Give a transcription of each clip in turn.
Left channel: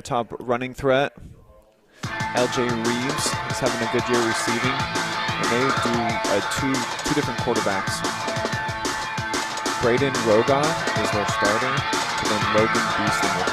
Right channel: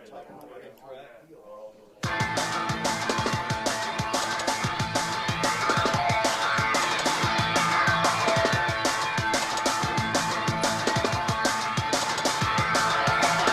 their top running threat. LJ Reeves is having a good year receiving. And they do two different quarterbacks. Brayden Rogar is their starter, and then Logan Beeson.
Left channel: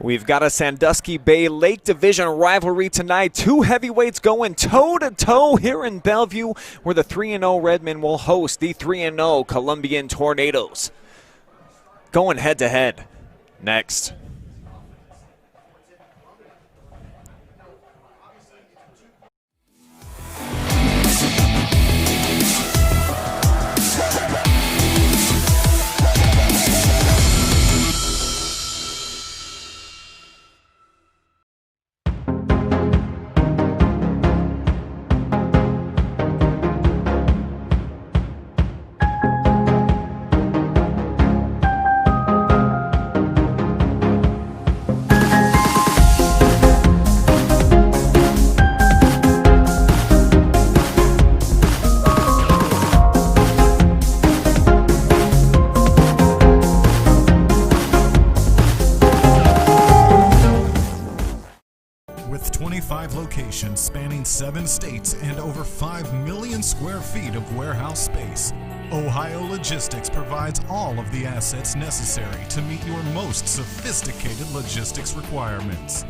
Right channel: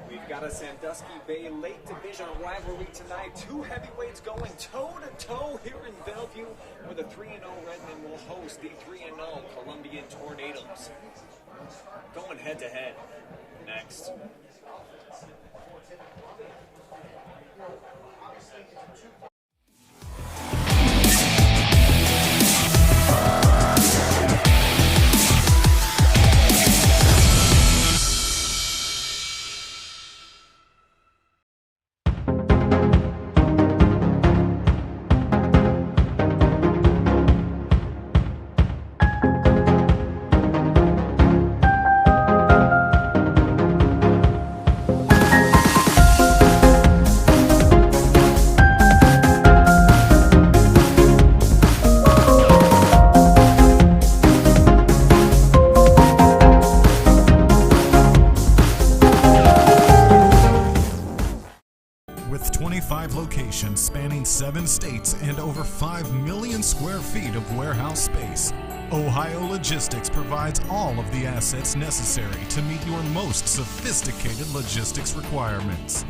We've got a Sandusky Bay Lake Division rivalry tonight. Two heavyweights going toe-to-toe here in Bellevue, where the 3-0 Redmen will host the 3-0 Columbian Tornadoes. Going head-to-head. Next. With 25 locations spanning 7 states and over 5 million square feet of warehouse space, Ohio Logistics provides all of the assets necessary to meet your most sophisticated logistics requirements.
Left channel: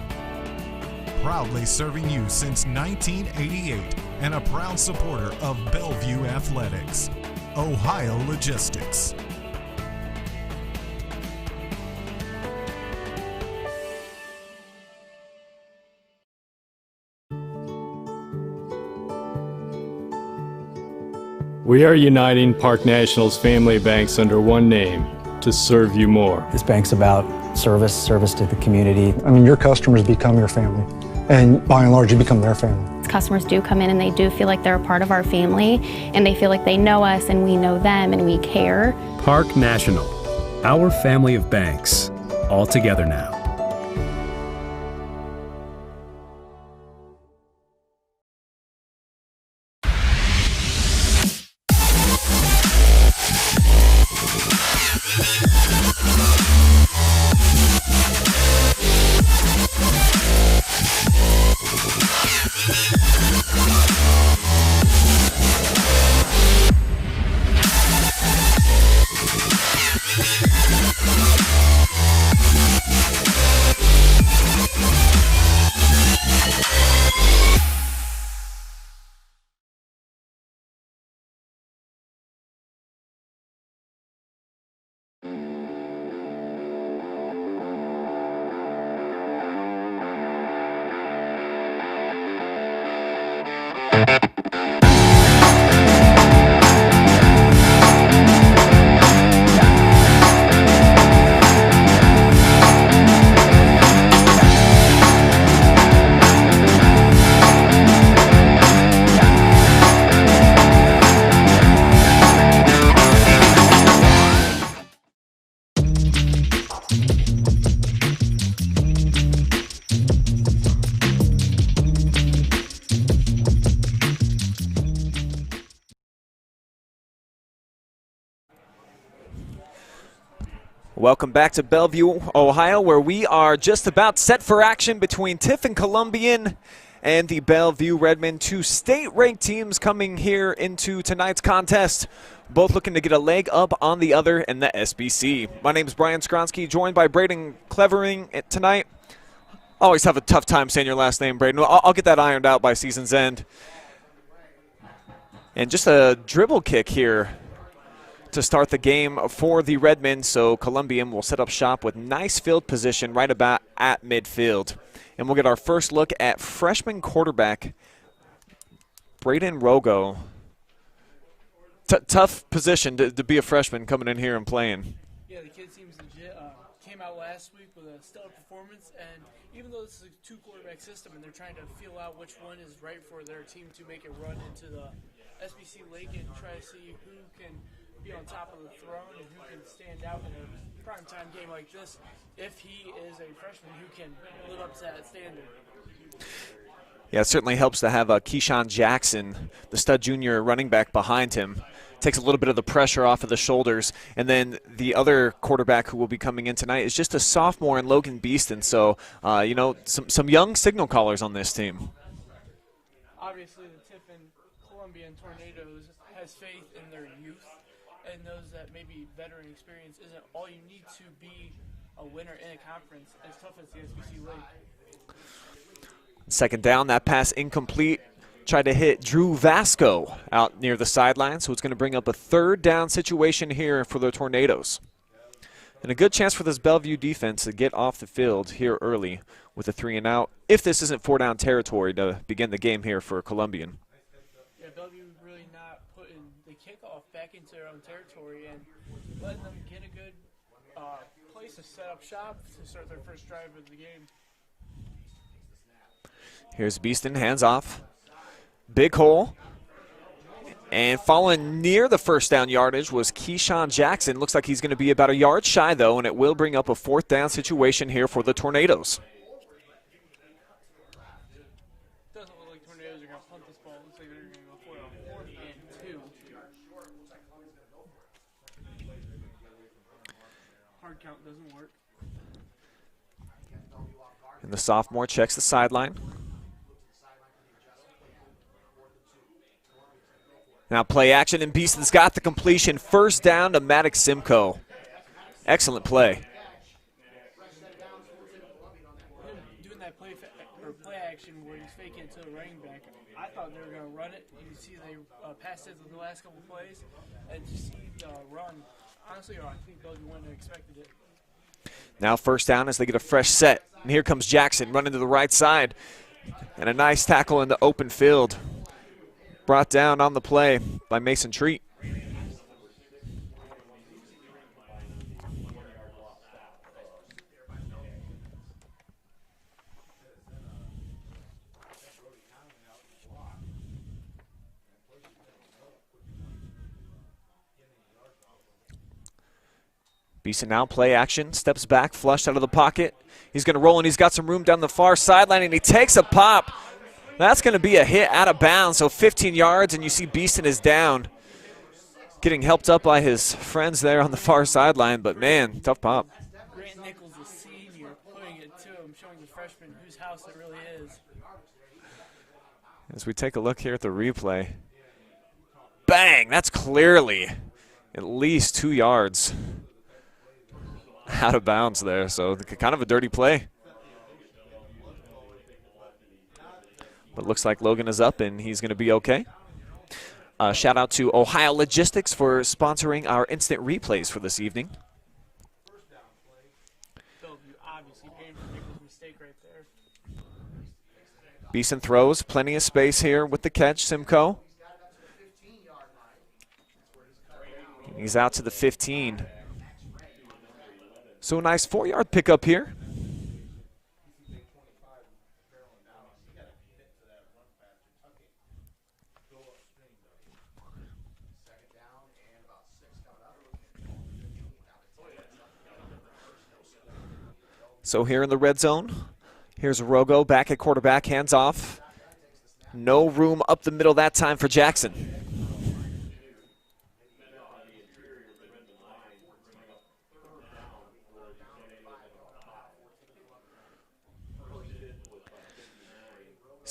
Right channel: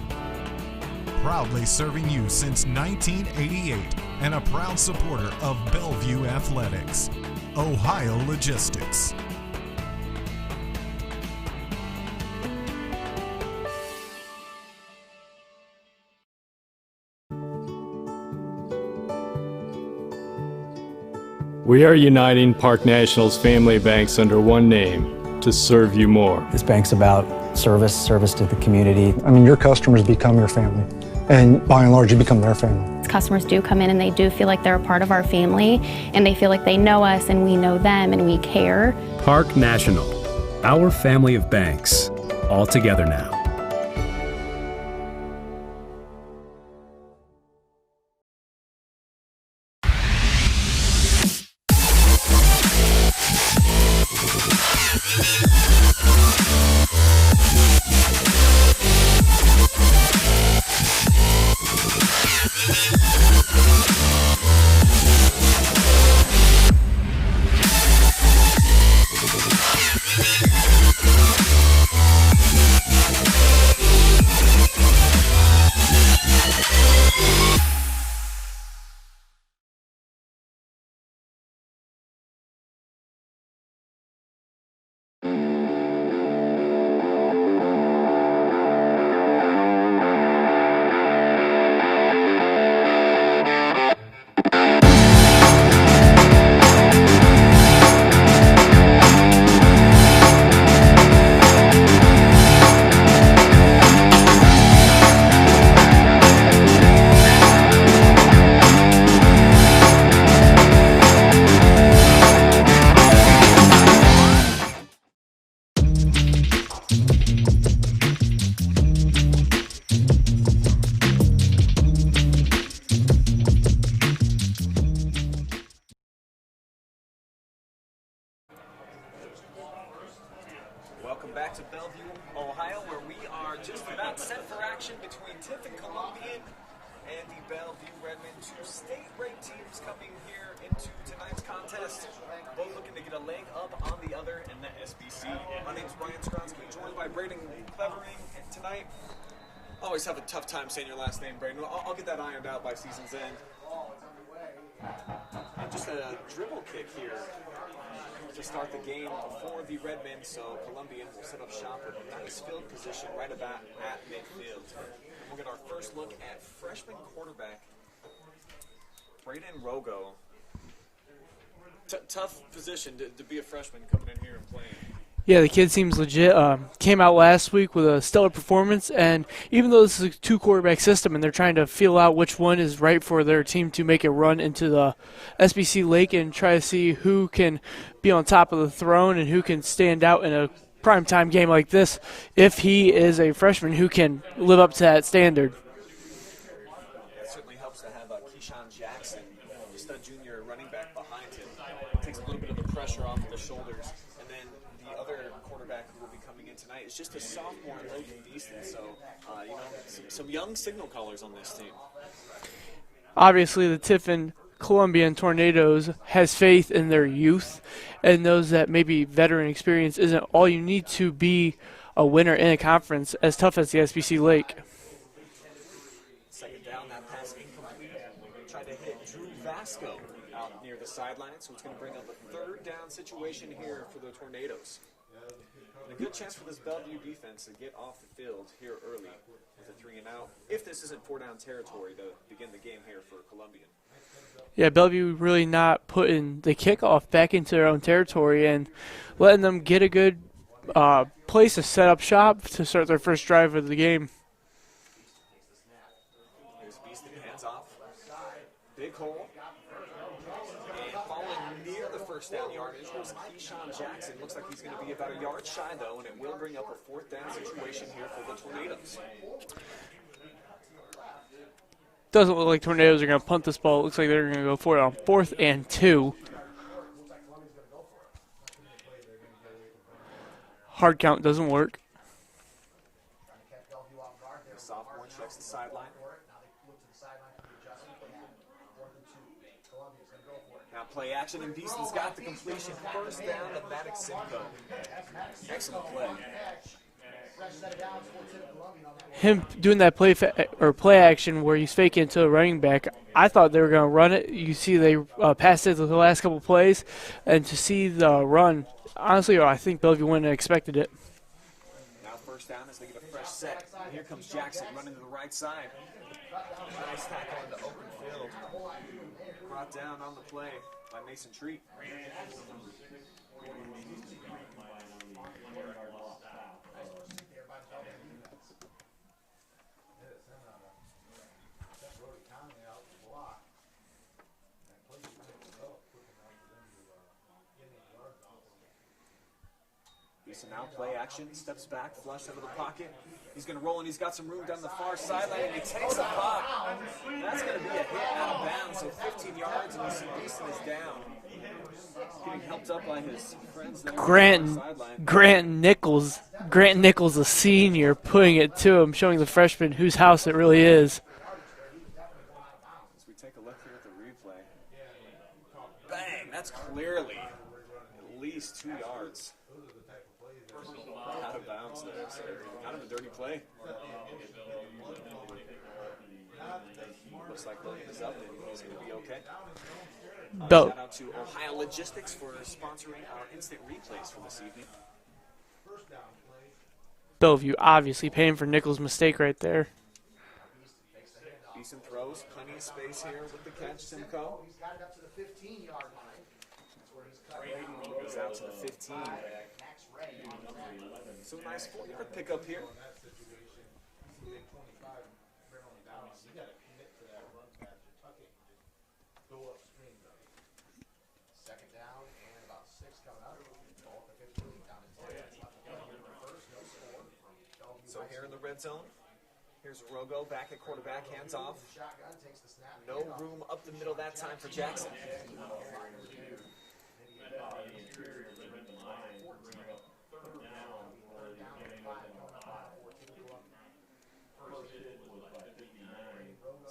Proudly serving you since 1988 and a proud supporter of Bellevue Athletics. Ohio Logistics. We are uniting Park National's family banks under one name to serve you more. This bank's about service to the community. I mean, your customers become your family, and by and large, you become their family. Customers do come in and they do feel like they're a part of our family, and they feel like they know us and we know them and we care. Park National, our family of banks, all together now. Welcome back to Bellevue, Ohio, where we are just about set for action between Tiffin-Columbian and the Bellevue Redmen, two state-ranked teams coming here into tonight's contest, both looking to get a leg up on the other in the SBC. My name is Skowronski, joined by Brayden Creveling tonight. Always have a tough time saying your last name, Brayden. I'll get that ironed out by season's end. And just a dribble kick here to start the game for the Redmen, so Columbian will set up shop with nice field position right about at midfield. And we'll get our first look at freshman quarterback Brayden Rogo. Tough position to be a freshman coming in here and playing. Yeah, the kid seems legit. Came out last week with a stellar performance, and even though this is a two-quarterback system and they're trying to feel out which one is right for their team to make a run into the SBC Lake and try to see who can be on top of the throne and who can stand out in a primetime game like this, if he is a freshman who can live up to that standard. Yeah, it certainly helps to have Keyshawn Jackson, the stud junior running back, behind him. Takes a little bit of the pressure off of the shoulders. And then the other quarterback who will be coming in tonight is just a sophomore in Logan Beeston. So, you know, some young signal callers on this team. Obviously, the Tiffin-Columbian Tornadoes has faith in their youth and knows that maybe veteran experience isn't all you need to be a winner in a conference as tough as the SBC Lake. Second down, that pass incomplete. Tried to hit Drew Vasco out near the sideline, so it's going to bring up a third down situation here for the Tornadoes. And a good chance for this Bellevue defense to get off the field here early with a 3-and-out, if this isn't 4-down territory to begin the game here for Columbian. Yeah, Bellevue really not putting the kickoff back into their own territory and letting them get a good place to set up shop to start their first drive of the game. Here's Beeston, hands off. Big hole. And following near the first down yardage was Keyshawn Jackson. Looks like he's going to be about a yard shy, though, and it will bring up a 4th down situation here for the Tornadoes. Doesn't look like Tornadoes are going to punt this ball. It looks like they're going to go for it on 4th and 2. Hard count doesn't work. And the sophomore checks the sideline. Now play action, and Beeston's got the completion. First down to Maddox Simcoe. Excellent play. Him doing that play action where he's faking to a running back, I thought they were going to run it. You see they passed it the last couple plays, and to see the run, honestly, I think Bellevue wouldn't have expected it. Now first down as they get a fresh set. And here comes Jackson running to the right side. And a nice tackle in the open field. Brought down on the play by Mason Treat. Beeson now play action, steps back, flushed out of the pocket. He's going to roll, and he's got some room down the far sideline, and he takes a pop. That's going to be a hit out of bounds, so 15 yards, and you see Beeston is down. Getting helped up by his friends there on the far sideline. But Grant Nichols, a senior, putting it to him, showing the freshman whose house it really is. As we take a look here at the replay. Bang! That's clearly at least 2 yards out of bounds there, so kind of a dirty play. But looks like Logan is up, and he's going to be okay. Shout out to Ohio Logistics for sponsoring our instant replays for this evening. Bellevue obviously paying for Nichols' mistake right there. Beeson throws, plenty of space here with the catch, Simcoe. He's out to the 15. So a nice 4-yard pickup here. So here in the red zone, here's Rogo back at quarterback, hands off. No room up the middle that time for Jackson.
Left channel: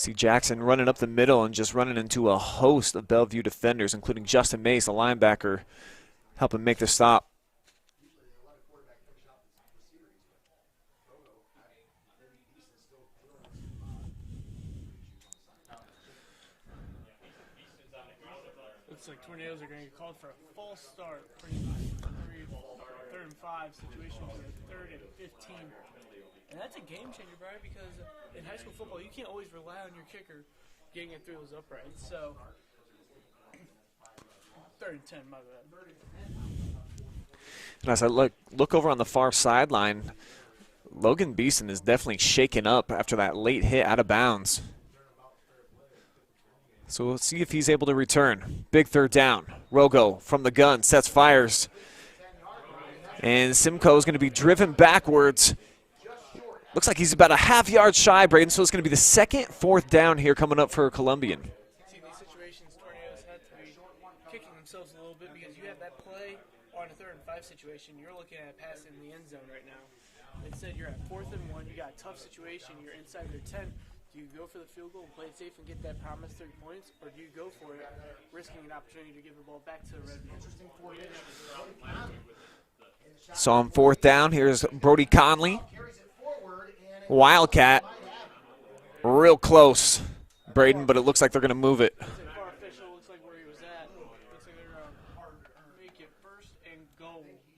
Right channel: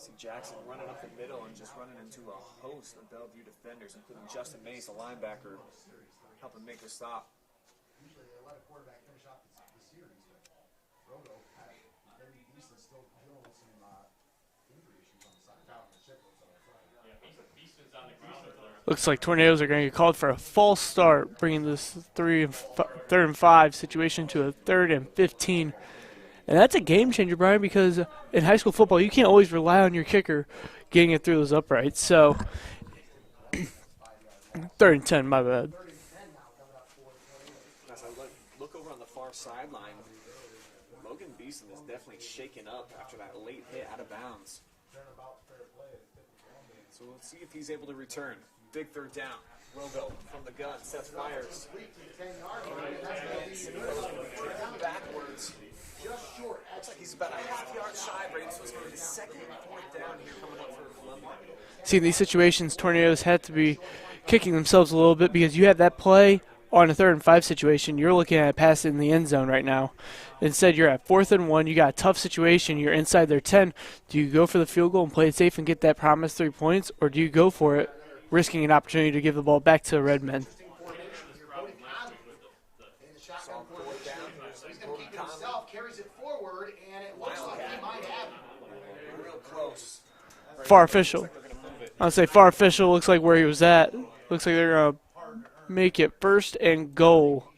See Jackson running up the middle and just running into a host of Bellevue defenders, including Justin Mays, the linebacker, helping make the stop. Looks like Tornadoes are going to get called for a false start, bringing this third and 5 situation to a 3rd and 15. And that's a game changer, Brian, because in high school football, you can't always rely on your kicker getting it through those uprights. So, 3rd and 10, my bad. And as I look over on the far sideline, Logan Beeson is definitely shaken up after that late hit out of bounds. So we'll see if he's able to return. Big 3rd down. Rogo from the gun, sets fires. And Simcoe is going to be driven backwards. Looks like he's about a half-yard shy, Brayden, so it's going to be the 2nd, 4th down here coming up for Columbian. See, in these situations, Tornadoes had to be kicking themselves a little bit because you had that play on a 3rd and 5 situation. You're looking at a pass in the end zone right now. Instead, you're at 4th and 1. You got a tough situation. You're inside their 10. Do you go for the field goal and play it safe and get that promised 3 points, or do you go for it, risking an opportunity to give the ball back to the Redmen? So on 4th down, here's Brody Conley. Wildcat. Real close, Brayden, but it looks like they're going to move it. I'll say far official. Looks like where he was at. Looks like they're going to make it 1st and goal.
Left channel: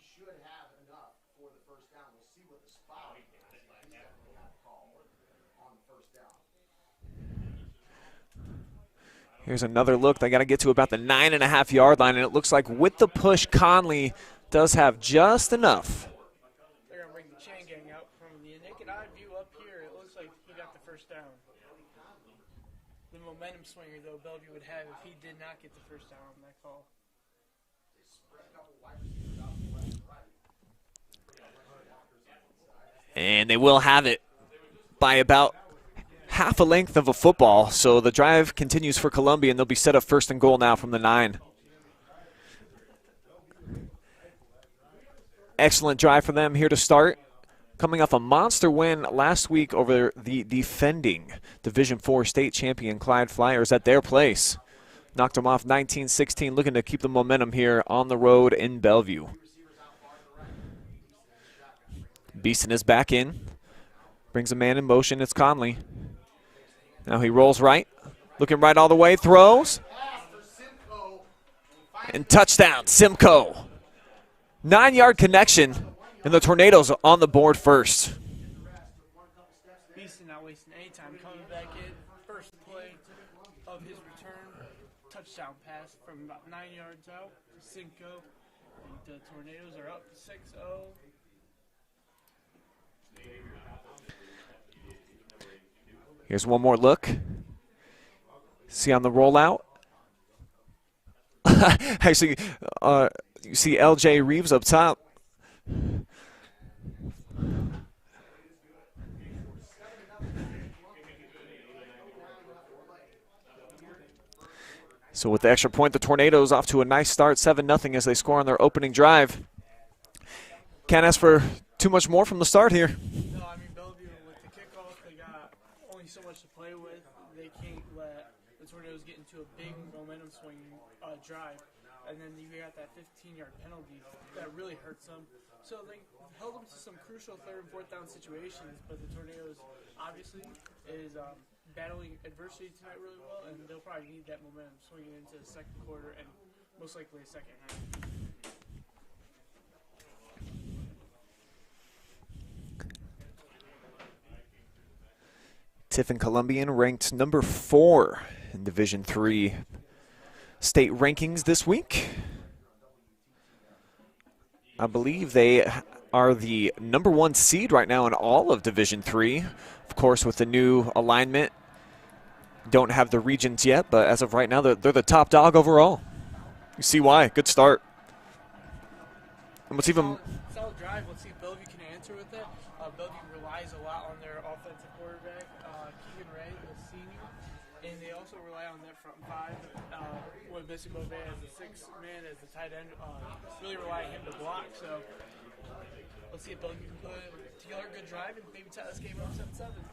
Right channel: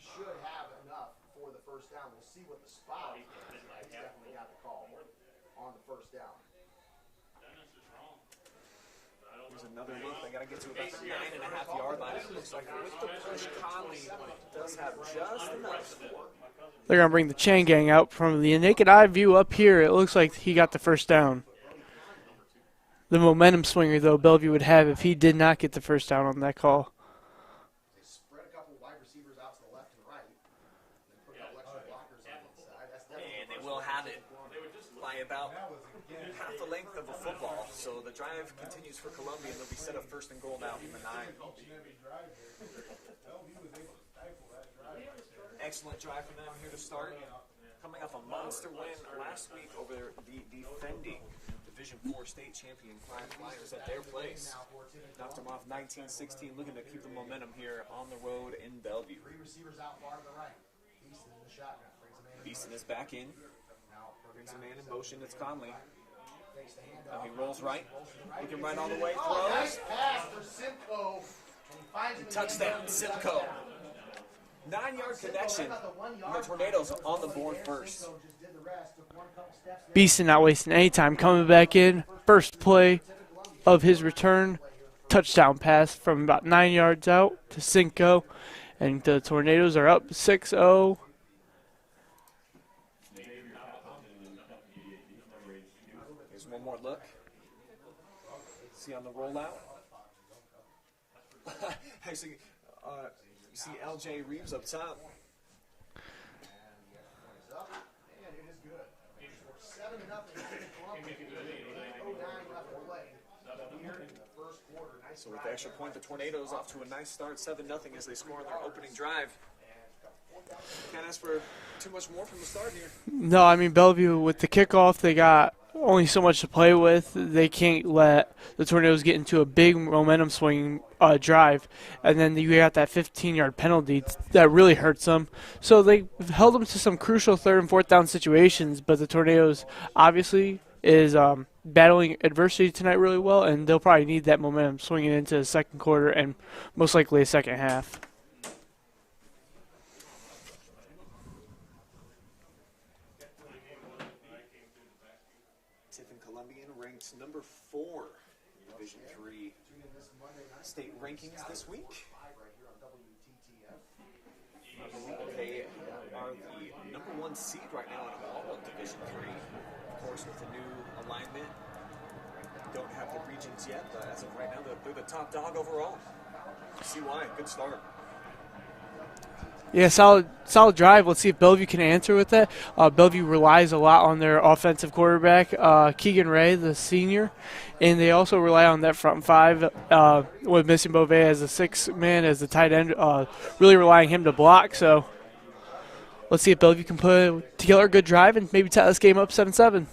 Here's another look. They got to get to about the 9.5-yard line, and it looks like with the push, Conley does have just enough. They're going to bring the chain gang out. From the naked eye view up here, it looks like he got the 1st down. The momentum swinger, though, Bellevue would have if he did not get the 1st down on that call. And they will have it by about half a length of a football. So the drive continues for Columbia, and they'll be set up 1st and goal now from the 9. Excellent drive for them here to start. Coming off a monster win last week over the defending Division IV state champion Clyde Flyers at their place. Knocked them off 19-16, looking to keep the momentum here on the road in Bellevue. Beeson is back in. Brings a man in motion. It's Conley. Now he rolls right. Looking right all the way. Throws. And touchdown, Simcoe. 9-yard connection, and the Tornadoes on the board first. Beeson not wasting any time coming back in. First play of his return. Touchdown pass from about 9 yards out to Simcoe. And the Tornadoes are up 6-0. Here's one more look. See on the rollout. Actually, you see L.J. Reeves up top. So with the extra point, the Tornadoes off to a nice start, 7-0 as they score on their opening drive. Can't ask for too much more from the start here. No, I mean, Bellevue, with the kickoff, they got only so much to play with. They can't let the Tornadoes get into a big momentum swing drive, and then you got that 15-yard penalty that really hurts them. So they held them to some crucial 3rd and 4th down situations, but the Tornadoes obviously is battling adversity tonight really well, and they'll probably need that momentum swinging into the 2nd quarter and most likely a 2nd half. Tiffin-Columbian ranked number 4 in Division III state rankings this week. I believe they are the number 1 seed right now in all of Division III. Of course, with the new alignment, don't have the regions yet, but as of right now, they're the top dog overall. You see why. Good start. Yeah, solid drive. Let's see if Bellevue can answer with that. Bellevue relies a lot on their offensive quarterback, Keegan Ray, the senior, and they also rely on that front 5 with missing Beauvais as a 6th man, as the tight end, really relying him to block. So let's see if Bellevue can put together a good drive and maybe tie this game up 7-7.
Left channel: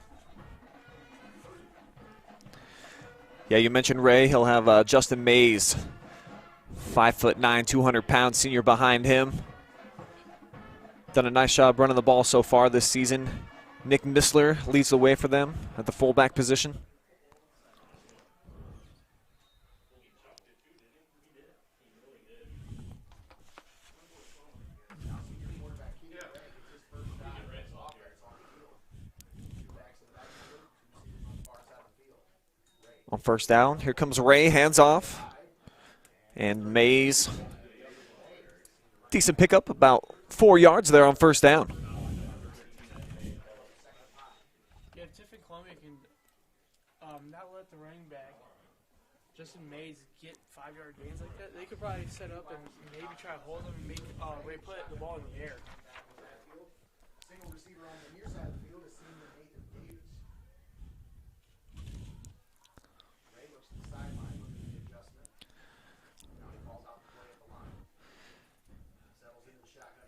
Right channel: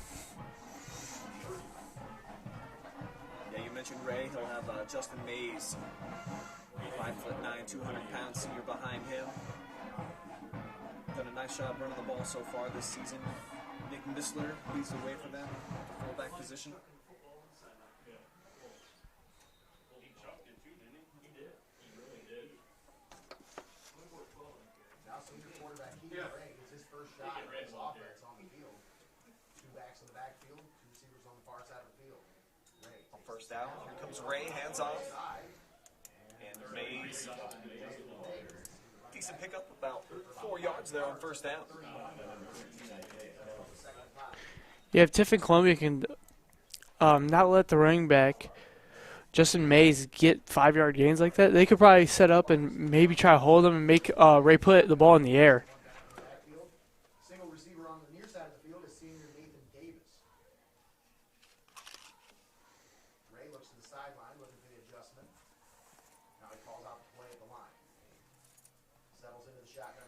Yeah, you mentioned Ray. He'll have Justin Mays, 5'9", 200-pound senior behind him. Done a nice job running the ball so far this season. Nick Missler leads the way for them at the fullback position. On first down, here comes Ray, hands off. And Mays, decent pickup, about 4 yards there on first down. Yeah, if Tiffin-Columbian can not let the running back, Justin Mays, get 5-yard gains like that, they could probably set up and maybe try to hold him and make Ray put the ball in the air.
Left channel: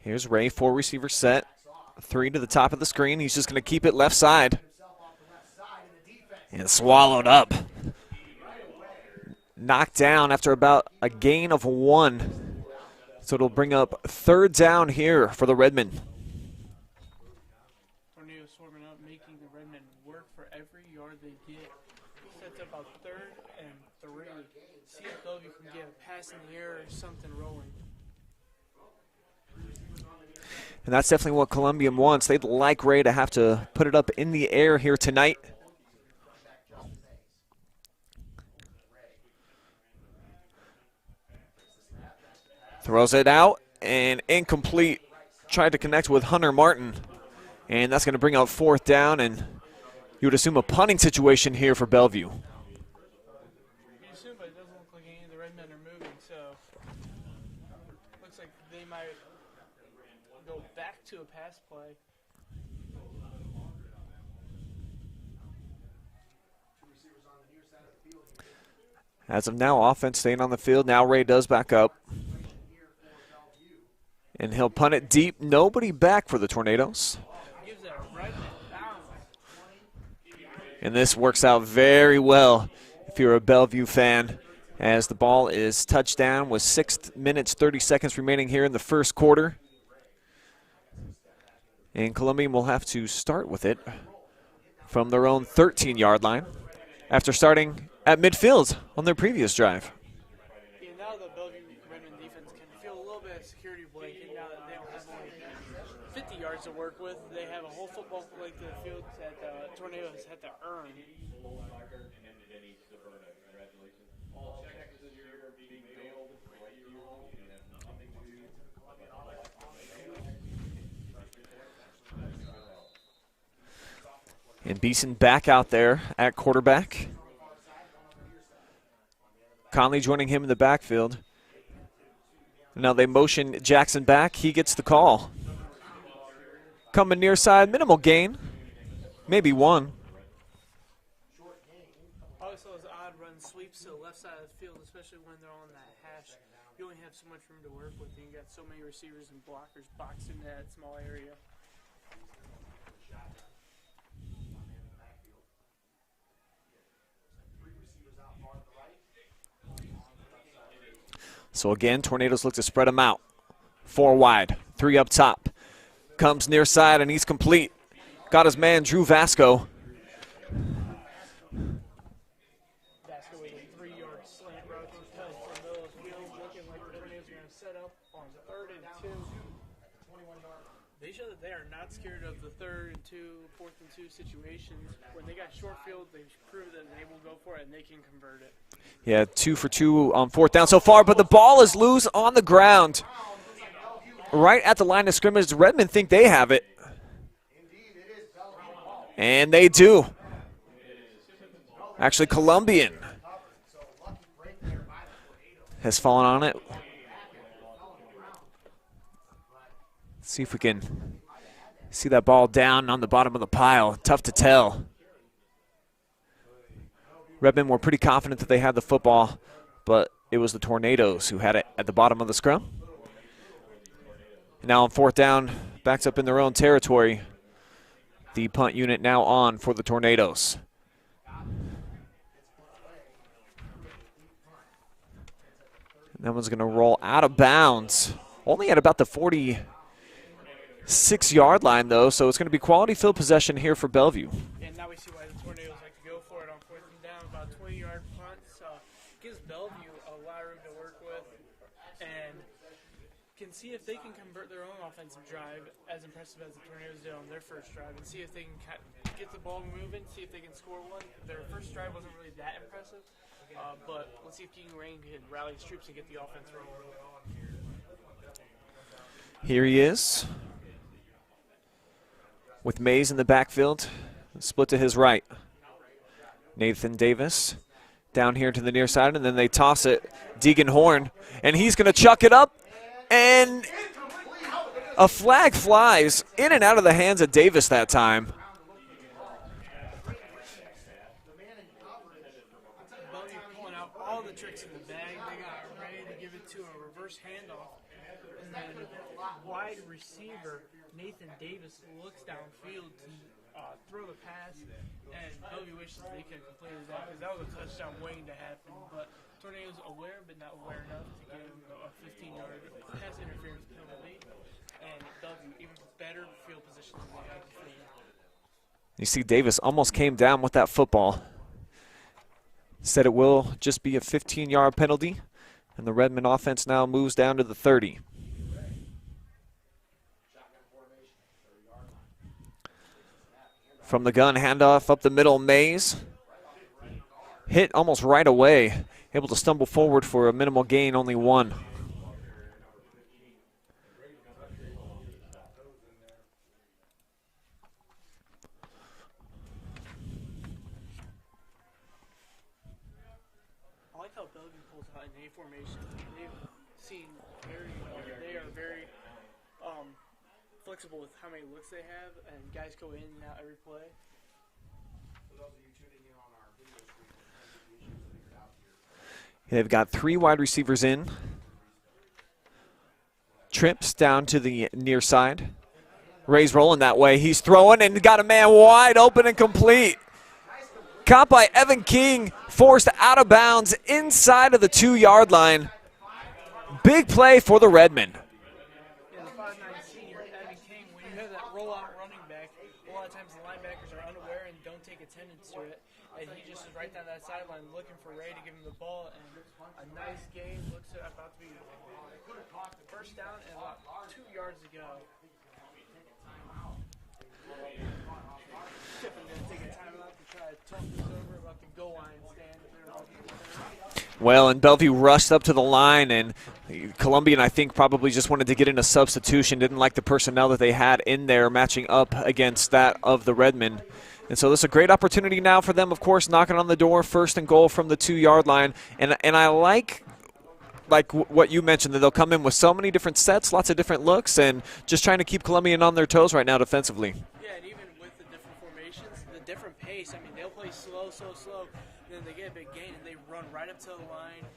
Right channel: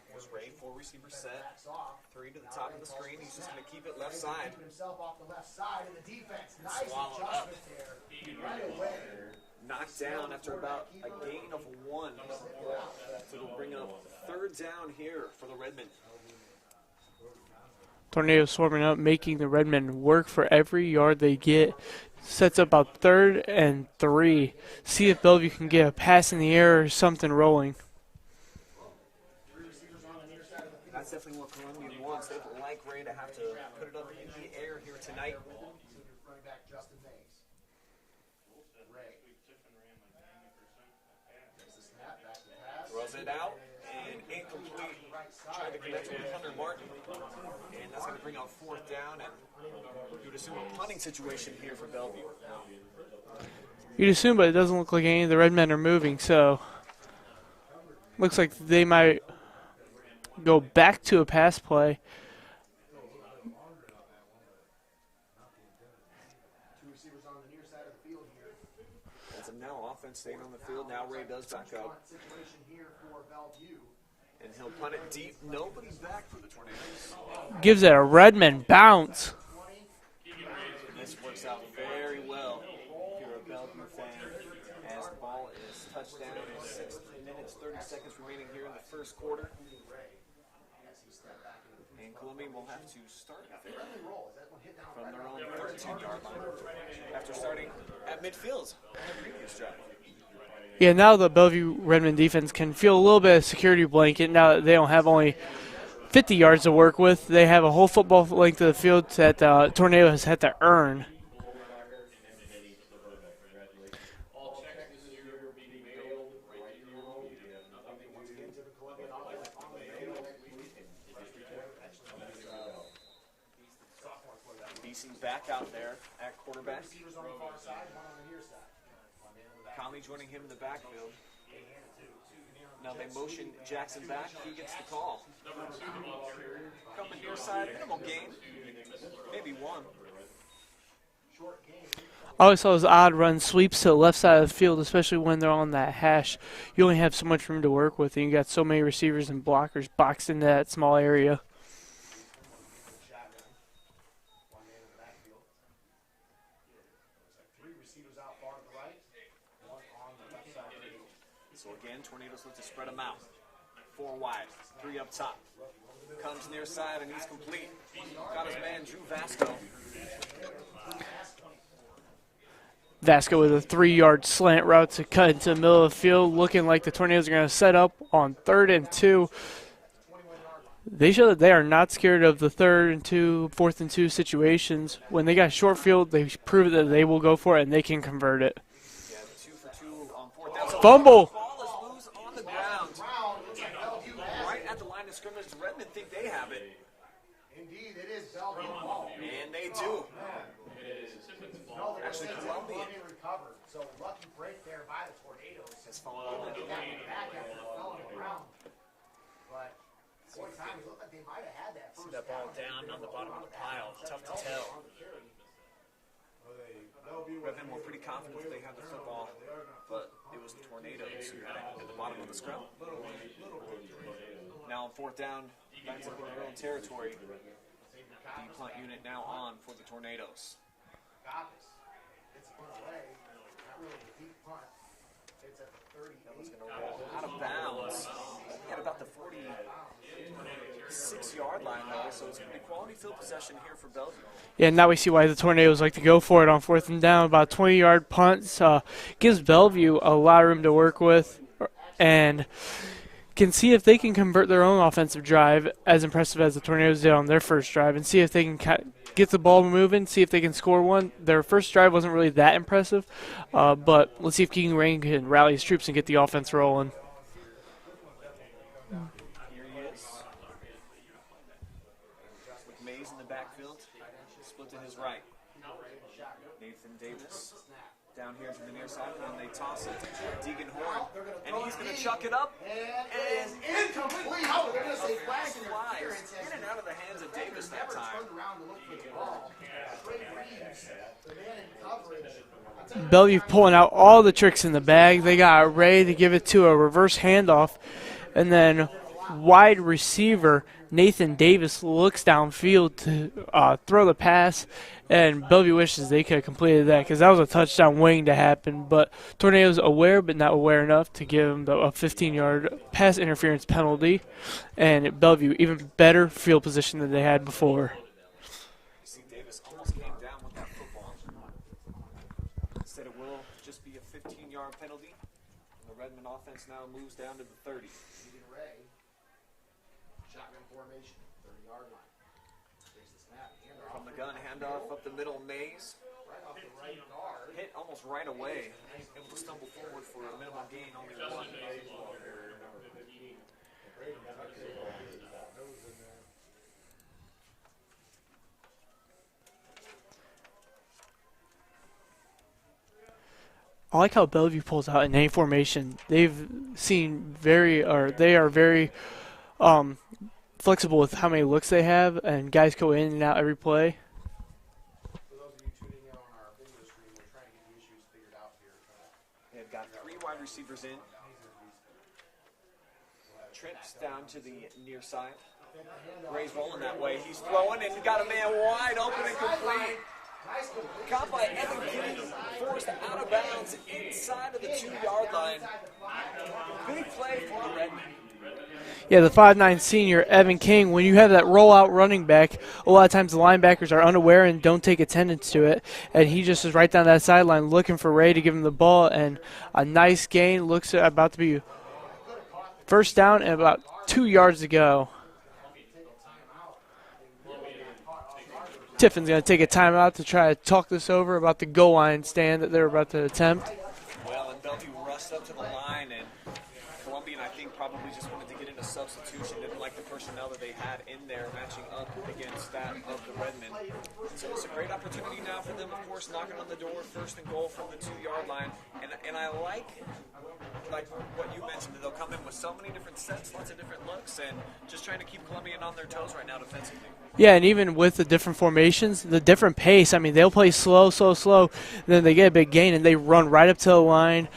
Here's Ray, 4 receiver set, 3 to the top of the screen. He's just going to keep it left side. And swallowed up. Knocked down after about a gain of 1. So it'll bring up 3rd down here for the Redmen. Tornado swarming up, making the Redmen work for every yard they get. Sets up about 3rd and 3. See if Bellevue can get a pass in the air or something rolling. And that's definitely what Columbian wants. They'd like Ray to have to put it up in the air here tonight. Throws it out and incomplete. Tried to connect with Hunter Martin. And that's going to bring out 4th down, and you would assume a punting situation here for Bellevue. You'd assume, but it doesn't look like any of the Redmen are moving, so looks like they might go back to a pass play. As of now, offense staying on the field. Now Ray does back up. And he'll punt it deep. Nobody back for the Tornadoes. Gives it a Redmen bounce. And this works out very well if you're a Bellevue fan, as the ball is touchdown with 6 minutes, 30 seconds remaining here in the first quarter. And Columbian will have to start with it from their own 13-yard line after starting at midfield on their previous drive. Yeah, now the Bellevue Redmen defense can feel a little bit of security blanket now that they don't have only 50 yards to work with. They have a whole football length of the field that Tornado has had to earn. And Beeson back out there at quarterback. Conley joining him in the backfield. Now they motion Jackson back. He gets the call. Coming near side, minimal gain. Maybe 1. I always saw those odd run sweeps to the left side of the field, especially when they're on that hash. You only have so much room to work with, and you got so many receivers and blockers boxed into that small area. So again, Tornadoes look to spread them out. 4 wide, 3 up top. Comes near side and he's complete. Got his man Drew Vasco. Vasco with a 3-yard slant route to cut into the middle of the field, looking like the Tornadoes are going to set up on 3rd and 2. They show that they are not scared of the 3rd and 2, 4th and 2 situations. When they got a short field, they prove that they will go for it and they can convert it. Yeah, 2 for 2 on 4th down so far, but the ball is loose on the ground. Right at the line of scrimmage, the Redmen think they have it. And they do. Actually, Columbian has fallen on it. Let's see if we can see that ball down on the bottom of the pile. Tough to tell. Redmen were pretty confident that they had the football, but it was the Tornadoes who had it at the bottom of the scrum. Now on 4th down, backs up in their own territory. The punt unit now on for the Tornadoes. That one's going to roll out of bounds. Only at about the 46-yard line, though, so it's going to be quality field possession here for Bellevue. Yeah, now we see why the Tornadoes like to go for it on 4th and down. About 20-yard punts gives Bellevue a lot of room to work with and can see if they can convert their own offensive drive as impressive as the Tornadoes did on their first drive and see if they can get the ball moving, see if they can score one. Their first drive wasn't really that impressive, but let's see if Keegan Ray can rally his troops and get the offense rolling. Here he is with Mays in the backfield, split to his right. Nathan Davis down here to the near side, and then they toss it. Deegan Horn, and he's going to chuck it up, and a flag flies in and out of the hands of Davis that time. Bellevue pulling out all the tricks in the bag. They got Ray to give it to a reverse handoff, and then wide receiver Nathan Davis looks downfield to throw the pass, and Bellevue wishes they could have completed that because that was a touchdown waiting to happen. But Tornadoes aware but not aware enough to give them a 15-yard pass interference penalty, and Bellevue even better field position than they had before. You see Davis almost came down with that football. Said it will just be a 15-yard penalty, and the Redmen offense now moves down to the 30. From the gun, handoff up the middle, Mays. Hit almost right away. Able to stumble forward for a minimal gain, only 1. I like how Bellevue pulls out in any formation. They are very flexible with how many looks they have, and guys go in and out every play. They've got 3 wide receivers in. Trips down to the near side. Ray's rolling that way. He's throwing and got a man wide open and complete. Caught by Evan King, forced out of bounds inside of the 2-yard line. Big play for the Redmen. Yeah, the 5'9" senior, Evan King, when you have that rollout running back, a lot of times the linebackers are unaware and don't take attendance to it. And he just is right down that sideline looking for Ray to give him the ball. And a nice gain. Looks about to be first down and about 2 yards to go. Tiffin's going to take a timeout to try to talk this over about the goal line stand that they're about to attempt. Well, and Bellevue rushed up to the line, and Columbian, I think, probably just wanted to get in a substitution, didn't like the personnel that they had in there matching up against that of the Redmen. And so this is a great opportunity now for them, of course, knocking on the door, 1st and goal from the 2-yard line. And I like what you mentioned, that they'll come in with so many different sets, lots of different looks, and just trying to keep Columbian on their toes right now defensively. Yeah, and even with the different formations, the different pace, I mean, they'll play slow, then they get a big gain, and they run right up to the line.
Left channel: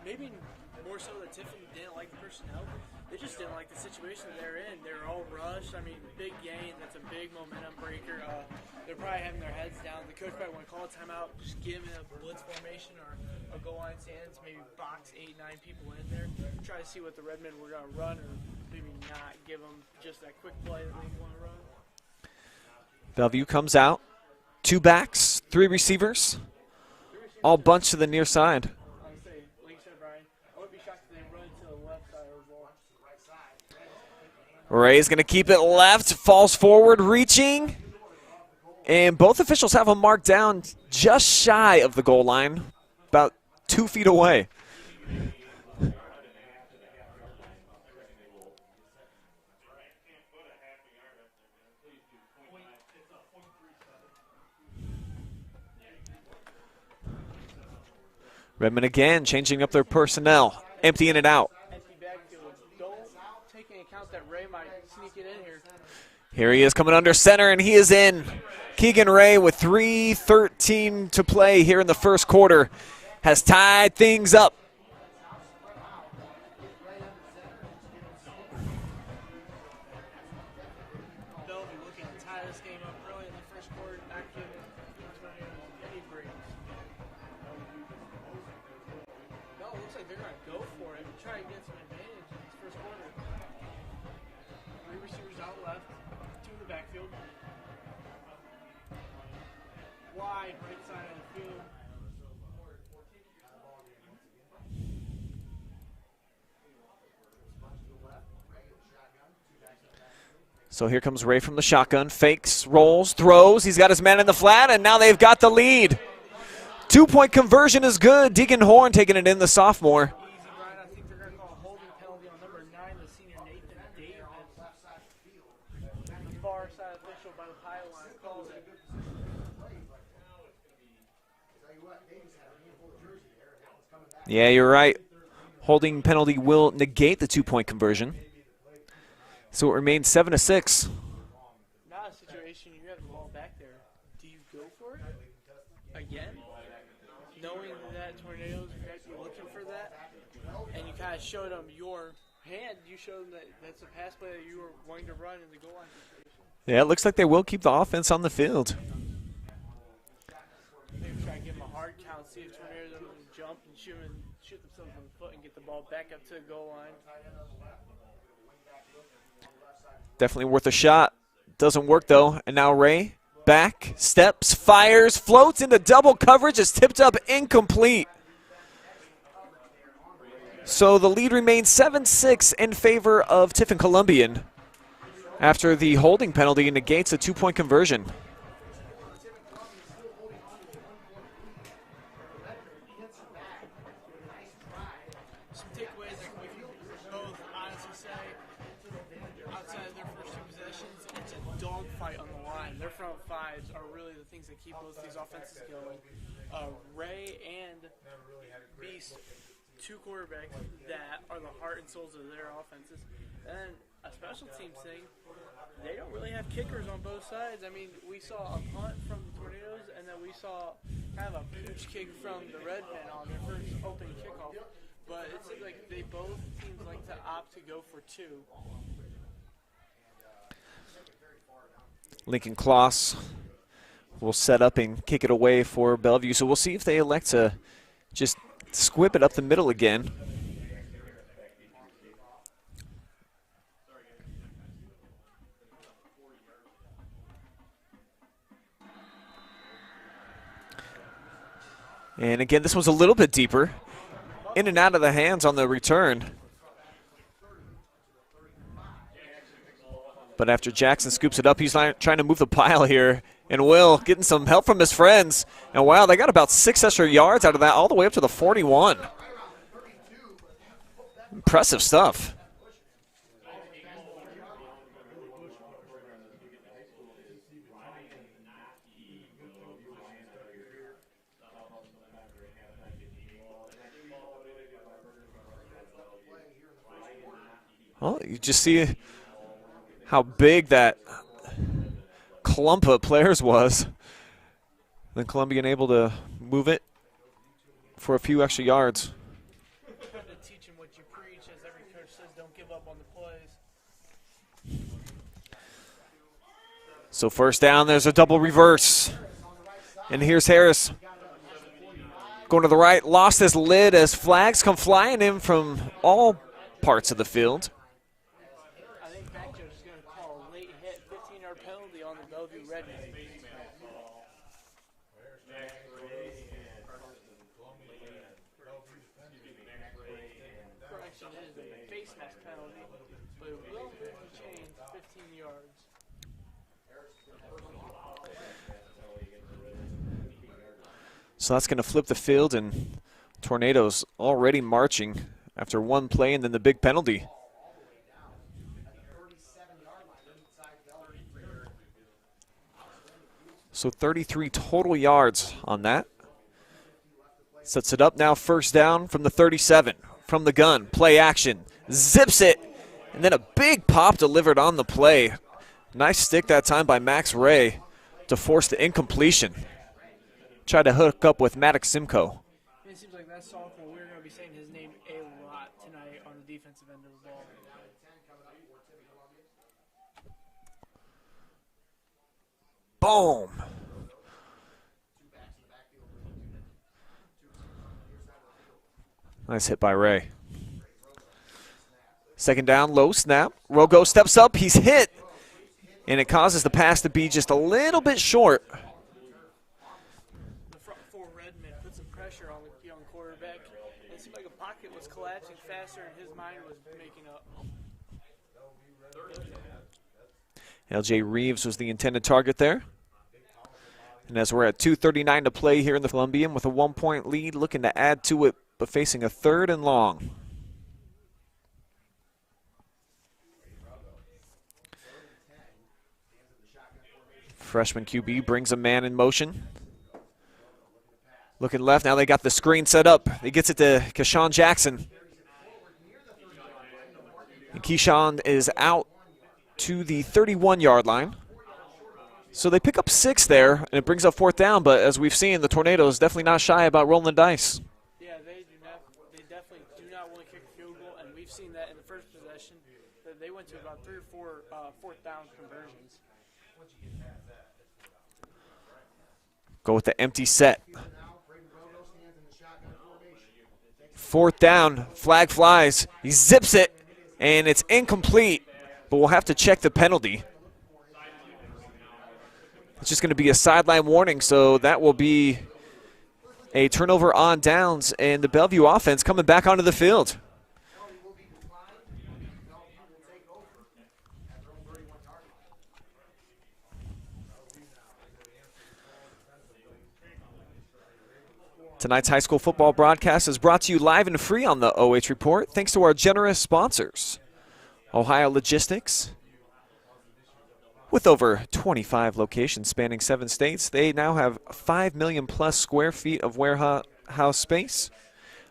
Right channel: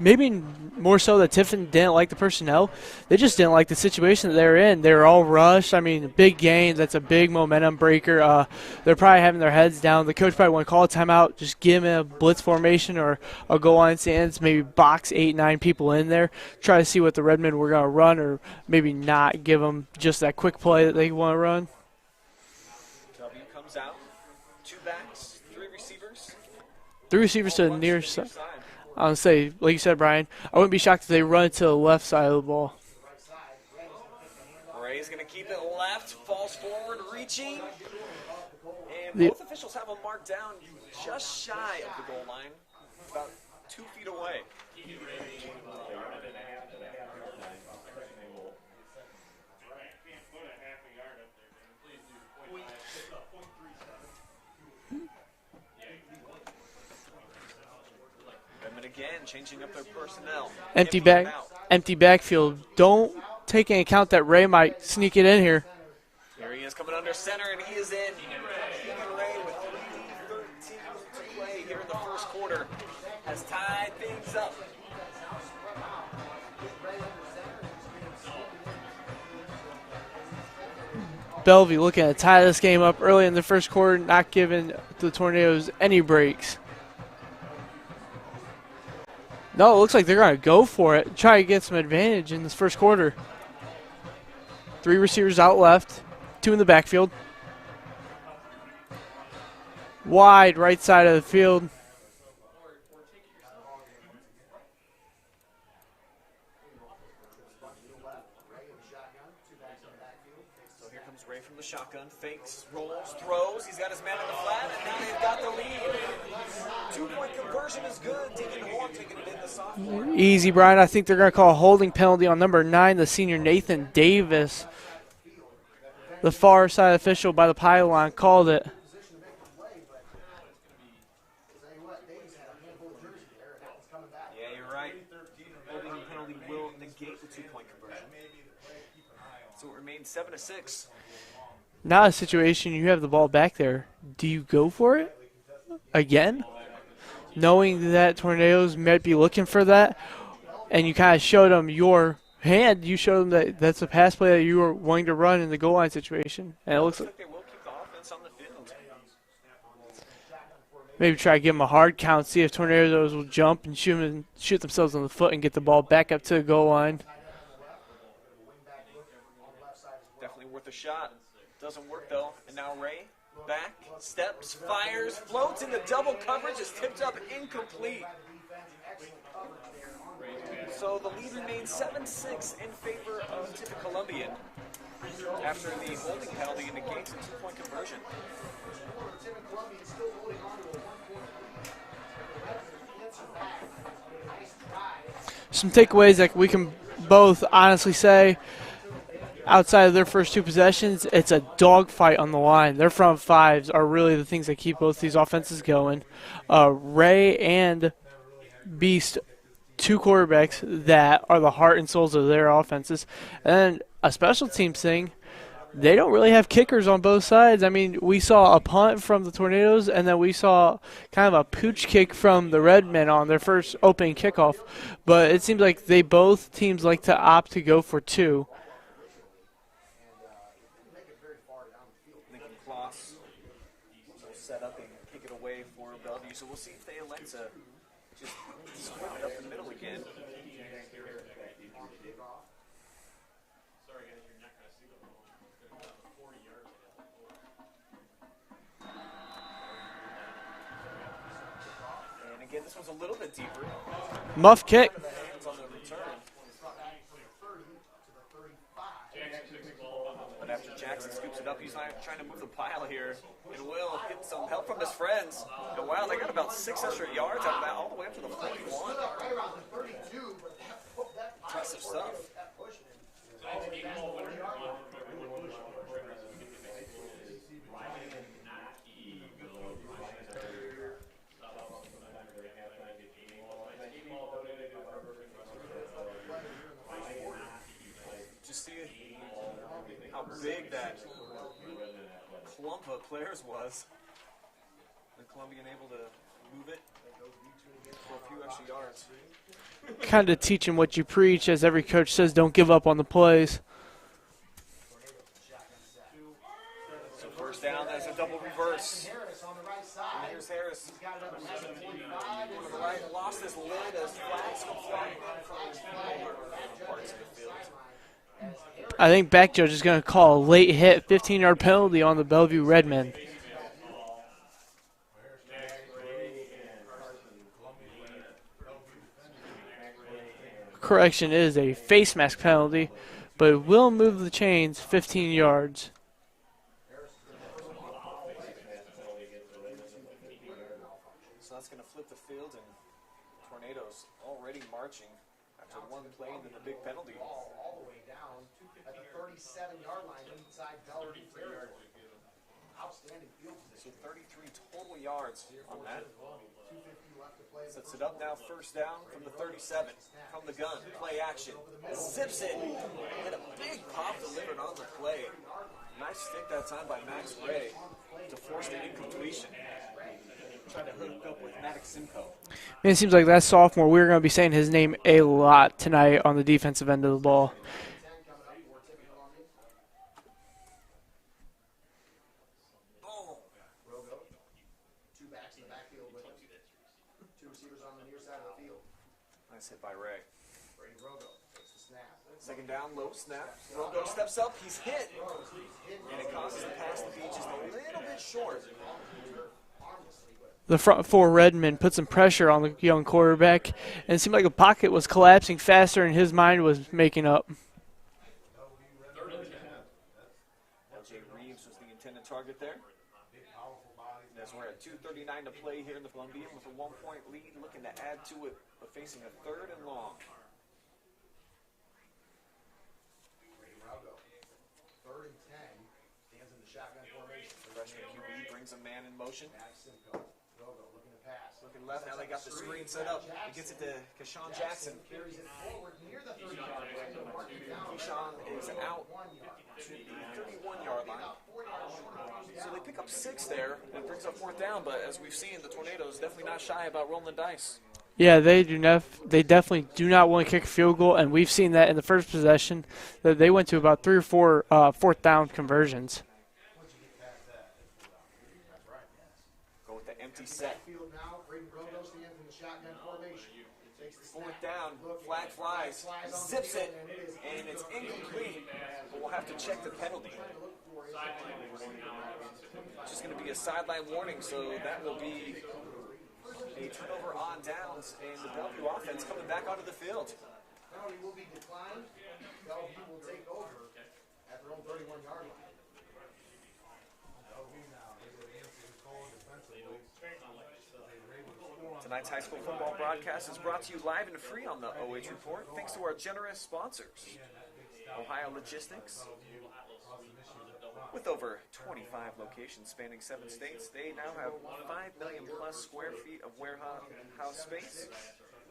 Maybe more so that Tiffin didn't like the personnel. They just didn't like the situation that they're in. They're all rushed. I mean, big gain. That's a big momentum breaker. They're probably having their heads down. The coach probably want to call a timeout, just give him a blitz formation or a goal line stance, maybe box 8-9 people in there, try to see what the Redmen were going to run, or maybe not give them just that quick play that they want to run. Bellevue comes out. 2 backs, 3 receivers. 3 receivers all bunched to the near side. I'll say, like you said, Brian, I wouldn't be shocked if they run it to the left side of the ball. Ray's going to keep it left, falls forward, reaching. And both officials have him marked down just shy of the goal line, about 2 feet away. Redmen again changing up their personnel, emptying it out. Empty backfield. Don't take into account that Ray might sneak it in here. Here he is coming under center, and he is in. Keegan Ray with 3:13 to play here in the first quarter has tied things up. Bellevue looking to tie this game up early in the first quarter, not giving the Tornadoes any breaks. No, it looks like they're going to go for it, try to get some advantage in this first quarter. 3 receivers out left, 2 in the backfield. Wide right side of the field. So here comes Ray from the shotgun, fakes, rolls, throws. He's got his man in the flat, and now they've got the lead. 2-point conversion is good. Deacon Horn taking it in, the sophomore. Easy, Brian. I think they're going to call a holding penalty on number 9, the senior Nathan Davis. The far side official by the pylon called it. Yeah, you're right. Holding penalty will negate the 2-point conversion. So it remains 7-6. Now a situation, you have the ball back there. Do you go for it again? Knowing that Tornadoes might be looking for that, and you kind of showed them your hand, you showed them that that's a pass play that you were wanting to run in the goal line situation. Yeah, it looks like they will keep the offense on the field. Maybe try to give them a hard count, see if Tornadoes will jump and shoot themselves on the foot and get the ball back up to the goal line. Definitely worth a shot. Doesn't work, though. And now Ray back, steps, fires, floats into double coverage, is tipped up, incomplete. So the lead remains 7-6 in favor of Tiffin-Columbian after the holding penalty negates a 2-point conversion. Some takeaways that we can both honestly say, outside of their first 2 possessions, it's a dogfight on the line. Their front fives are really the things that keep both these offenses going. Ray and Beast, 2 quarterbacks that are the heart and souls of their offenses. And a special teams thing, they don't really have kickers on both sides. I mean, we saw a punt from the Tornadoes, and then we saw kind of a pooch kick from the Redmen on their first opening kickoff. But it seems like both teams like to opt to go for 2. Lincoln Kloss will set up and kick it away for Bellevue. So we'll see if they elect to just squib it up the middle again. And again, this was a little bit deeper. Muff in and kick. out of the hands on the return. But after Jackson scoops it up, he's trying to move the pile here. And Will getting some help from his friends. And wow, they got about 6 extra yards out of that, all the way up to the 41. Impressive stuff. Well, you just see how big that clump of players was. Then Columbian able to move it for a few extra yards. Kind of teaching what you preach, as every coach says, don't give up on the plays. So first down, there's a double reverse. And here's Harris. Going to the right, lost his lid as flags come flying in from all parts of the field. I think back judge is going to call a late hit, 15-yard penalty on the Bellevue Redmen. Correction, is a face mask penalty, but it will move the chains 15 yards. So that's going to flip the field, and Tornadoes already marching after one play and then the big penalty. So 33 total yards on that. Sets it up now, first down from the 37. From the gun, play action, zips it, and then a big pop delivered on the play. Nice stick that time by Max Ray to force the incompletion. Tried to hook up with Maddox Simcoe. Man, it seems like that sophomore, we're going to be saying his name a lot tonight on the defensive end of the ball. Boom. Nice hit by Ray. Second down, low snap. Rogo steps up, he's hit. And it causes the pass to be just a little bit short. The front four Redmen put some pressure on the young quarterback, and it seemed like the pocket was collapsing faster and his mind was making up. LJ Reeves was the intended target there. And as we're at 2:39 to play here in the Columbian with a 1-point lead, looking to add to it, but facing a 3rd and long. Freshman QB brings a man in motion. Looking left, now they got the screen set up. He gets it to Keyshawn Jackson. And Keyshawn is out to the 31-yard line. So they pick up 6 there, and it brings up 4th down, but as we've seen, the Tornadoes definitely not shy about rolling the dice. Yeah, they definitely do not want to kick a field goal, and we've seen that in the first possession, that they went to about 3 or 4 4th down conversions. Go with the empty set. 4th down, flag flies, he zips it, and it's incomplete, but we'll have to check the penalty. It's just going to be a sideline warning, so that will be a turnover on downs, and the Bellevue offense coming back onto the field. Tonight's high school football broadcast is brought to you live and free on the OH Report, thanks to our generous sponsors. Ohio Logistics. With over 25 locations spanning 7 states, they now have 5 million plus square feet of warehouse space.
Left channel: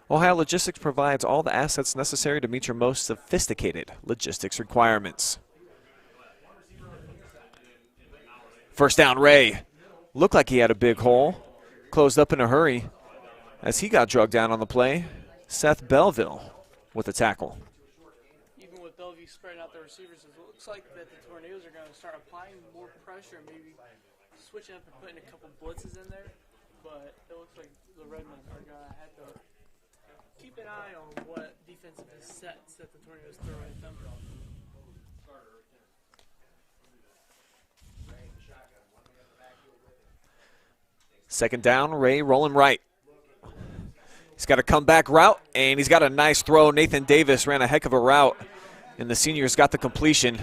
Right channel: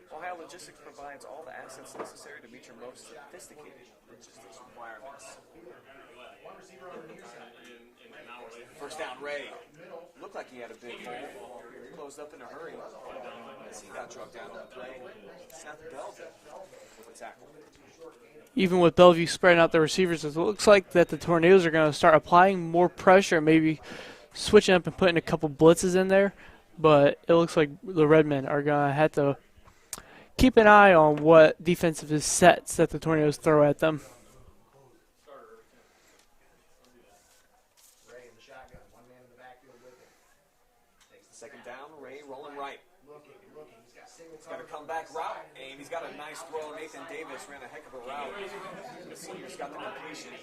Ohio Logistics provides all the assets necessary to meet your most sophisticated logistics requirements. First down, Ray. Looked like he had a big hole. Closed up in a hurry as he got drugged down on the play. Seth Belleville with the tackle. Even with Bellevue spreading out the receivers, it looks like that the Tornadoes are going to start applying more pressure, maybe switching up and putting a couple blitzes in there. But it looks like the Redmen are going to have to keep an eye on what defensive sets that the Tornadoes throw at them. Second down, Ray rolling right. He's got a comeback route, and he's got a nice throw. Nathan Davis ran a heck of a route, and the senior's got the completion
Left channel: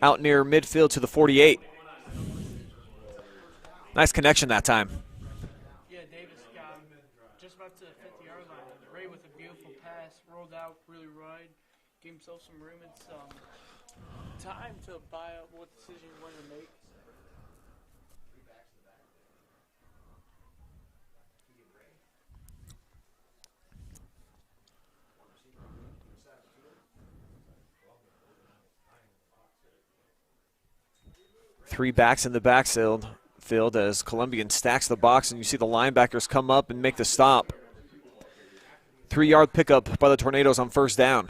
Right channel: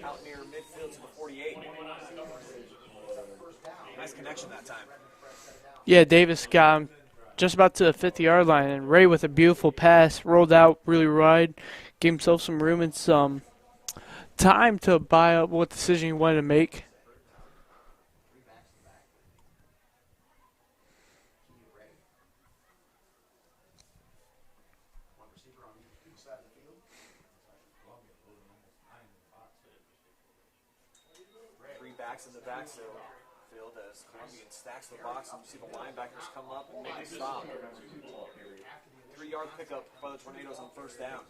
out near midfield to the 48. Nice connection that time. Yeah, Davis got him just about to the 50-yard line, and Ray with a beautiful pass, rolled out really wide, gave himself some room and some time to buy up what decision he wanted to make. Three backs in the backfield as Columbian stacks the box, and you see the linebackers come up and make the stop. 3-yard pickup by the Tornadoes on first down.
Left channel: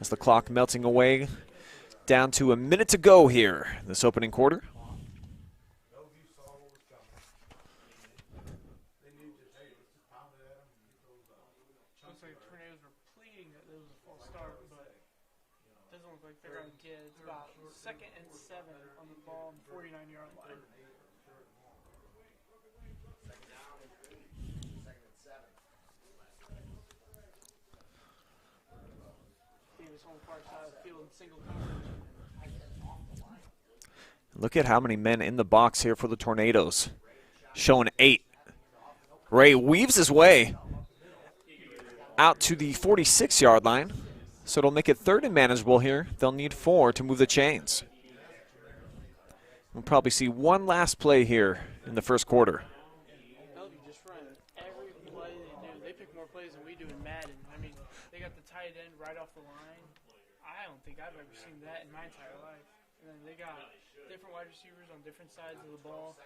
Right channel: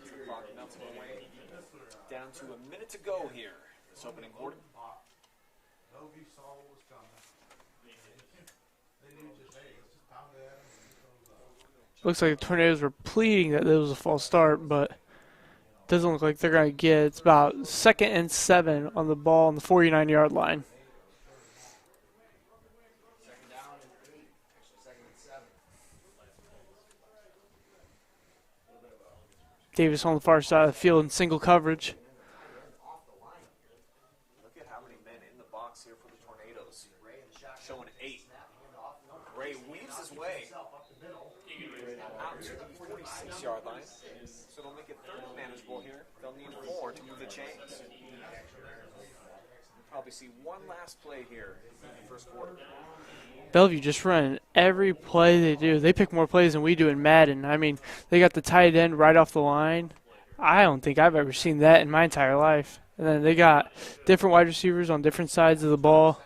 As the clock melting away, down to a minute to go here in this opening quarter. Looks like the Tornadoes were pleading that it was a false start, but doesn't look like they're going to get it. It's about 2nd and 7 on the ball on the 49-yard line. Davis on the far side of the field in single coverage. Look at how many men in the box here for the Tornadoes. Showing 8. Ray weaves his way out to the 46-yard line. So it'll make it 3rd and manageable here. They'll need 4 to move the chains. We'll probably see one last play here in the first quarter. Bellevue just running every play they do. They pick more plays than we do in Madden. I mean, they got the tight end right off the line. I don't think I've ever seen that in my entire life. And then they got different wide receivers on different sides of the ball.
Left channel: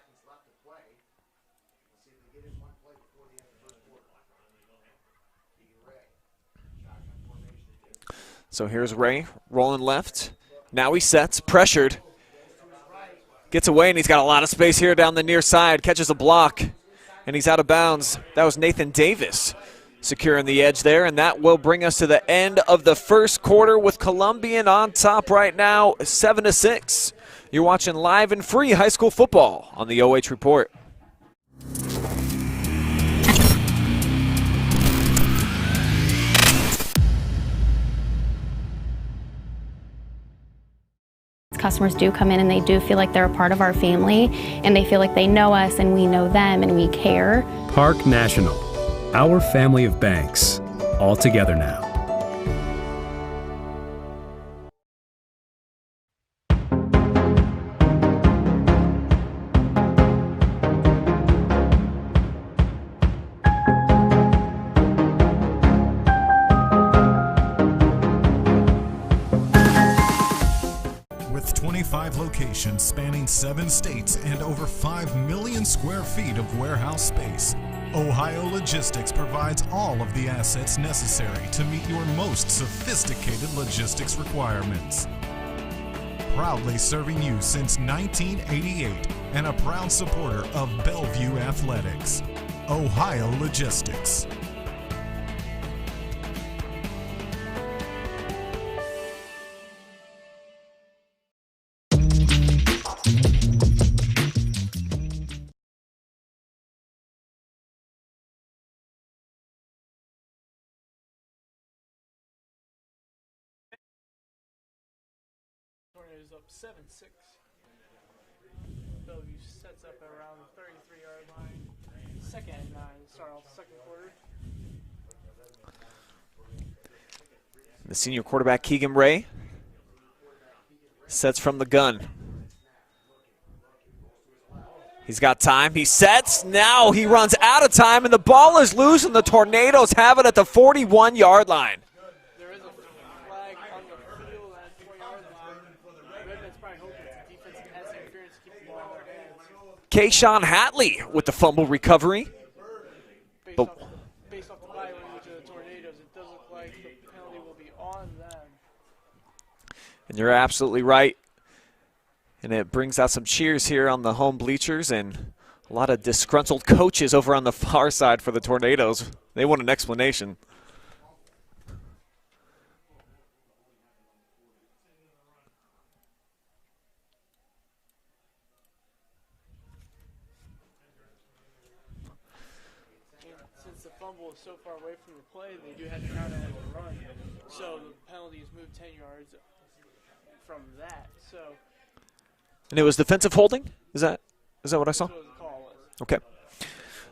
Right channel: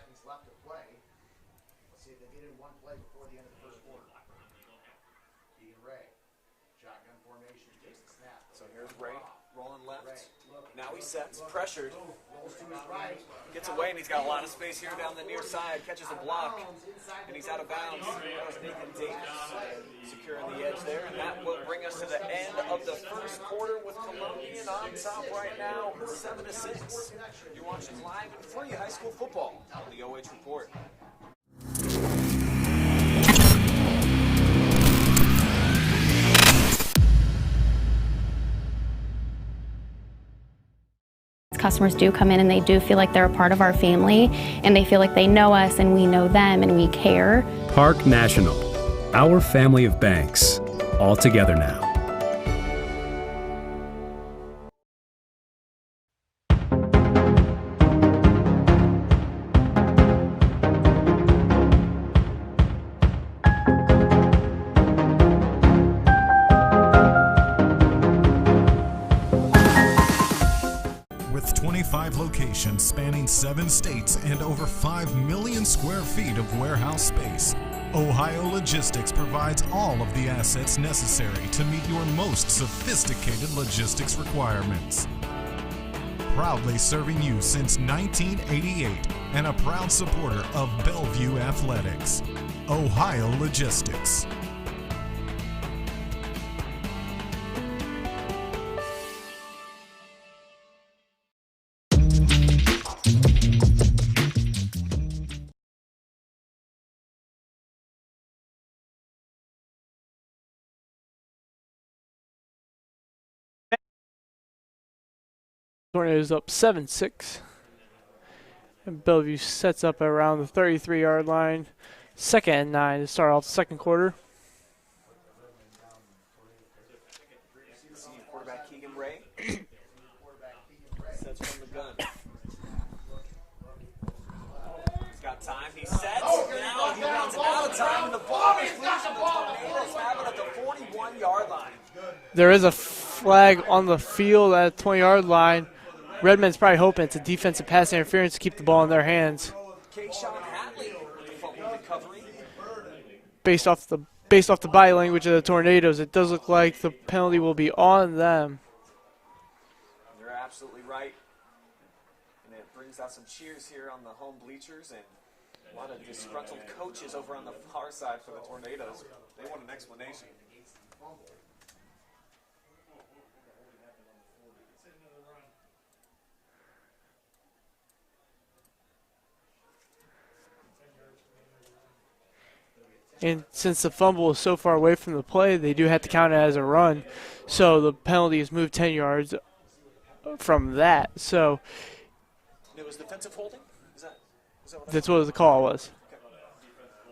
So here's Ray rolling left. Now he sets, pressured. Gets away, and he's got a lot of space here down the near side. Catches a block, and he's out of bounds. That was Nathan Davis. securing the edge there, and that will bring us to the end of the first quarter with Columbian on top right now, 7-6. You're watching live and free high school football on the OH Report. Customers do come in and they do feel like they're a part of our family, and they feel like they know us and we know them and we care. Park National, our family of banks, all together now. With 25 locations spanning 7 states and over 5 million square feet of warehouse space, Ohio Logistics provides all of the assets necessary to meet your most sophisticated logistics requirements. Proudly serving you since 1988 and a proud supporter of Bellevue Athletics, Ohio Logistics. Tornadoes up 7-6. And Bellevue sets up around the 33-yard line. 2nd and 9 to start off the second quarter. The senior quarterback, Keegan Ray, sets from the gun. He's got time. He sets. Now he runs out of time, and the ball is loose, and the Tornadoes have it at the 41-yard line. There is a flag on the field at the 20-yard line. Redmen's probably hoping it's a defensive pass interference to keep the ball in their hands. Kayshawn Hatley with the fumble recovery. Based off the body language of the Tornadoes, it does look like the penalty will be on them. And you're absolutely right. And it brings out some cheers here on the home bleachers and a lot of disgruntled coaches over on the far side for the Tornadoes. They want an explanation. And since the fumble is so far away from the play, they do have to count it as a run. So the penalty is moved 10 yards from that. So, and it was defensive holding? Is that what I saw? That's what the call was. Okay.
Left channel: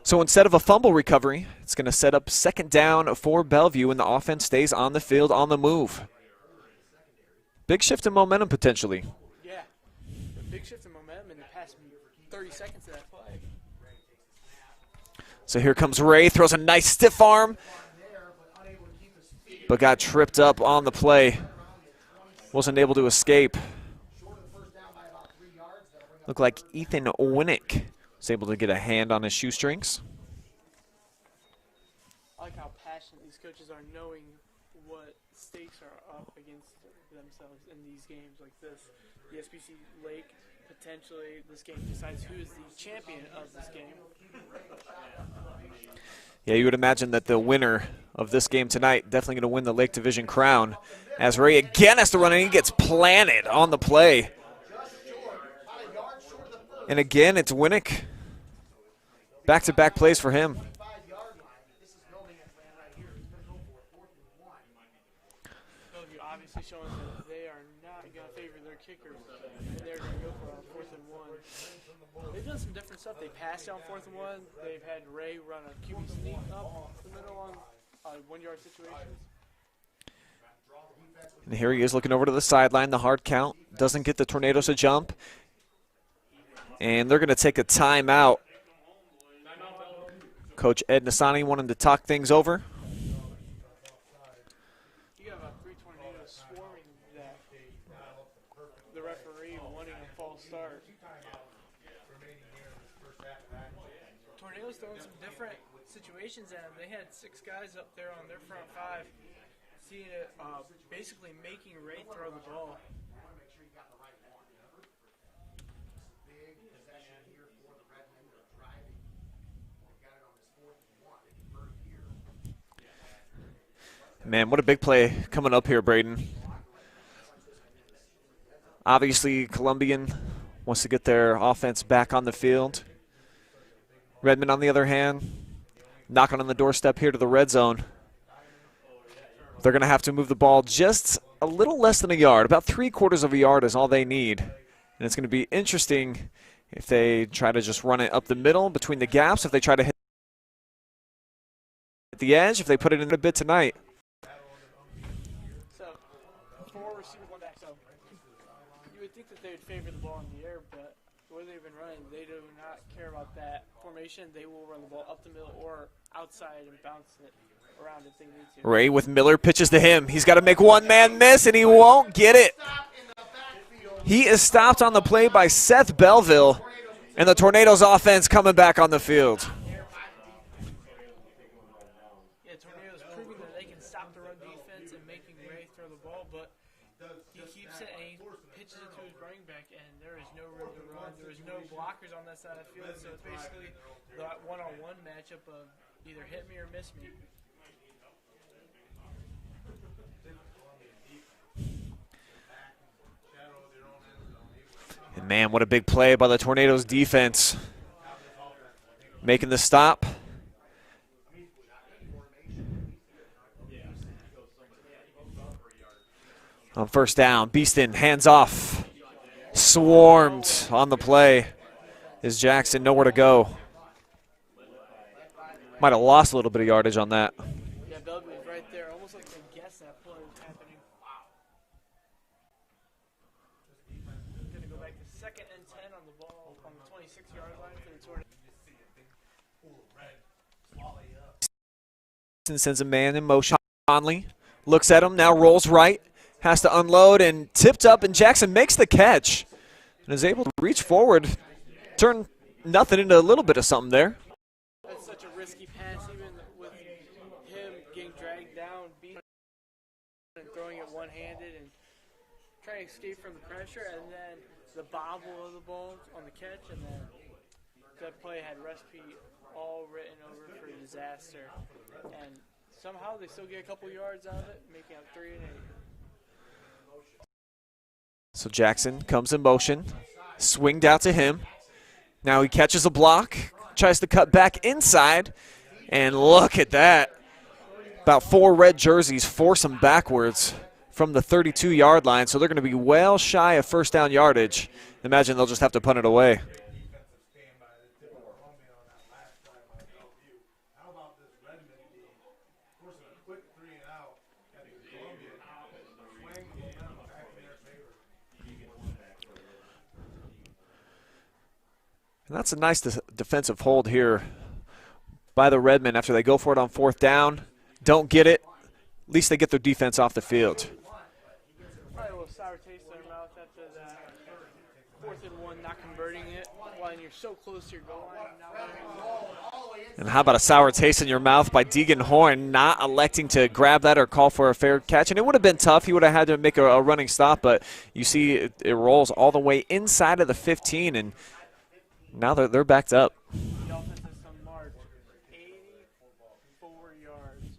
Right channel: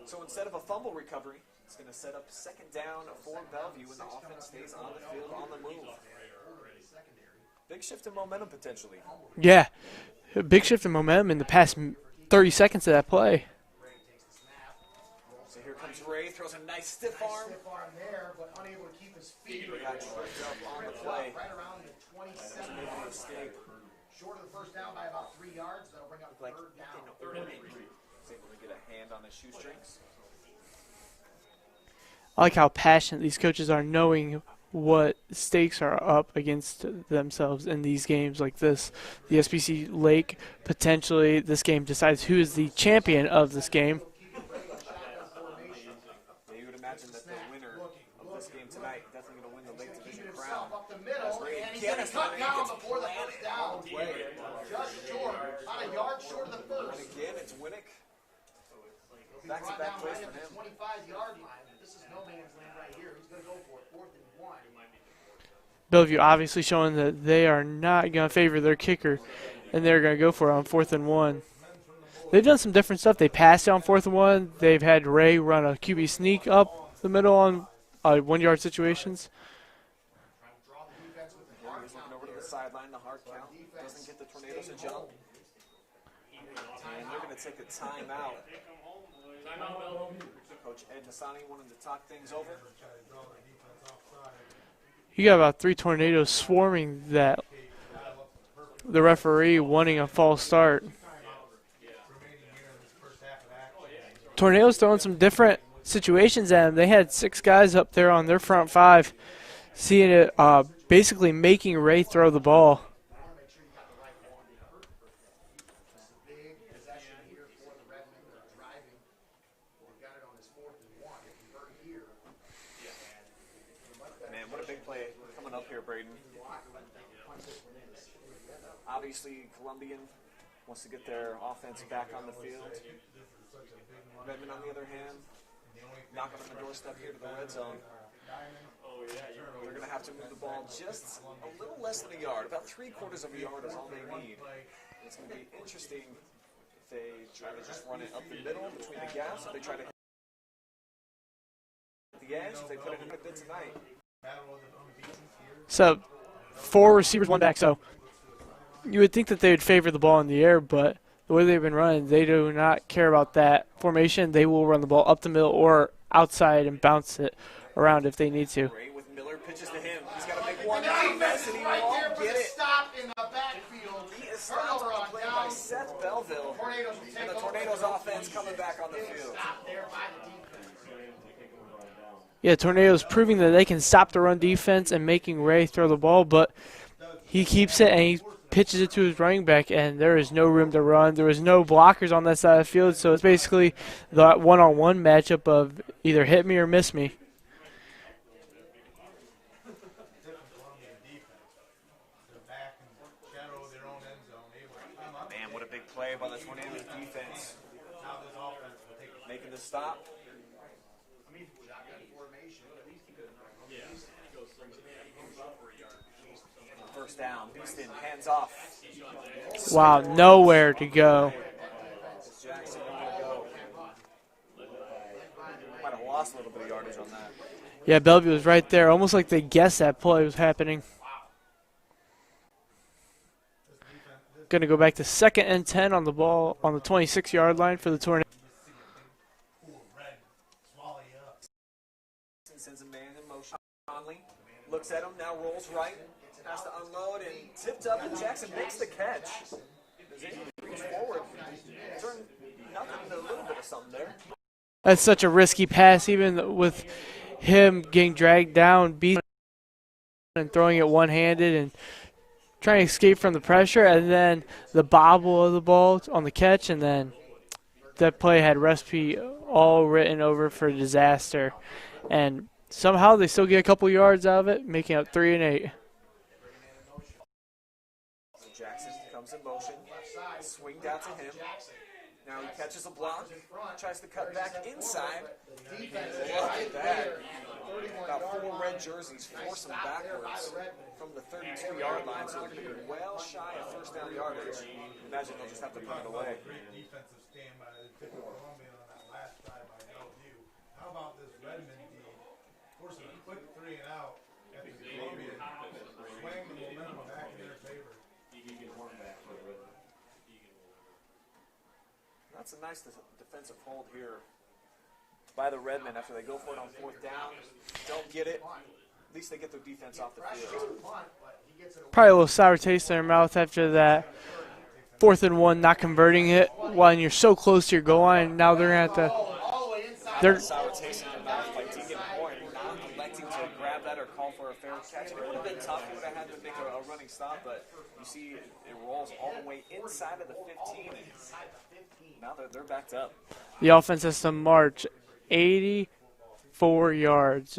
So instead of a fumble recovery, it's going to set up 2nd down for Bellevue, and the offense stays on the field on the move. Big shift in momentum potentially. Yeah, a big shift in momentum in the past 30 seconds of that play. So here comes Ray, throws a nice stiff arm, but got tripped up on the play. Wasn't able to escape. Looked like Ethan Winnick was able to get a hand on his shoestrings. I like how passionate these coaches are, knowing what stakes are up against themselves in these games like this. The SBC Lake, potentially this game decides who is the champion of this game. Yeah, you would imagine that the winner of this game tonight definitely going to win the Lake Division crown, as Ray again has to run and he gets planted on the play. And again, it's Winnick. Back-to-back plays for him. Bellevue obviously showing that they are not going to favor their kicker, and they're going to go for it on 4th and 1. They've done some different stuff. They passed it on 4th and 1. They've had Ray run a QB sneak up the middle on 1-yard situations. And here he is looking over to the sideline. The hard count doesn't get the Tornadoes a jump. And they're going to take a timeout. Coach Ed Nasani wanted to talk things over. You got about 3 Tornadoes swarming that. The referee wanting a false start. Tornadoes throwing some different situations at them. They had 6 guys up there on their front 5, seeing it basically making Ray throw the ball. Man, what a big play coming up here, Brayden. Obviously, Columbian wants to get their offense back on the field. Redmen, on the other hand, knocking on the doorstep here to the red zone. They're going to have to move the ball just a little less than a yard. About 3/4 of a yard is all they need. And it's going to be interesting if they try to just run it up the middle between the gaps, if they try to hit the edge, if they put it in a bit tonight. So 4 receivers, 1 back. So you would think that they would favor the ball in the air, but the way they've been running, they do not care about that formation. They will run the ball up the middle or outside and bounce it around if they need to. Ray with Miller pitches to him. He's got to make one man miss, and he won't get it. He is stopped on the play by Seth Bellevue, and the Tornadoes offense coming back on the field. Yeah, Tornadoes proving that they can stop the run defense and making Ray throw the ball, but he keeps it and he pitches it to his running back, and there is no room to run. There was no blockers on that side of the field, so it's basically the one-on-one matchup of either hit me or miss me. Man, what a big play by the Tornadoes defense. Making the stop. On first down, Beeston hands off. Swarmed nowhere on to the go. play. Is Jackson nowhere to go? Might have lost a little bit of yardage on that. Yeah, Bellevue was right there, almost like they guessed that play was happening. Going to go back to 2nd and 10 on the ball on the 26-yard line for the Tornadoes. Sends a man in motion. Conley looks at him, now rolls right, has to unload and tipped up, and Jackson makes the catch and is able to reach forward, turn nothing into a little bit of something there. That's such a risky pass, even with him getting dragged down, beat and throwing it one-handed and trying to escape from the pressure, and then the bobble of the ball on the catch, and then that play had recipe all written over for disaster. And somehow they still get a couple yards out of it, making it 3 and 8. So Jackson comes in motion, swinged out to him. Now he catches a block, tries to cut back inside, and look at that. About 4 red jerseys force him backwards from the 32-yard line, so they're going to be well shy of first down yardage. Imagine they'll just have to punt it away. And that's a nice defensive hold here by the Redmen after they go for it on 4th down. Don't get it. At least they get their defense off the field. Probably a little sour taste in their mouth after that 4th and 1, not converting it when you're so close to your goal line. Now they're going to have to. And how about a sour taste in your mouth by Deegan Horn not electing to grab that or call for a fair catch? And it would have been tough. He would have had to make a running stop, but you see it rolls all the way inside of the 15, and now they're backed up. The offense has to march 84 yards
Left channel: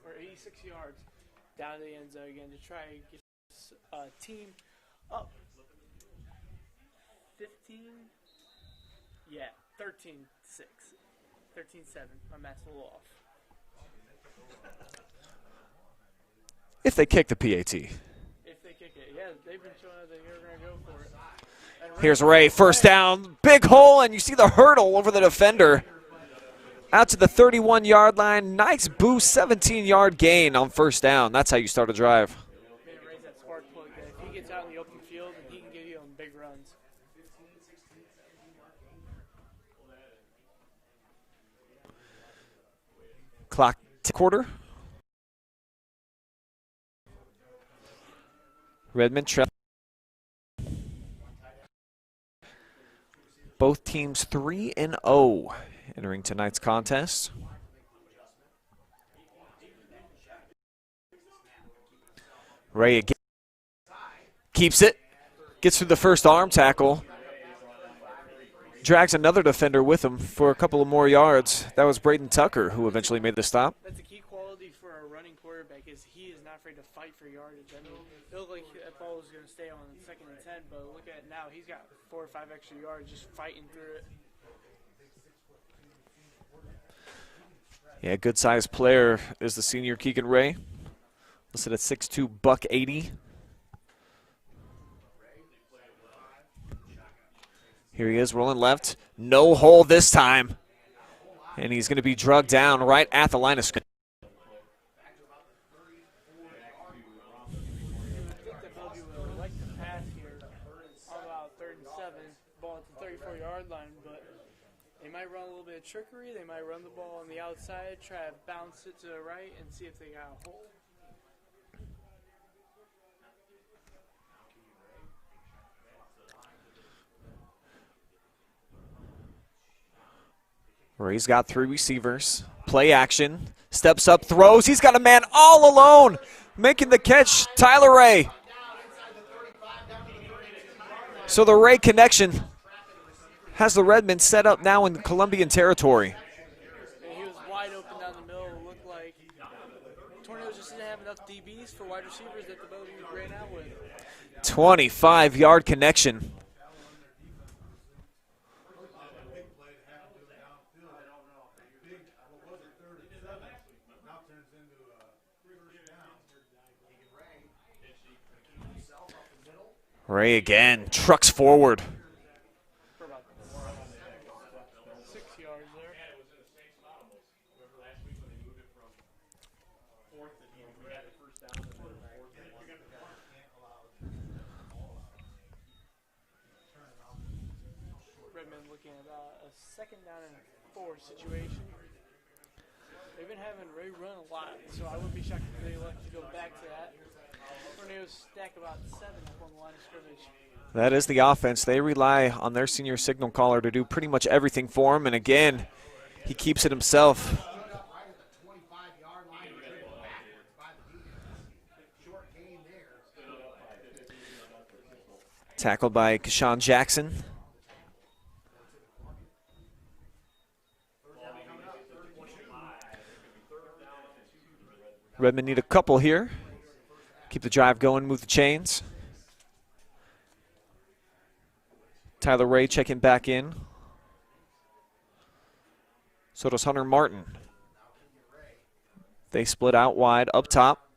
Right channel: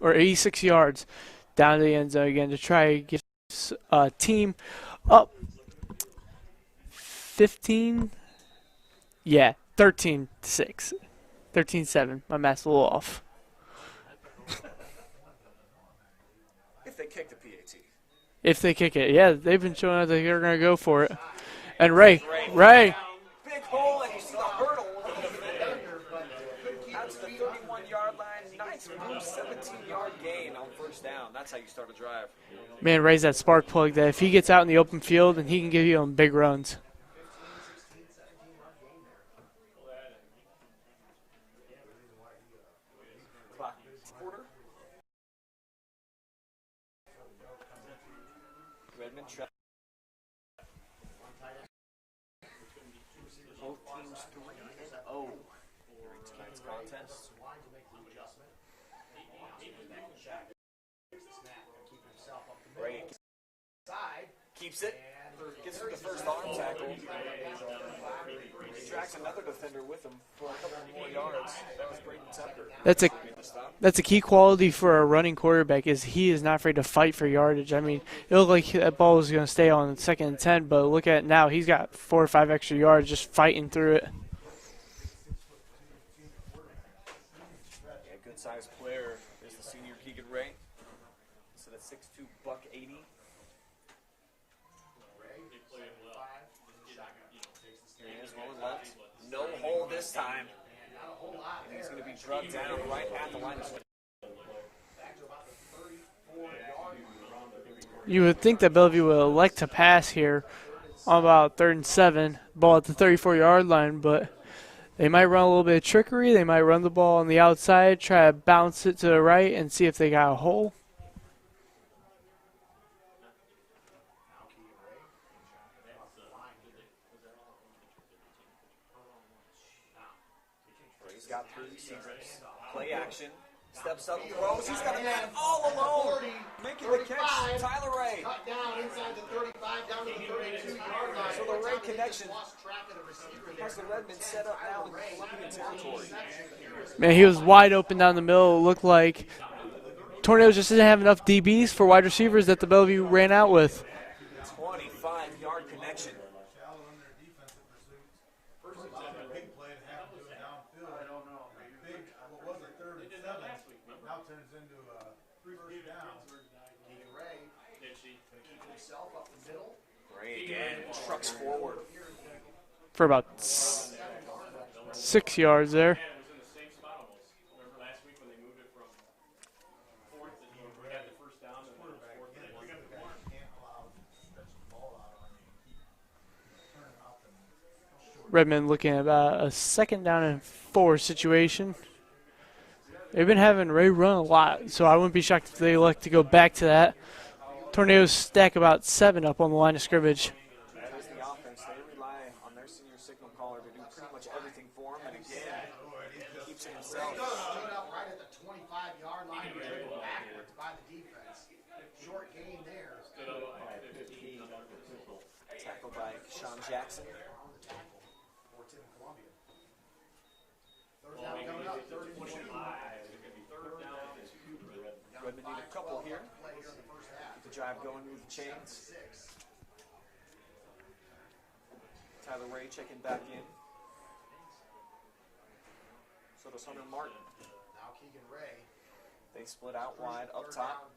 or 86 yards down to the end zone again to try to get a team up 15. Yeah, 13-6. 13-7. My math's a little off. If they kick the PAT. If they kick it. Yeah, they've been showing us that they're going to go for it. And Ray. Here's Ray. First down. Big hole, and you see the hurdle over the defender. Out to the 31-yard line. Nice boost, 17-yard gain on first down. That's how you start a drive. Man, Ray's that spark plug that if he gets out in the open field, and he can give you on big runs. Clock quarter. Redmen trail. Both teams 3-0 entering tonight's contest. Ray again keeps it, gets through the first arm tackle. drags another defender with him for a couple of more yards. That was Brayden Tucker who eventually made the stop. That's a key quality for a running quarterback, is he is not afraid to fight for yardage. I mean, it looked like that ball was going to stay on 2nd and 10, but look at it now. He's got 4 or 5 extra yards just fighting through it. Yeah, good-sized player is the senior Keegan Ray. Listed at 6'2", buck 80. Here he is rolling left. No hole this time. And he's going to be drugged down right at the line of scrimmage. You would think that Bellevue would elect to pass here on about 3rd and 7, ball at the 34-yard line, but they might run a little bit of trickery. They might run the ball on the outside, try to bounce it to the right and see if they got a hole. Ray's got 3 receivers. Play action. Steps up, throws. He's got a man all alone. Making the catch, Tyler Ray. So the Ray connection has the Redmen set up now in Columbian territory. Man, he was wide open down the middle. It looked like Tornadoes just didn't have enough DBs for wide receivers that the Bellevue ran out with. 25-yard connection. Ray again trucks forward. For about 6 yards there. Redmen looking at about a 2nd down and 4 situation. They've been having Ray run a lot, so I wouldn't be shocked if they elect to go back to that. Tornadoes stack about 7 up on the line of scrimmage. That is the offense. They rely on their senior signal caller to do pretty much everything for them, and again, he keeps it himself. Tackled by Kashawn Jackson. Redmen need a couple here. Keep the drive going, move the chains. Tyler Ray checking back in. So does Hunter Martin. They split out wide up top.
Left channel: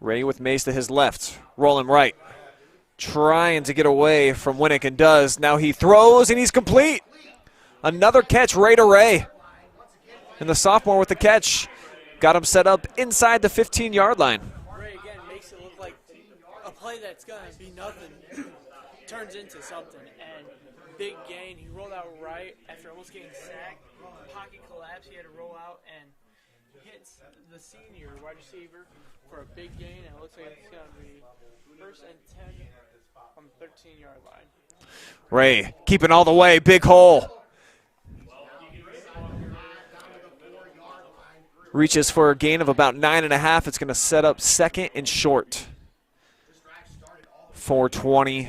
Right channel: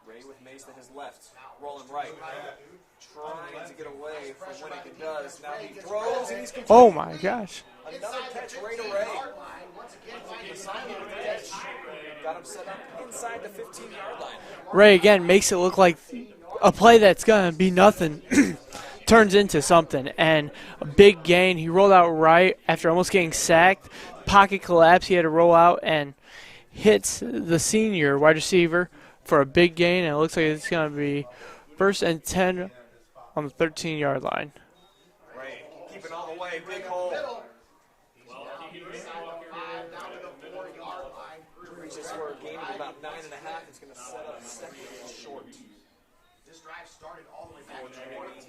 Ray with Mace to his left, rolling right. Trying to get away from Winnick and does. Now he throws and he's complete. Oh my gosh. Another catch, Ray to Ray. And the sophomore with the catch. Got him set up inside the 15-yard line. Ray, again, makes it look like a play that's going to be nothing turns into something. And a big gain. He rolled out right after almost getting sacked. Pocket collapse. He had to roll out and hits the senior wide receiver for a big gain. And it looks like it's going to be 1st and 10 on the 13-yard line. Ray keeping all the way. Big hole. Reaches for a gain of about 9.5. It's going to set up 2nd and short. 4:20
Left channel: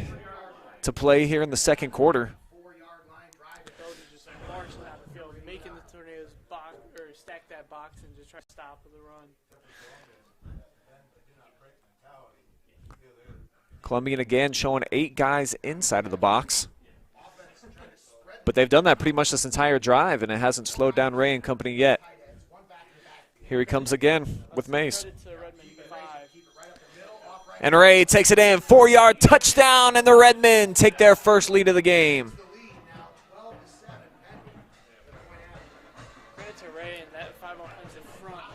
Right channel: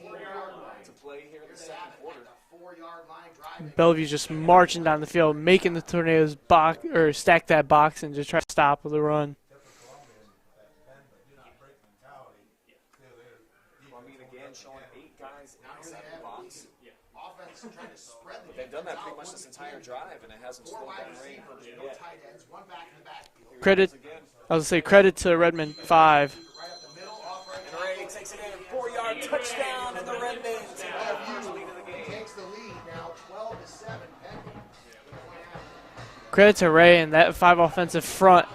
to play here in the 2nd quarter. Bellevue's just marching down the field, making the Tornadoes box or stack that box and just try to stop with the run. Columbian again showing 8 guys inside of the box. But they've done that pretty much this entire drive, and it hasn't slowed down Ray and company yet. Here he comes again. I would say credit to Redmen 5. And Ray takes it in, 4-yard touchdown, and the Redmen take their first lead of the game. Credit to Ray and that 5 offensive front.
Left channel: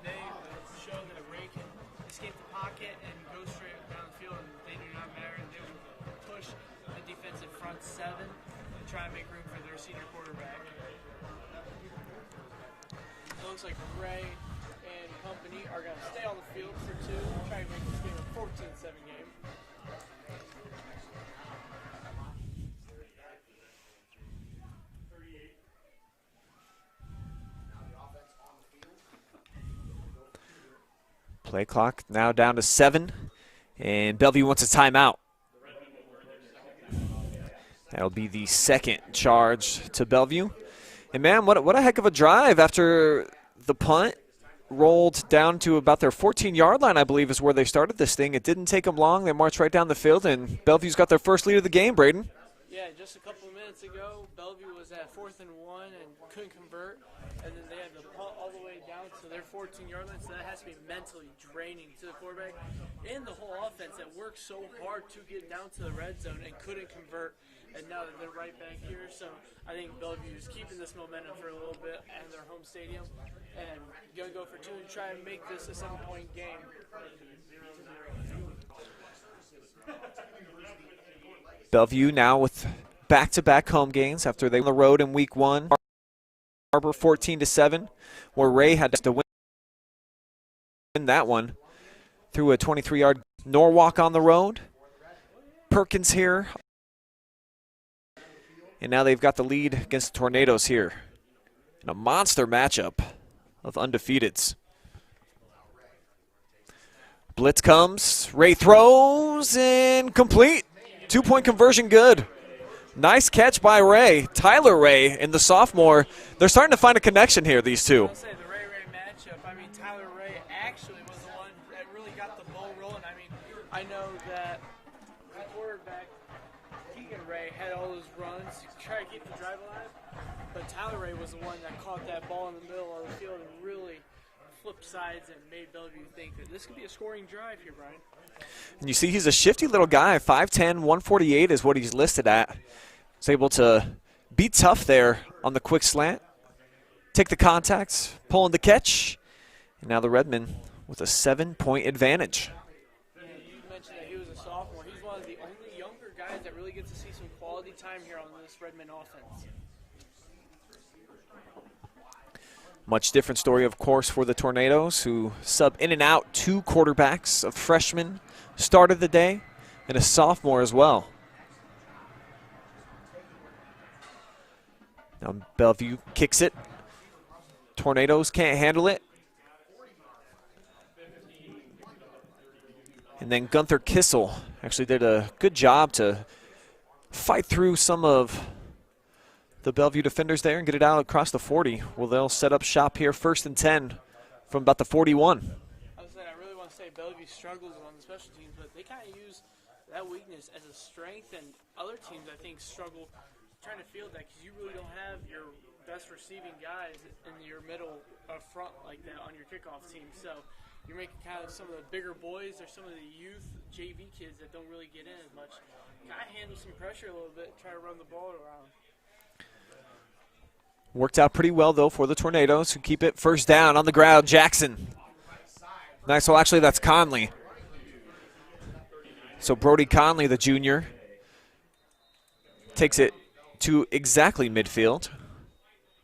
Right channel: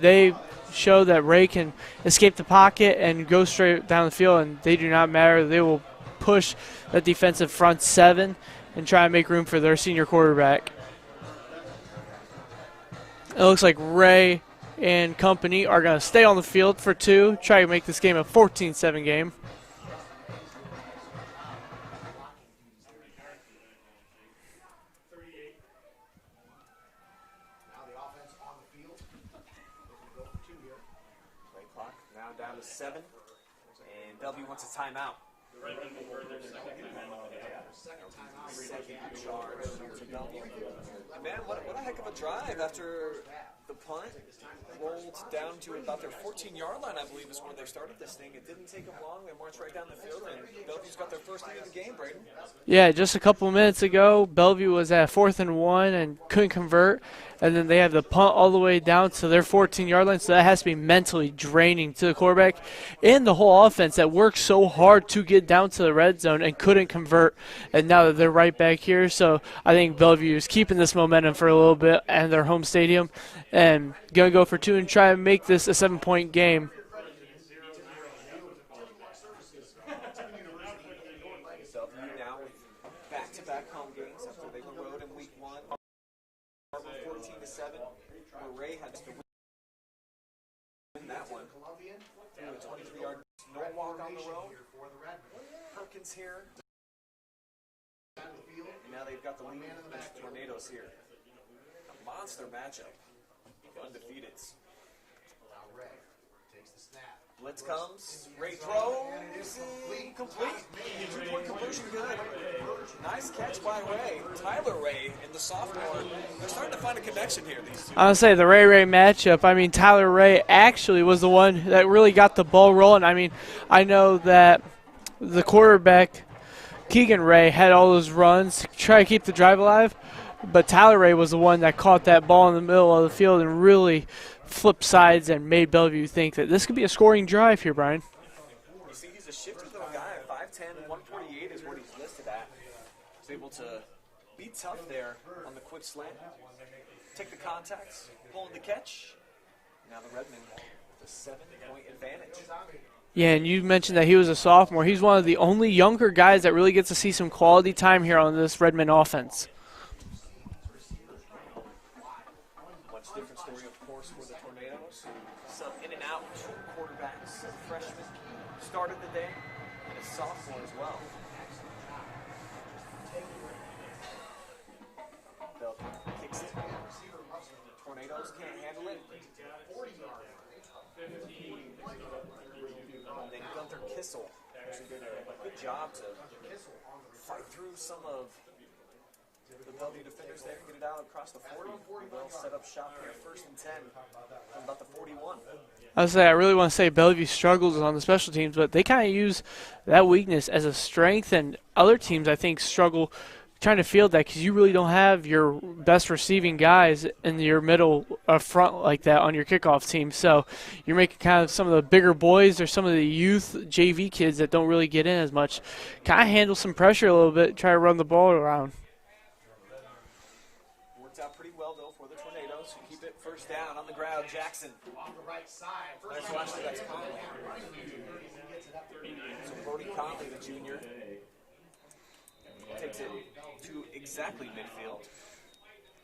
They show that Ray can escape the pocket and go straight down the field, and they do not matter. They will push that defensive front 7 and try and make room for their senior quarterback. It looks like Ray and company are going to stay on the field for 2, try to make this game a 14-7 game. Play clock now down to 7, and Bellevue wants a timeout. That'll be the second charge to Bellevue. And man, what a heck of a drive after the punt rolled down to about their 14-yard line, I believe, is where they started this thing. It didn't take them long. They marched right down the field, and Bellevue's got their first lead of the game, Brayden. Yeah, just a couple minutes ago, Bellevue was at 4th and 1 and couldn't convert. And then they have the punt all the way down to their 14-yard line, so that has to be mentally draining to the quarterback and the whole offense that worked so hard to get down to the red zone and couldn't convert. And now that they're right back here, so I think Bellevue is keeping this momentum for a little bit and their home stadium and going to go for 2 and try and make this a 7-point game. Bellevue now with back-to-back home games after they were on the road in week 1. Harbor 14-7, where Ray had to win that one through a 23-yard. Norwalk on the road. Perkins here. And now they've got the lead against the Tornadoes here. In a monster matchup of undefeateds. Blitz comes. Ray throws and complete. 2-point conversion good. Nice catch by Ray. Tyler Ray and the sophomore, they're starting to find a connection here, these two. I'll say the Ray matchup. I mean, Tyler Ray actually was the one that really got the ball rolling. I mean, I know that the quarterback, Keegan Ray, had all those runs to try to keep the drive alive, but Tyler Ray was the one that caught that ball in the middle of the field and really flipped sides and made Bellevue think that this could be a scoring drive here, Brian. And you see he's a shifty little guy. 5'10", 148 is what he's listed at. He's able to be tough there on the quick slant, take the contacts, pull in the catch. And now the Redmen with a 7-point advantage. Yeah, and you mentioned that he was a sophomore. He's one of the only younger guys that really gets to see some quality time here on this Redmen offense. Much different story, of course, for the Tornadoes, who sub in and out 2 quarterbacks. A freshman started the day and a sophomore as well. Now Bellevue kicks it. Tornadoes can't handle it. And then Gunther Kissel actually did a good job to fight through some of the Bellevue defenders there and get it out across the 40. Well, they'll set up shop here, 1st and 10 from about the 41. I really want to say Bellevue struggles on the special teams, but they kind of use that weakness as a strength, and other teams, I think, struggle trying to field that because you really don't have your best receiving guys in your middle front like that on your kickoff team. So you're making kind of some of the bigger boys or some of the youth JV kids that don't really get in as much kind of handle some pressure a little bit, try to run the ball around. Worked out pretty well, though, for the Tornadoes, who keep it 1st down on the ground. Jackson. Nice. Well, actually, that's Conley. So Brody Conley, the junior, takes it to exactly midfield.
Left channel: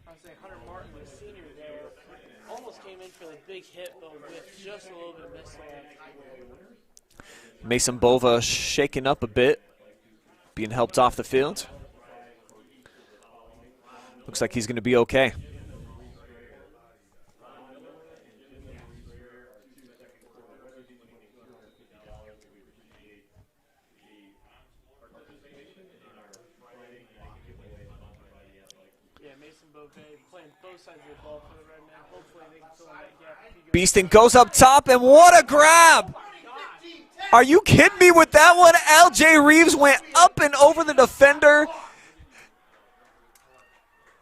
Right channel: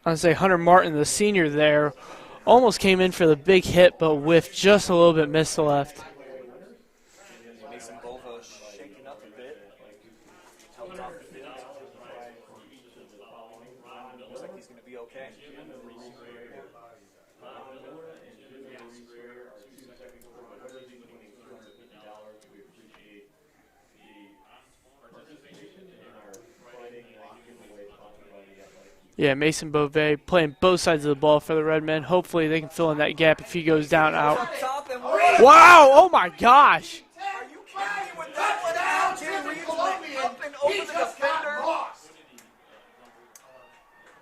I'd say Hunter Martin, the senior there, almost came in for the big hit, but whiffed just a little bit, missed the left. Mason Bova shaken up a bit, being helped off the field. Looks like he's going to be okay. Yeah, Mason Beauvais playing both sides of the ball for the Redmen. Hopefully they can fill in that gap if he goes Beaston down. goes up top, and what a wow, grab! Oh my gosh. Are you kidding me with that one? LJ Reeves went up and over the defender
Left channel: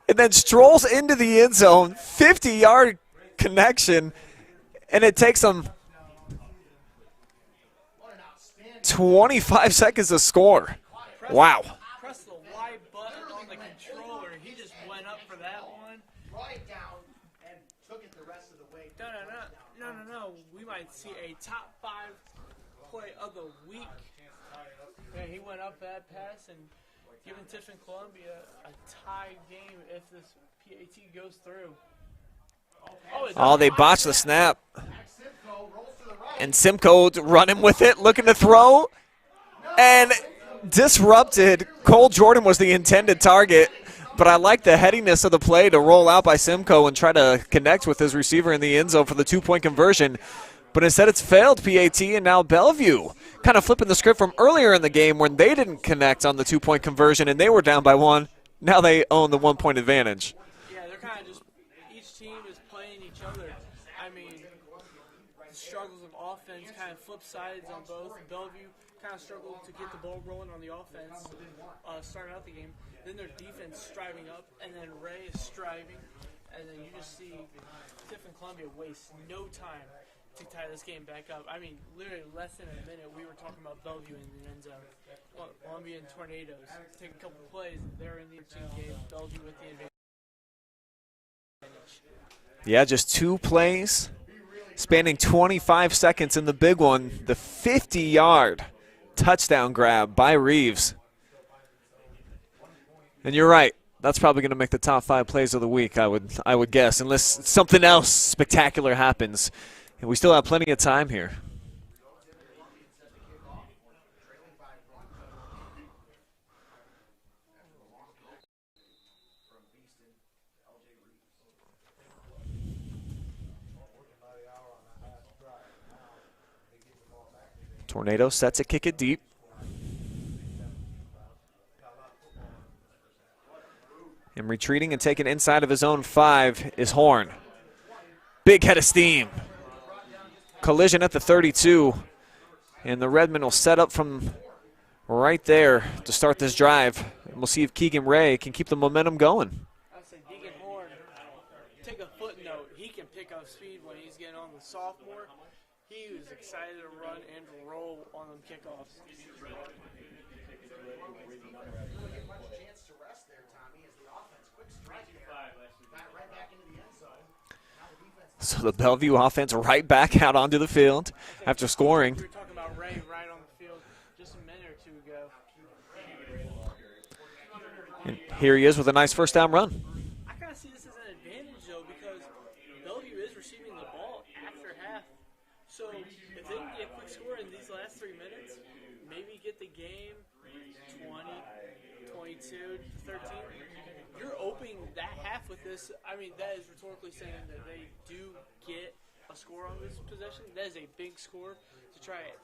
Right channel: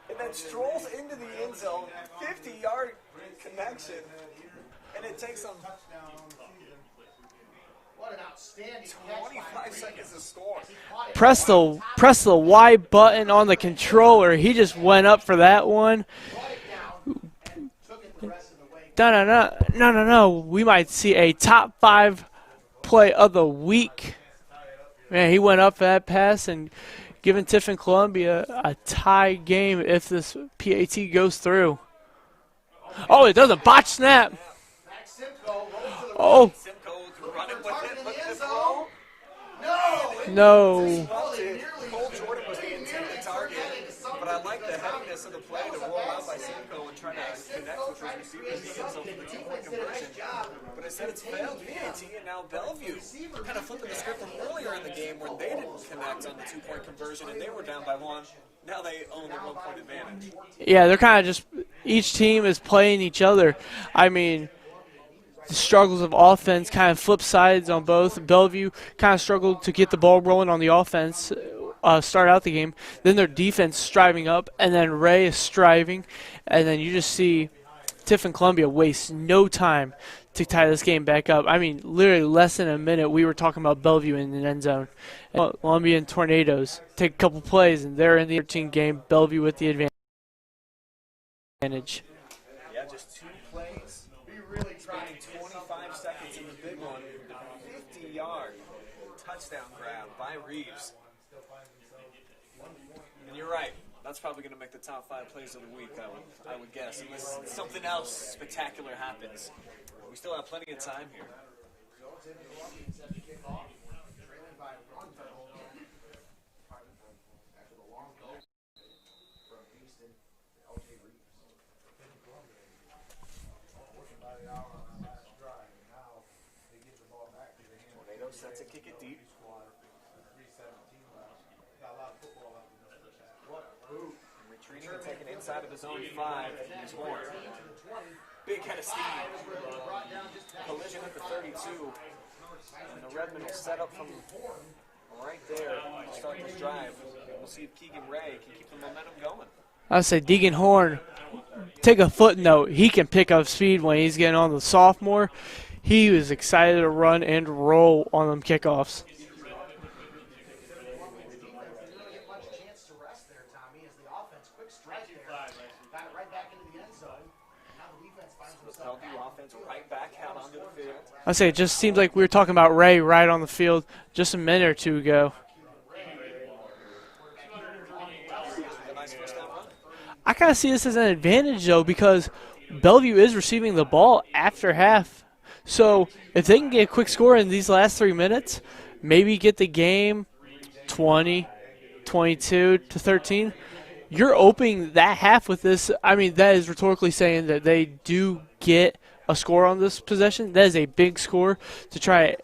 and then strolls into the end zone. 50-yard connection, and it takes him 25 seconds to score. Press the Y button on the controller. He just went up for that one. No. We might see a top 5 play of the week. Man, he went up for that pass and giving Tiffin-Columbian a tie game if this PAT goes through. Oh, it does. They botched the snap. Oh. And Simcoe running with it, looking to throw. And no. Disrupted. Cole Jordan was the intended target, but I like the headiness of the play to roll out by Simcoe and try to connect with his receiver in the end zone for the 2-point conversion. But instead it's failed PAT, and now Bellevue kind of flipping the script from earlier in the game when they didn't connect on the 2-point conversion and they were down by 1. Now they own the 1-point advantage. Yeah, they're kind of just – each team is playing each other. I mean, the struggles of offense kind of flip sides on both. Bellevue kind of struggled to get the ball rolling on the offense, start out the game. Then their defense striving up, and then Ray is striving. And then you just see Tiffin-Columbian waste no time to tie this game back up. I mean, literally less than a minute, we were talking about Bellevue in the end zone. And Columbian Tornadoes take a couple plays, and they're in the 13 game. Bellevue with the advantage. Yeah, just 2 plays, spanning 25 seconds in the big one. The 50-yard touchdown grab by Reeves. And you're right. That's probably going to make the top 5 plays of the week, I would guess, unless something else spectacular happens. And we still have plenty of time here. Tornado set to kick it deep. And retreating and taking inside of his own 5 is Horn. Big head of steam. Collision at the 32. And the Redmen will set up from right there to start this drive. We'll see if Keegan Ray can keep the momentum going. I say Deegan Horn, take a footnote. He can pick up speed when he's getting on the sophomore. He was excited to run and roll on them kickoffs. So the Bellevue offense right back out onto the field. I say it just seemed like we were talking about Ray right on the field just a minute or two ago. And here he is with a nice first down run. I kind of see this as an advantage, though, because Bellevue is receiving the ball after half. So if they can get a quick score in these last 3 minutes, maybe get the game 20, 22 to 13, you're opening that half with this. I mean, that is rhetorically saying that they do get a score on this possession. That is a big score to try.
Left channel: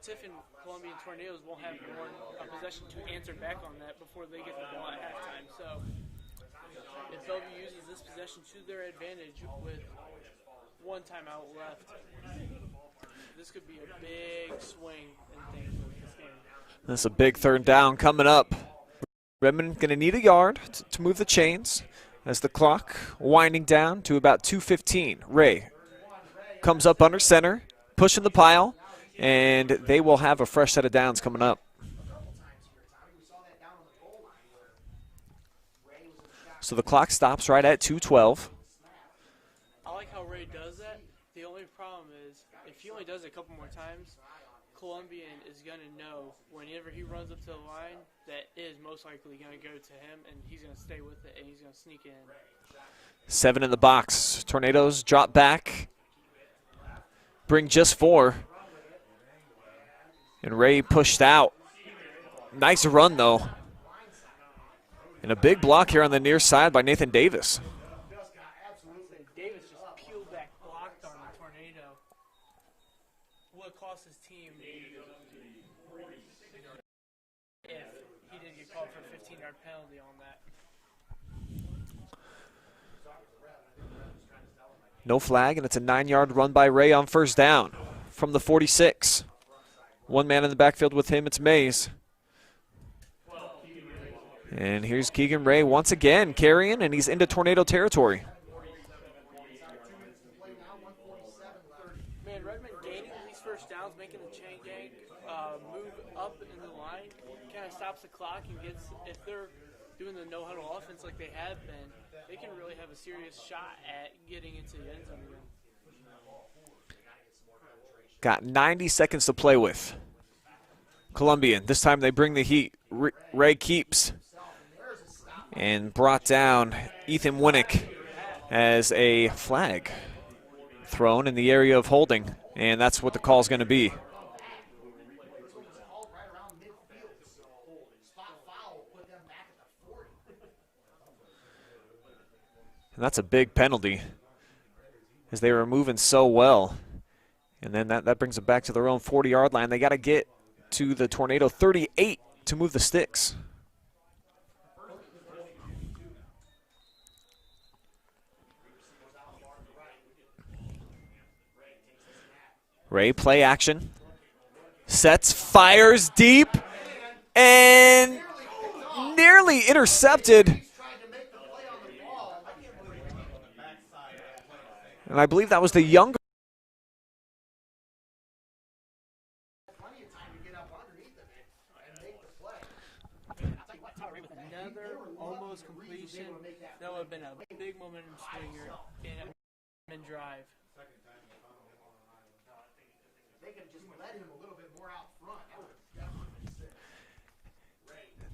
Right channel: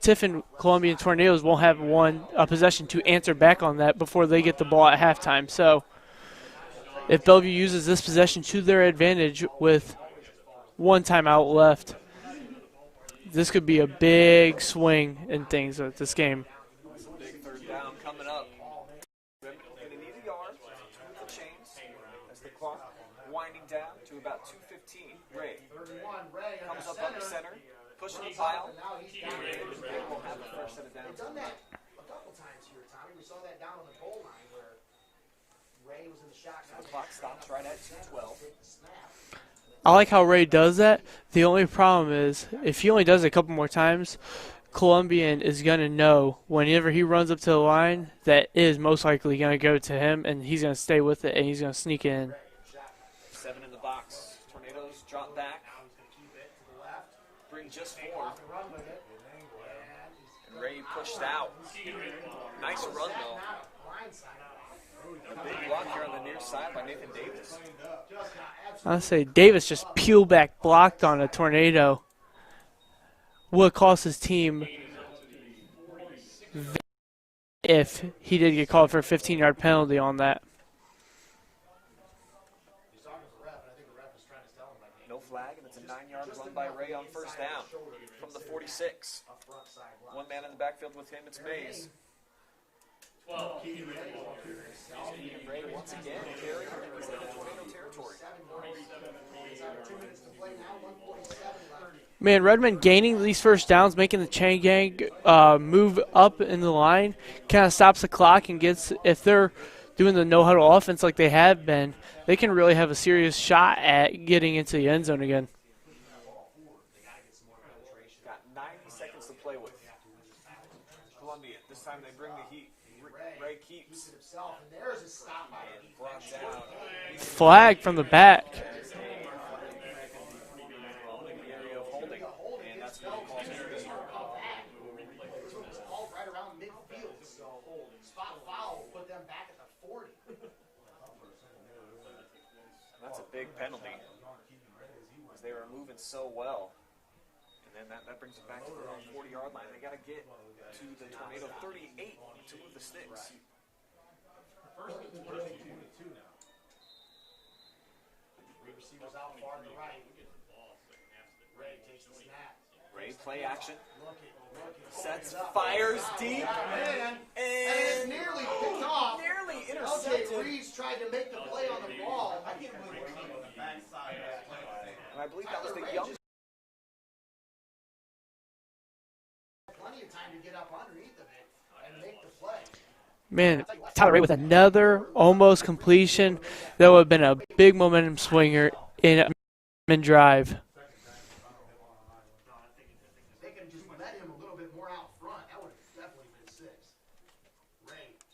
Tiffin-Columbian Tornadoes won't have a possession to answer back on that before they get the ball at halftime. So if Bellevue uses this possession to their advantage with 1 timeout left, this could be a big swing in things with this game. That's a big 3rd down coming up. Redmen going to need a yard to move the chains as the clock winding down to about 2:15. Ray comes up under center, pushing the pile, and they will have a fresh set of downs coming up. So the clock stops right at 2:12. I like how Ray does that. The only problem is if he only does it a couple more times, Columbian is going to know whenever he runs up to the line that it is most likely going to go to him, and he's going to stay with it, and he's going to sneak it in. 7 in the box. Tornadoes drop back, bring just 4. And Ray pushed out. Nice run, though. And a big block here on the near side by Nathan Davis. I'll say Davis just peel back blocked on a Tornado. Would cost his team if he did get called for a 15-yard penalty on that. No flag, and it's a 9-yard run by Ray on first down from the 46. 1 man in the backfield with him, it's Mays. And here's Keegan Ray once again carrying, and he's into Tornado territory. Man, Redmen gaining these first downs, making the chain gang move up in the line, kind of stops the clock and gets, if they're doing the no-huddle offense like they have been, they can really have a serious shot at getting into the end zone again. Got 90 seconds to play with. Columbian, this time they bring the heat. Ray keeps and brought down Ethan Flag Winnick from the back. as a flag thrown in the area of holding, and that's what the call is going to be. And that's a big penalty as they were moving so well. And then that brings them back to their own 40-yard line. They got to get to the Tornado 38 to move the sticks. Ray, play action. Sets, fires deep, and nearly intercepted. And I believe that was the younger. Man, Tyler Ray with another almost completion. That would have been a big momentum swinger in drive.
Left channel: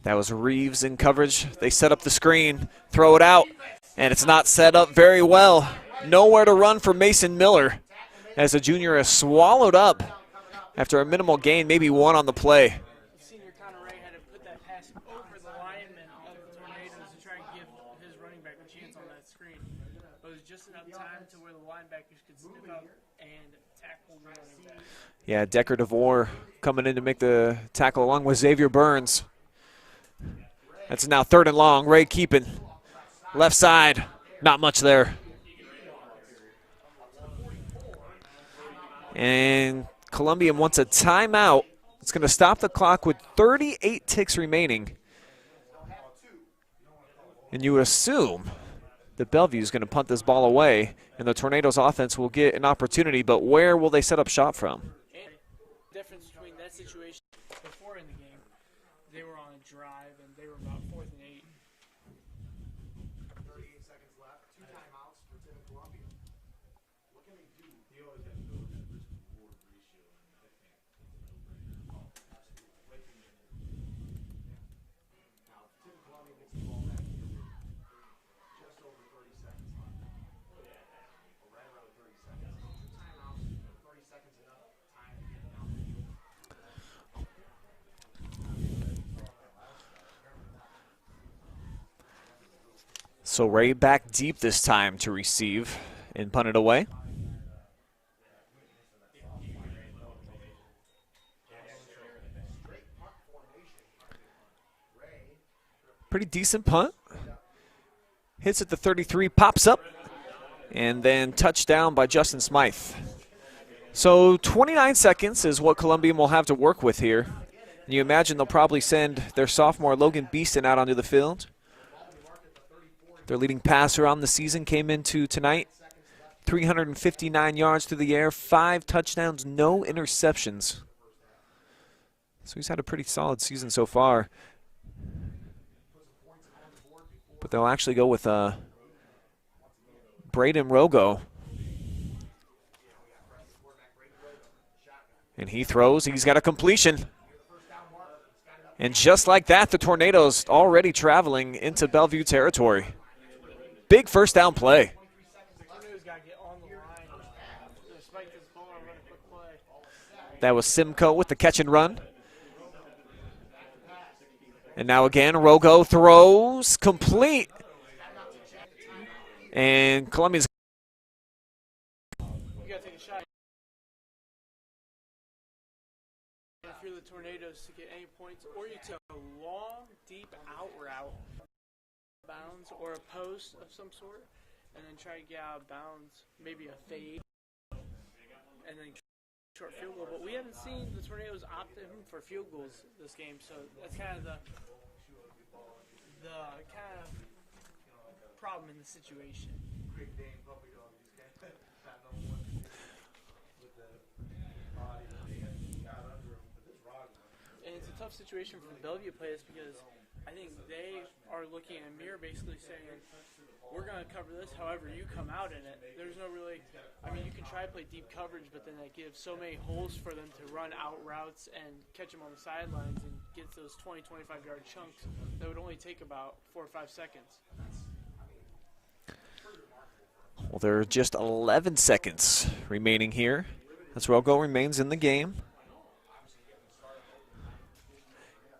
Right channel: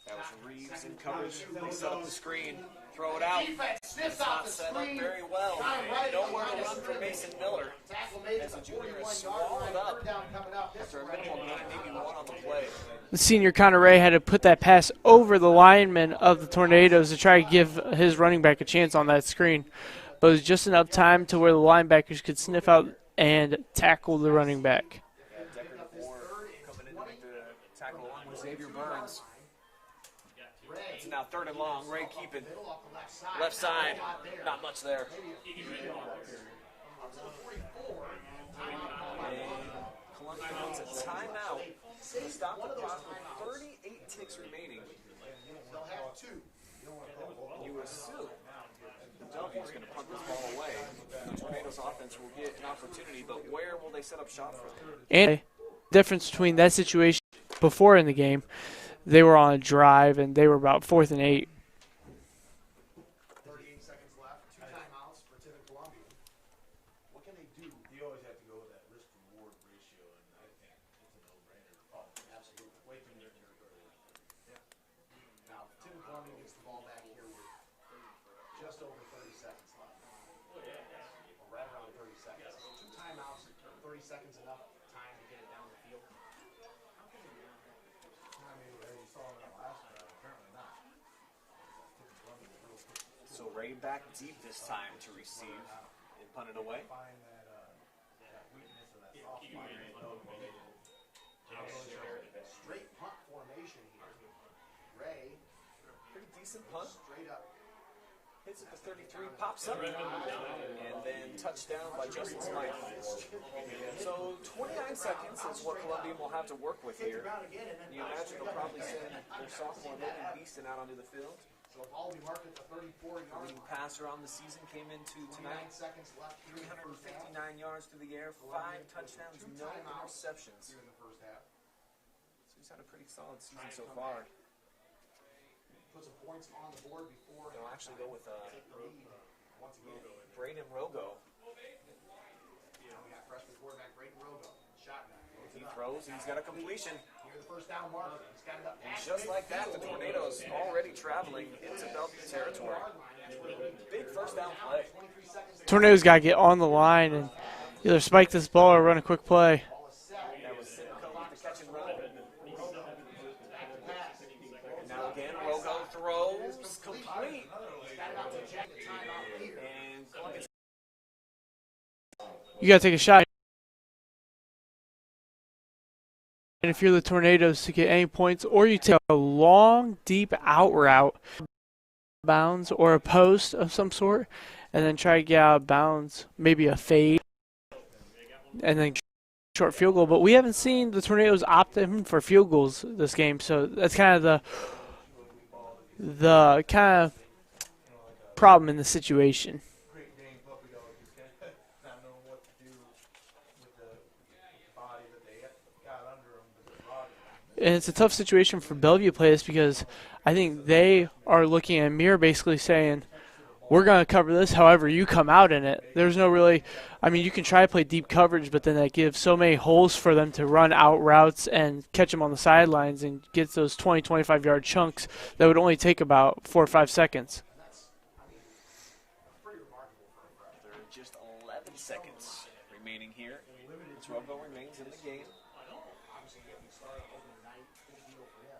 That was Reeves in coverage. They set up the screen, throw it out, and it's not set up very well. Nowhere to run for Mason Miller as the junior is swallowed up after a minimal gain, maybe one on the play. The senior Connor Ray had to put that pass over the lineman of the Tornadoes to try to give his running back a chance on that screen. But it was just enough time to where the linebackers could sniff out and tackle the running back. Yeah, Decker DeVore coming in to make the tackle along with Xavier Burns. That's now 3rd and long. Ray keeping. Left side, not much there. And Columbian wants a timeout. It's going to stop the clock with 38 ticks remaining. And you would assume that Bellevue is going to punt this ball away, and the Tornadoes offense will get an opportunity, but where will they set up shop from? And the difference between that situation before in the game, they were on a drive, and they were about 4th and 8. 38 seconds left, 2 timeouts for Tiffin-Columbian. What can they do? They always have to go with that risk-reward ratio, and I think it's a no-brainer. Absolutely. Wait till they're Now, Tiffin-Columbian gets the ball back here with just over 30 seconds left. Or right around 30 seconds. 2 timeouts, 30 seconds enough time to get it down the field. So Ray back deep this time to receive and punt it away. Pretty decent punt. Hits at the 33, pops up, and then touchdown by Justin Smythe. So 29 seconds is what Columbian will have to work with here. You imagine they'll probably send their sophomore Logan Beeston out onto the field. Their leading passer on the season came into tonight. 359 yards through the air, 5 touchdowns, no interceptions. So he's had a pretty solid season so far. But they'll actually go with Brayden Rogo. And he throws, he's got a completion. And just like that, the Tornadoes already traveling into Bellevue territory. Big first down play. Tornadoes got to get on the line and either spike this ball or run a quick play. That was Simcoe with the catch and run. And now again, Rogo throws, complete. And Columbia's. You got to take a shot. And if you're the Tornadoes to get any points, or you take a long, deep out route, bounds or a post of some sort, and then try to get out of bounds, maybe a fade, and then short field goal. But we haven't seen the Tornadoes opt in for field goals this game, so that's kind of the kind of problem in the situation. And it's a tough situation for Bellevue players because I think they are looking at Mir basically saying, we're going to cover this however you come out in it. There's no really, I mean, you can try to play deep coverage, but then that gives so many holes for them to run out routes and catch them on the sidelines and get those 20, 25-yard chunks that would only take about 4 or 5 seconds. Well, there are just 11 seconds remaining here. As Rogo remains in the game.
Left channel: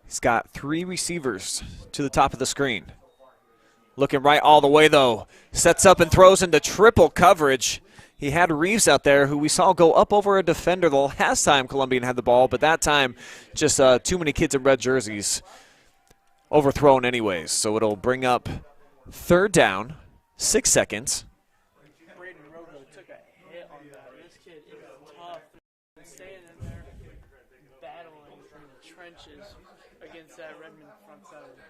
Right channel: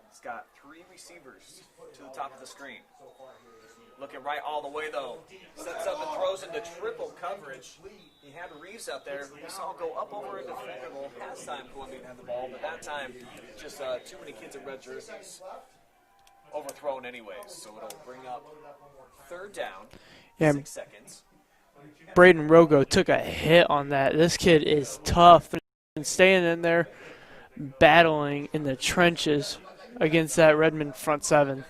He's got 3 receivers to the top of the screen. Looking right all the way, though. Sets up and throws into triple coverage. He had Reeves out there, who we saw go up over a defender the last time Columbian had the ball, but that time just too many kids in red jerseys overthrown anyways. So it'll bring up 3rd down, 6 seconds. Brayden Rogo took a hit on that. This kid is tough and staying in there, battling in the trenches against that Redmen front 7.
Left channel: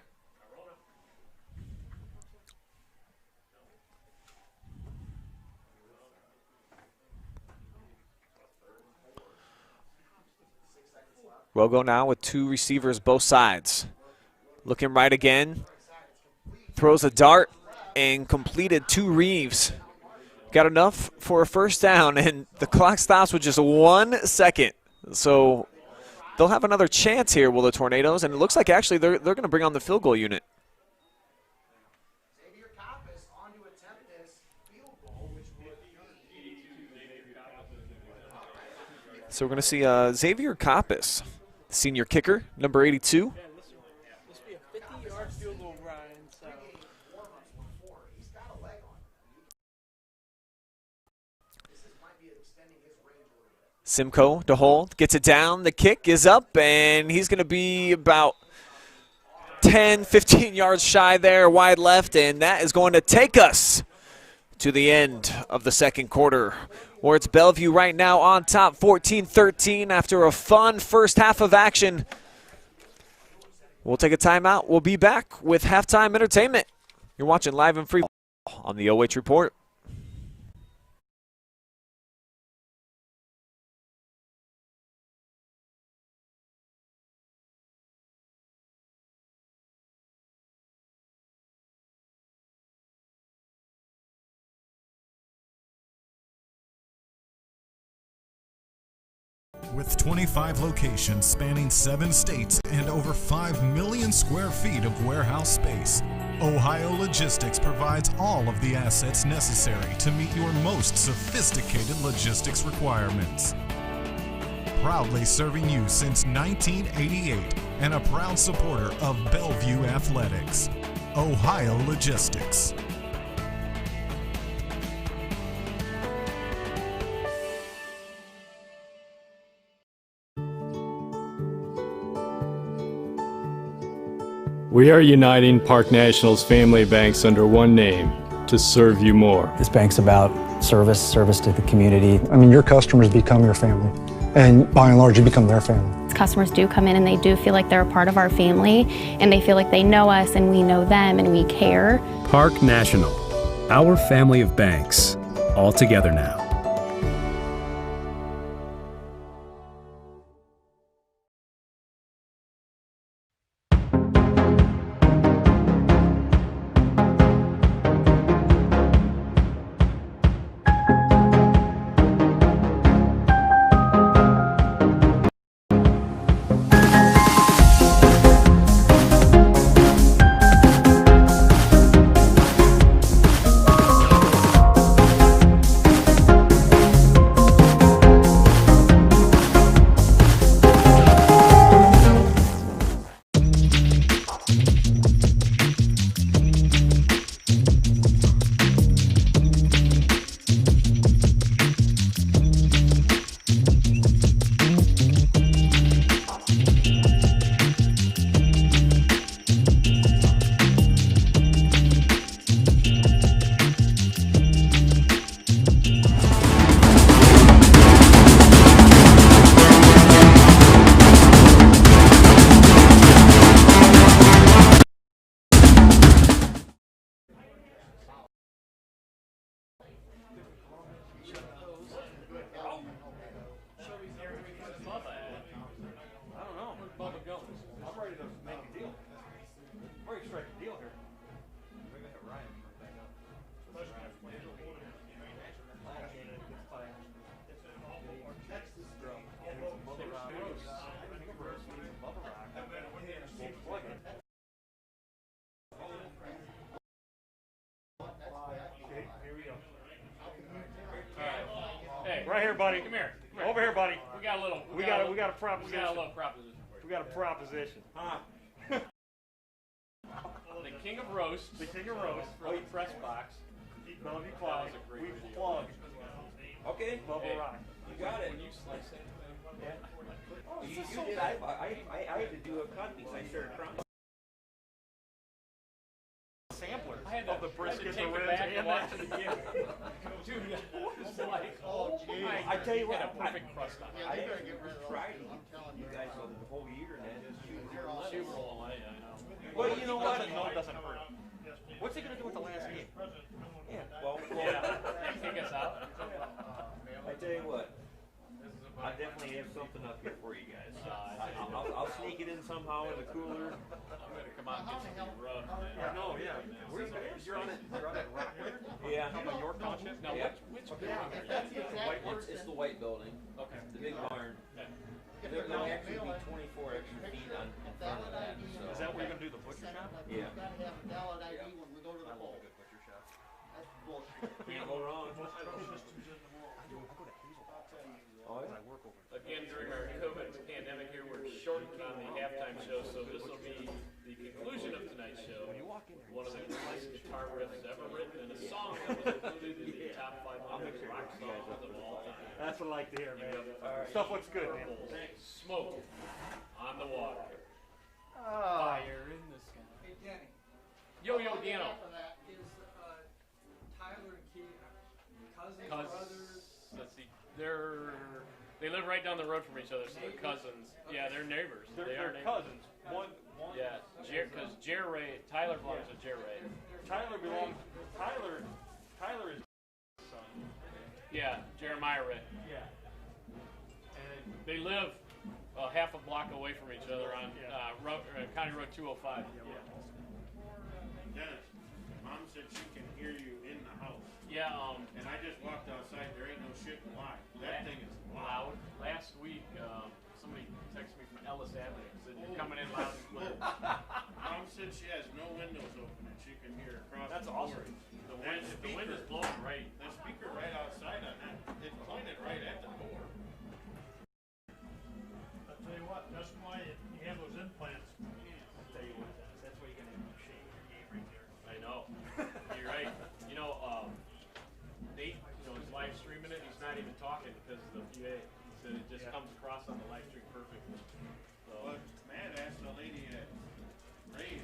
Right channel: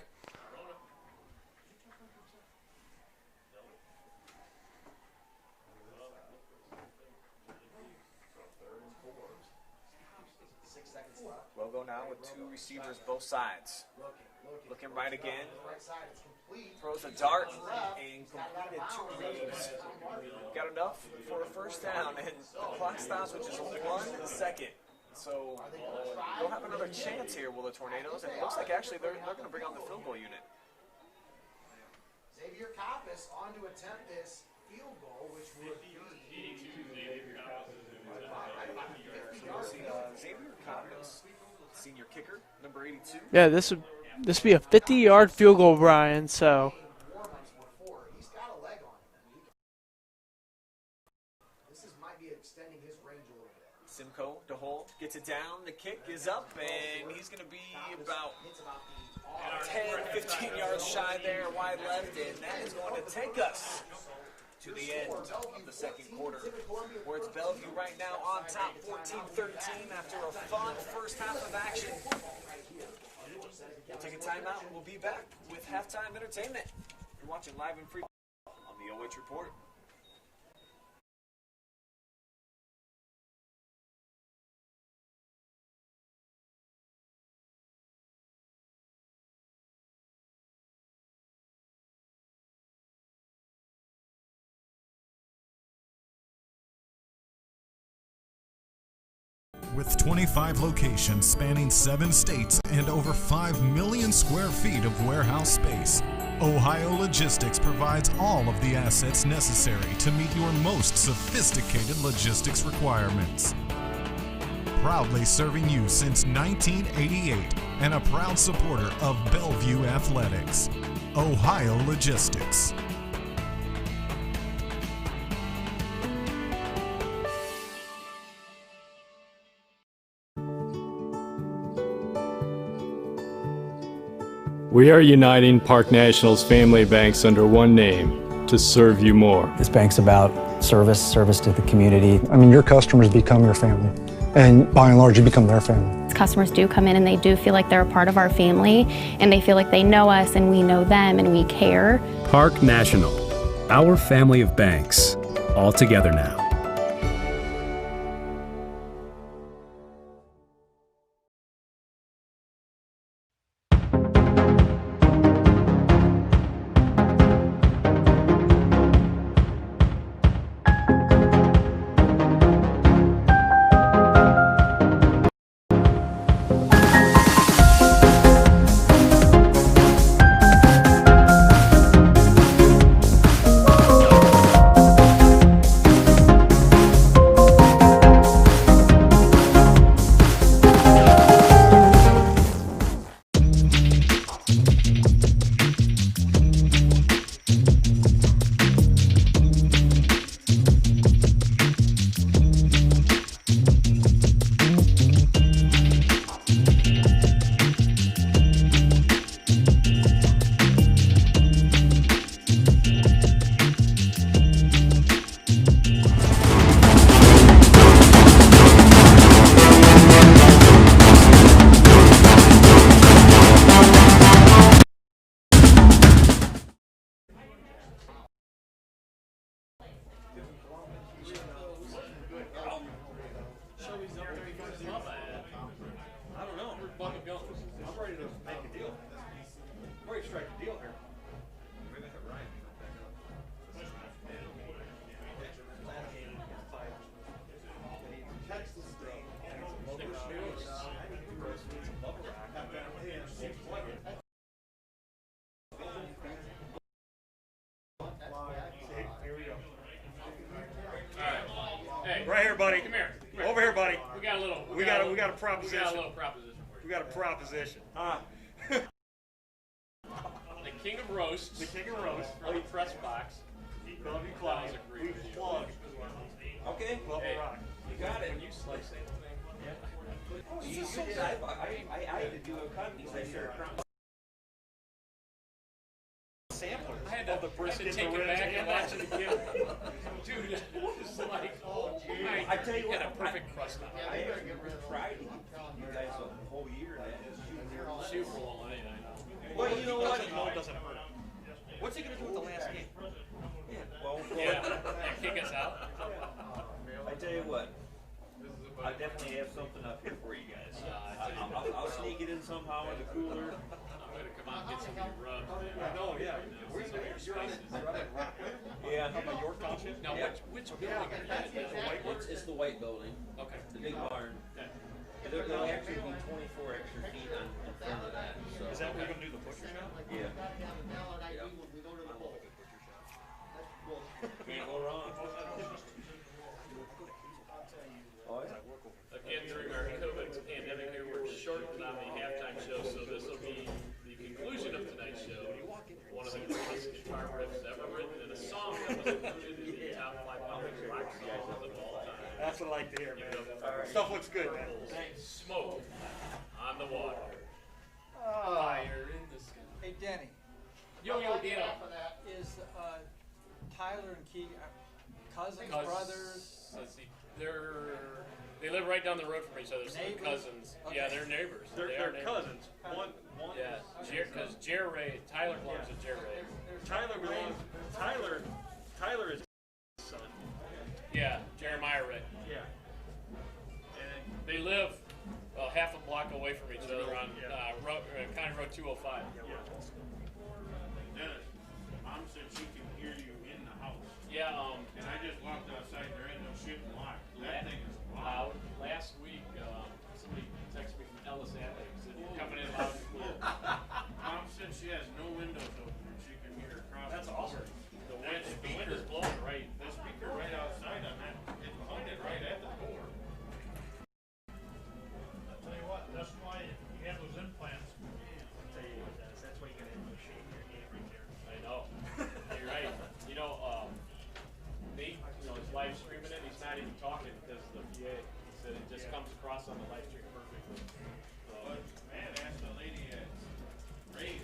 Rogo now with 2 receivers both sides. Looking right again. Throws a dart and completed to Reeves. Got enough for a 1st down, and the clock stops with just 1 second. So they'll have another chance here, will the Tornadoes, and it looks like actually they're going to bring on the field goal unit. So we're going to see Xavier Coppus, senior kicker, number 82. Yeah, this would be a 50-yard field goal, Brian. So Simcoe to hold, gets it down, the kick is up, and he's going to be about 10, 15 yards shy there, wide left, and that is going to take us to the end of the 2nd quarter, where it's Bellevue right now on top 14-13 after a fun first half of action. We'll take a timeout. We'll be back with halftime entertainment. You're watching live and free on the OH Report. With 25 locations spanning 7 states and over 5 million square feet of warehouse space, Ohio Logistics provides all of the assets necessary to meet your most sophisticated logistics requirements. Proudly serving you since 1988 and a proud supporter of Bellevue Athletics, Ohio Logistics. We are uniting Park National's family banks under one name to serve you more. This bank's about service to the community. I mean, your customers become your family, and by and large, you become their family. Customers do come in and they do feel like they're a part of our family, and they feel like they know us and we know them and we care. Park National, our family of banks, all together now. Right here, buddy. Come here. Over here, buddy. We got a little. We got a proposition. We got a little proposition for you. We got a proposition. The king of roasts. The king of roasts. From the press box. Bellevue Plaza. We plug Okay. Hey, rock. You got it. When you slice anything, Oh, you did. I had to do a cut piece. I started crying. Sampler. I had to, of the brisket, take the it ribs, back and and watch that. it again. Dude, it was like, oh my. I tell you what, got a perfect crust on it. I actually tried to eat you guys the whole year, and that is Super roll, I know. Well, you know what? It doesn't hurt. What's he gonna do with the last game? Yeah. Well, Yeah, kick us out. I tell you what. I definitely have something up here for you guys. I'll sneak it in somehow in the cooler. I'm gonna come out and get some of your rubs, man. I know, yeah. Where's the, you're on it Rockland? Yeah. Up in York Township? Now, Yeah. which building are you It's the white building. Okay. The big barn. Yeah. There'll actually be 24 extra feet in front of that. So. Is that where you're gonna do the butcher shop? Yeah. Yeah. Can't go wrong. Oh yeah. Again, during our COVID pandemic here, we're shortened on the halftime show, so this will be the conclusion of tonight's show. One of the greatest guitar riffs ever written in a song that was included in the top 500 rock songs of all time. That's what I like to hear, man. Give it up for Stuff looks good, man. Smoke on the water. Fire in the sky. Hey, Denny. Yo, Dino. Is Tyler and Keegan cousins, brothers? Let's see. They live right down the road from each other, so they're cousins. Okay. Yeah, they're neighbors. They're neighbors. cousins. One. Yeah, because Ray, Tyler belongs to Ray. Tyler belongs. Tyler is his son. Yeah, Jeremiah Ray. Yeah. And They live half a block away from each other on County Road 205. Dennis, Mom said she can hear you in the house. Yeah. And I just walked outside. There ain't no shit locked. That thing is loud. Last week, somebody texted me from Ellis Avenue. Said you're coming in loud and clear. Mom said she has no windows open and she can hear across. That's the awesome. door. The wind is blowing right. The speaker right outside on that, it's pointed right at the door. I'll tell you what, that's why you have those implants. I'll tell you what, Dennis, that's why you gotta have a shade in your game right there. I know. You're right. You know, Nate, is live streaming it. He's not even talking because of the PA. He said it just comes across on the live stream perfectly. So. But Matt asked the lady at Ray's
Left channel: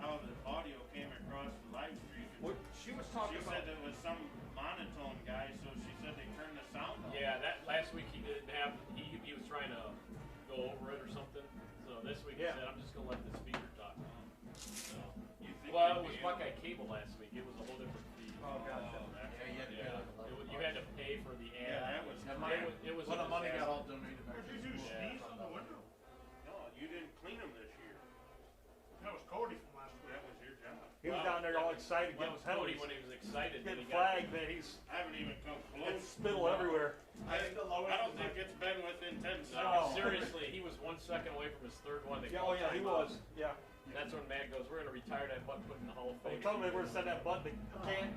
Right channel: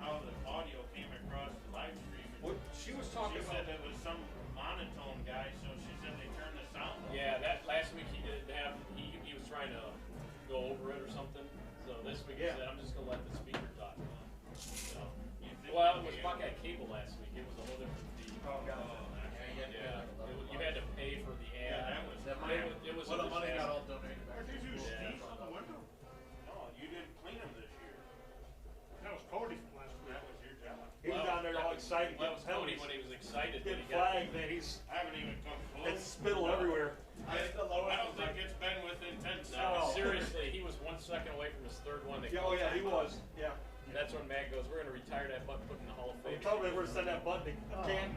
how the audio came across the live stream. What she was talking She said it was some monotone guy, so she said they turned the sound off. Yeah, that last week he didn't have. He was trying to go over it or something. So this week he said, I'm just gonna let the speaker talk. So. Well, it was Buckeye Cable last week. It was a whole different feed. You had to pay for the ad. Yeah, that was it was a money got disaster. all donated back. Did you sneeze on the window? No, you didn't clean them this year. That was Cody from last week. That was your job. He was down there all excited, That getting was Cody penalties. when he was excited. When Getting he got flagged, man. I haven't even come close. It's spittle everywhere. I don't think it's been within 10 seconds. No, seriously, he was 1 second away from his third one. They Oh called yeah, he timeout. was. Yeah. That's when Mag goes, we're gonna retire that butt, put in the Hall of Fame. They told me we're gonna send that button to Canton.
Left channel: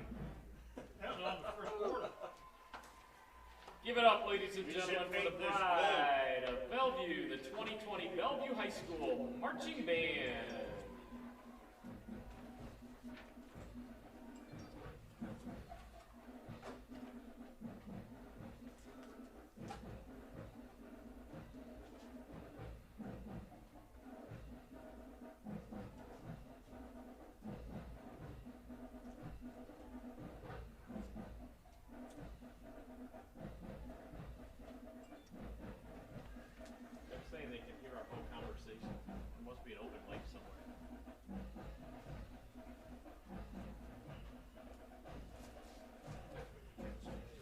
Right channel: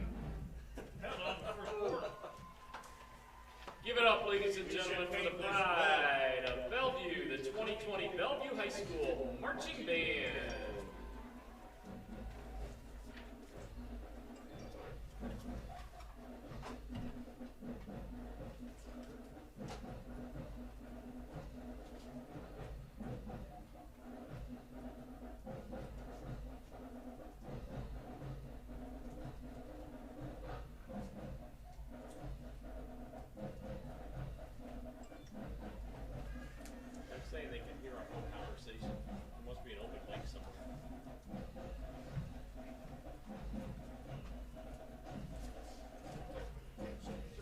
That was on the first quarter. Give it up, ladies and gentlemen, for the pride of Bellevue, the 2020 Bellevue High School Marching Band. They're saying they can hear our whole conversation. There must be an open mic somewhere.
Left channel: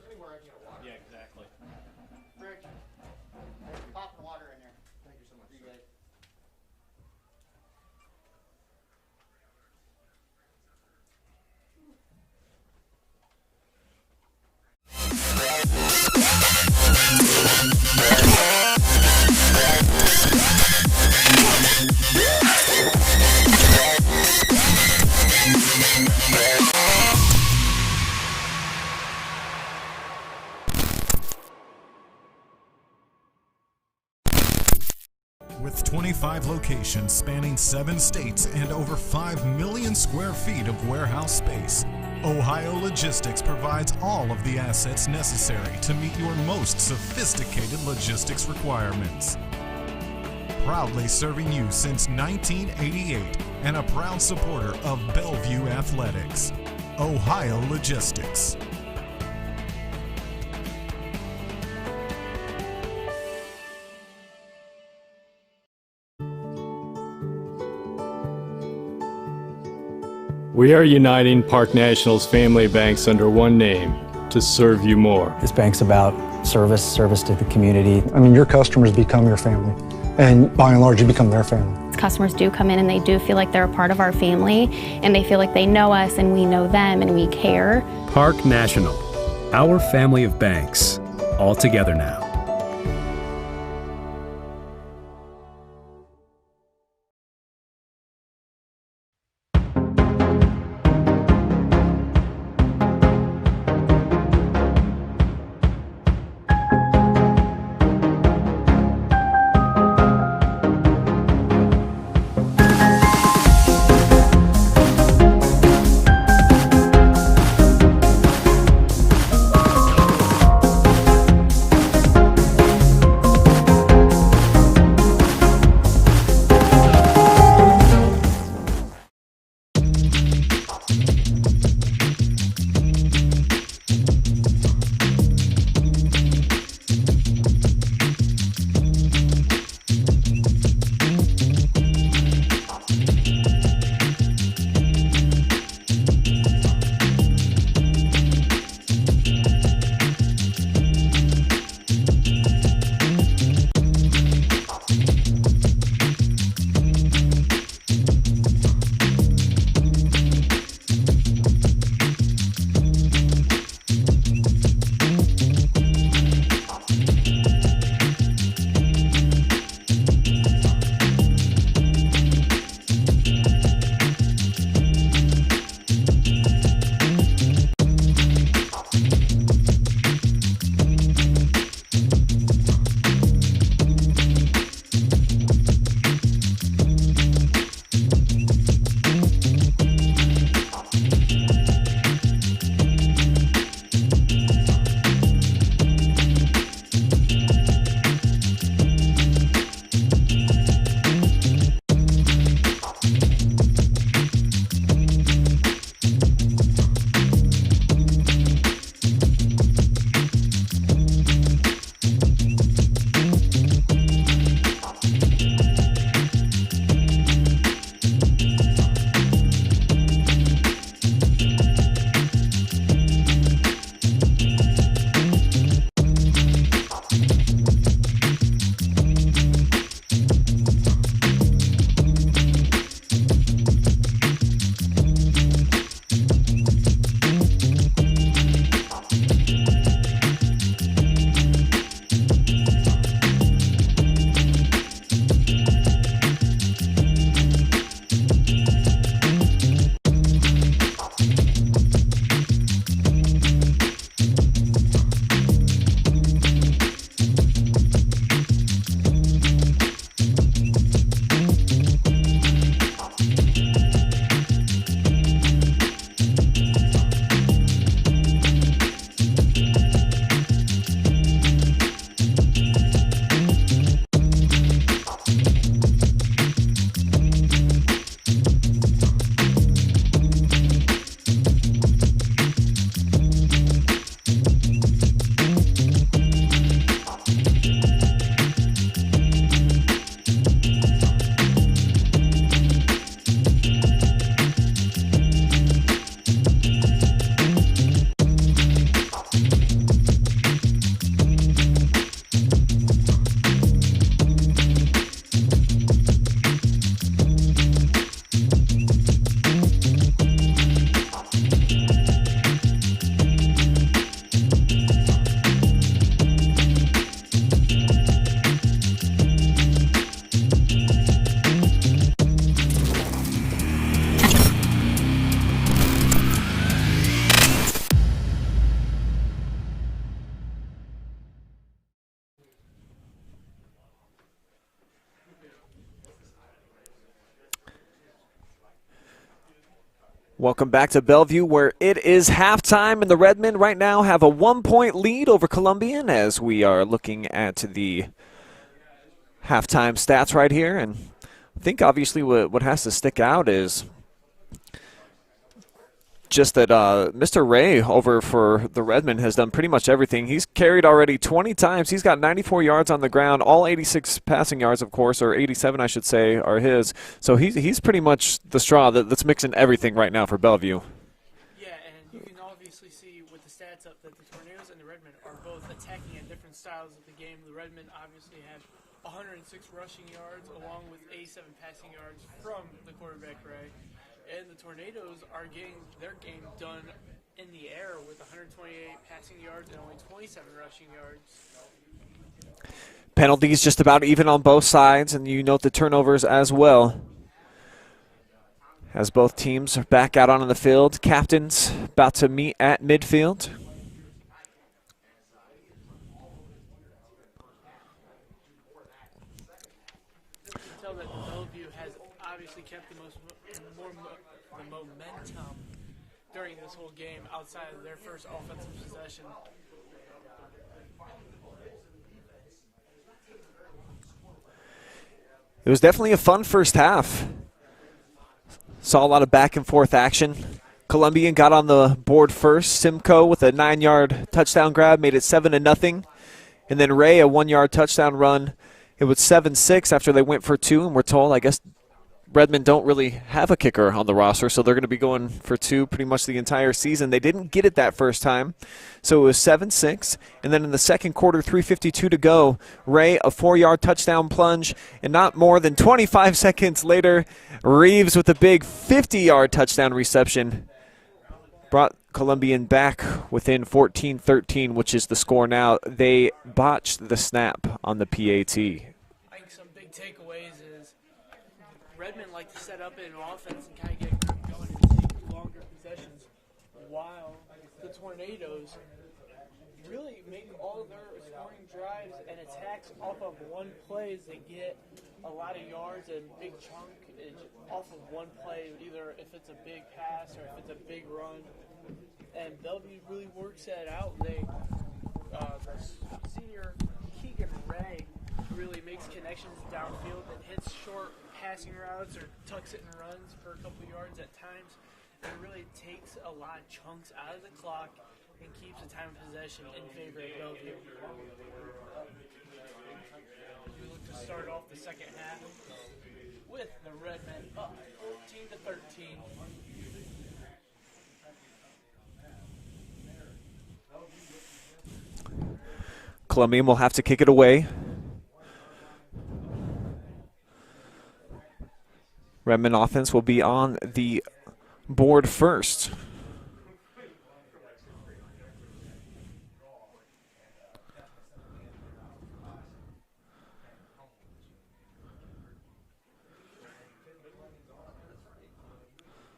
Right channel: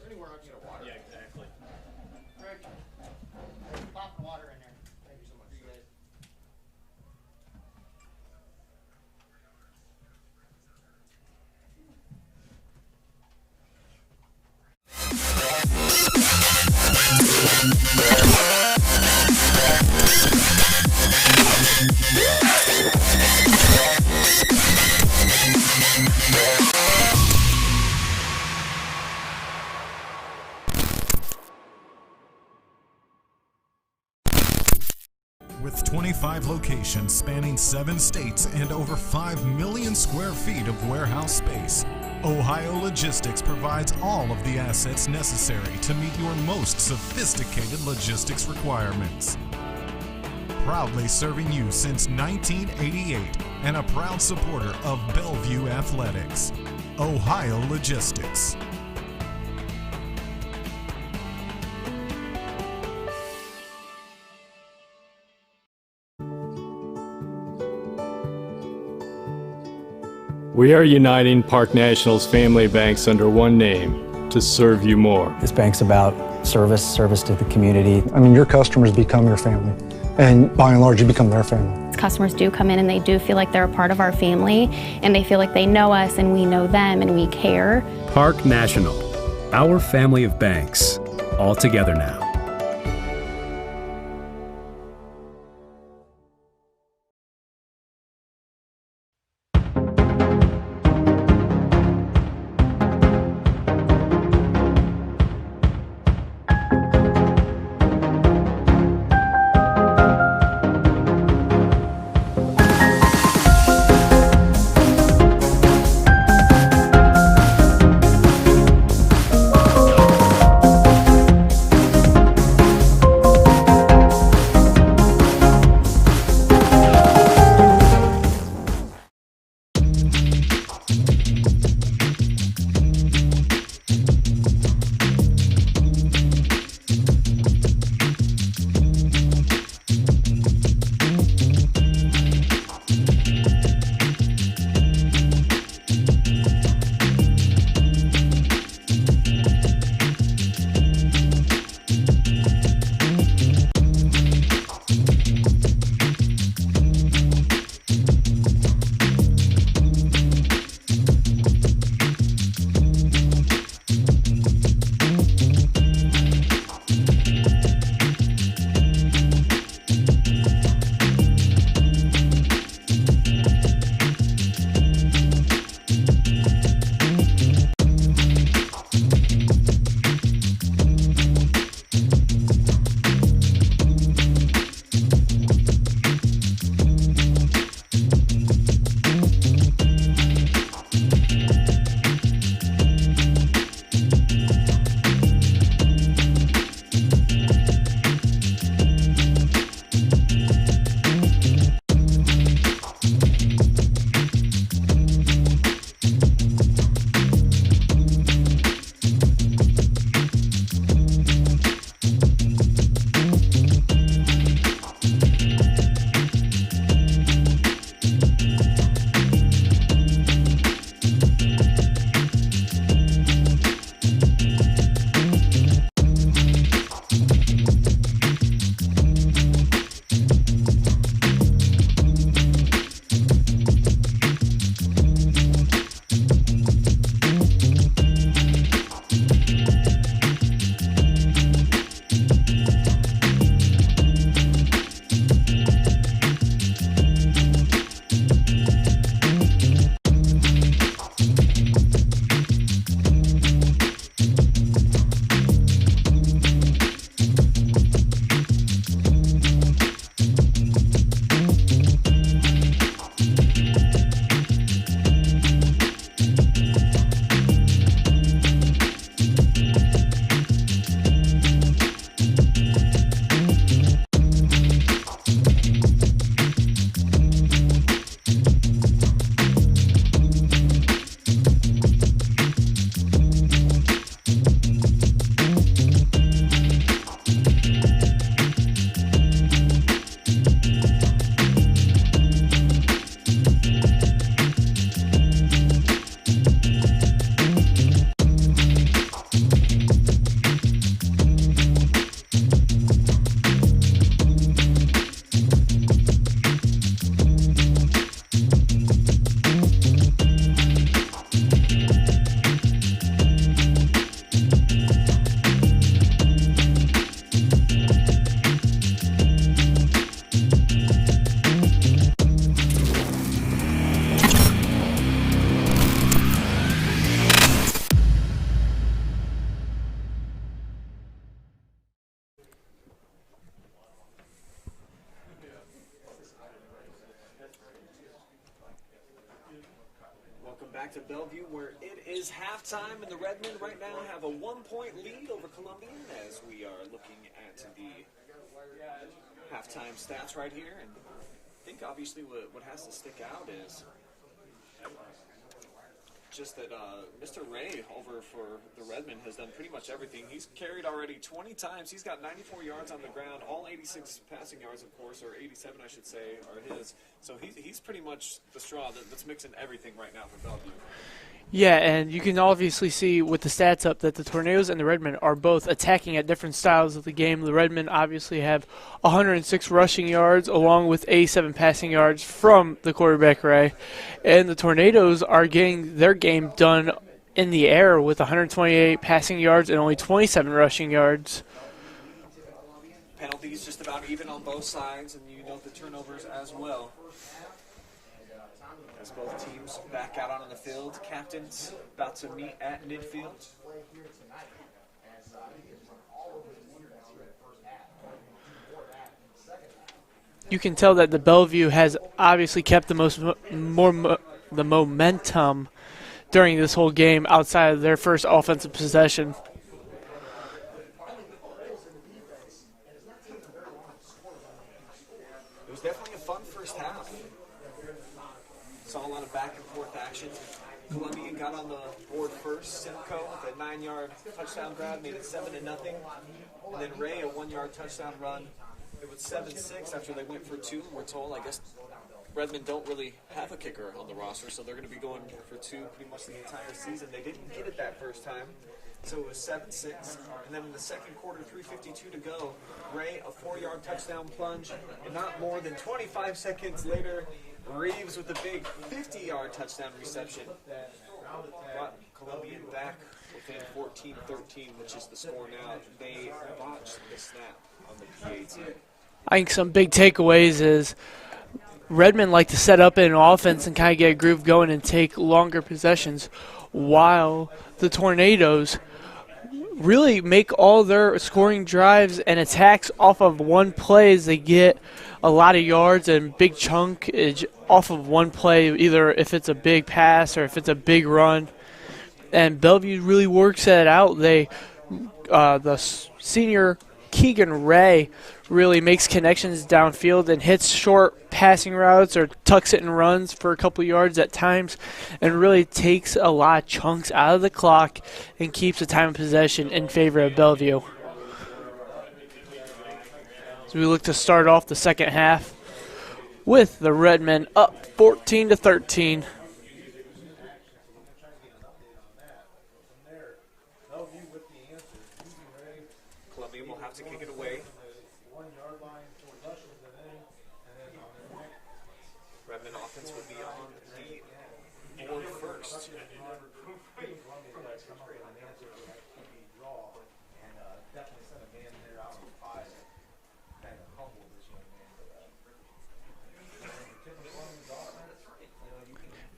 Anywhere else you water? Yeah, exactly. Greg, there's a pop of water in there. Thank you so much. You guys. With 25 locations spanning 7 states and over 5 million square feet of warehouse space, Ohio Logistics provides all of the assets necessary to meet your most sophisticated logistics requirements. Proudly serving you since 1988 and a proud supporter of Bellevue Athletics. Ohio Logistics. We are uniting Park National's family banks under one name to serve you more. This bank's about service to the community. I mean, your customers become your family, and by and large, you become their family. Customers do come in and they do feel like they're a part of our family, and they feel like they know us and we know them and we care. Park National, our family of banks, all together now. Welcome back to Bellevue, where it is halftime, and the Redmen right now have a 1-point lead over Columbian as we are looking at the halftime stats right here. And I think obviously what has to stick out is just that Mr. Ray over for the Redmen has done pretty much everything. He's carried already 20 times. He's got 94 yards on the ground. All 86 passing yards, of course, or 87, I should say, are his. So he's pretty much the straw that's mixing everything right now for Bellevue. Yeah, and you can obviously see with the stats up that the Tornadoes and the Redmen are both attacking at different styles of the game. The Redmen obviously have 106 rushing yards along with 87 passing yards from the quarterback Ray. And the Tornadoes are getting their game done in the air with 128 passing yards and only 27 rushing yards. Penalties just about even on both sides, and you note the turnovers as well. As both teams are back out on the field, captains about to meet at midfield. You can tell that the Bellevue has obviously kept the the momentum during this whole game outside of their first offensive possession. It was definitely a fun first half. Saw a lot of back and forth action. Columbian got on the board first. Simcoe with a 9-yard touchdown grab made it 7-0. And then Ray, a 1-yard touchdown run. It was 7-6 after they went for 2, and we're told, I guess, Redmen don't really have a kicker on the roster, so they're going to be going for 2 pretty much the entire season. They didn't get it that first time, so it was 7-6. And then in the second quarter, 3:52 to go, Ray, a 4-yard touchdown plunge, and not more than 25 seconds later, Reeves with a big 50-yard touchdown reception brought Columbian back within 14-13, which is the score now. They botched the snap on the PAT. I think some big takeaways is Redmen like to set up an offense and kind of get a groove going and take longer possessions, while the Tornadoes really make all their scoring drives and attacks off of one play as they get a lot of yards and big chunkage off of one play, either if it's a big pass or if it's a big run. And Bellevue really works that out. The senior Keegan Ray really makes connections downfield and hits short passing routes or tucks it and runs for a couple yards at times, and really takes a lot of chunks out of the clock and keeps the time of possession in favor of Bellevue. So we look to start off the second half with the Redmen up 14-13. Columbian will have to kick it away. Redmen offense will be on the board first.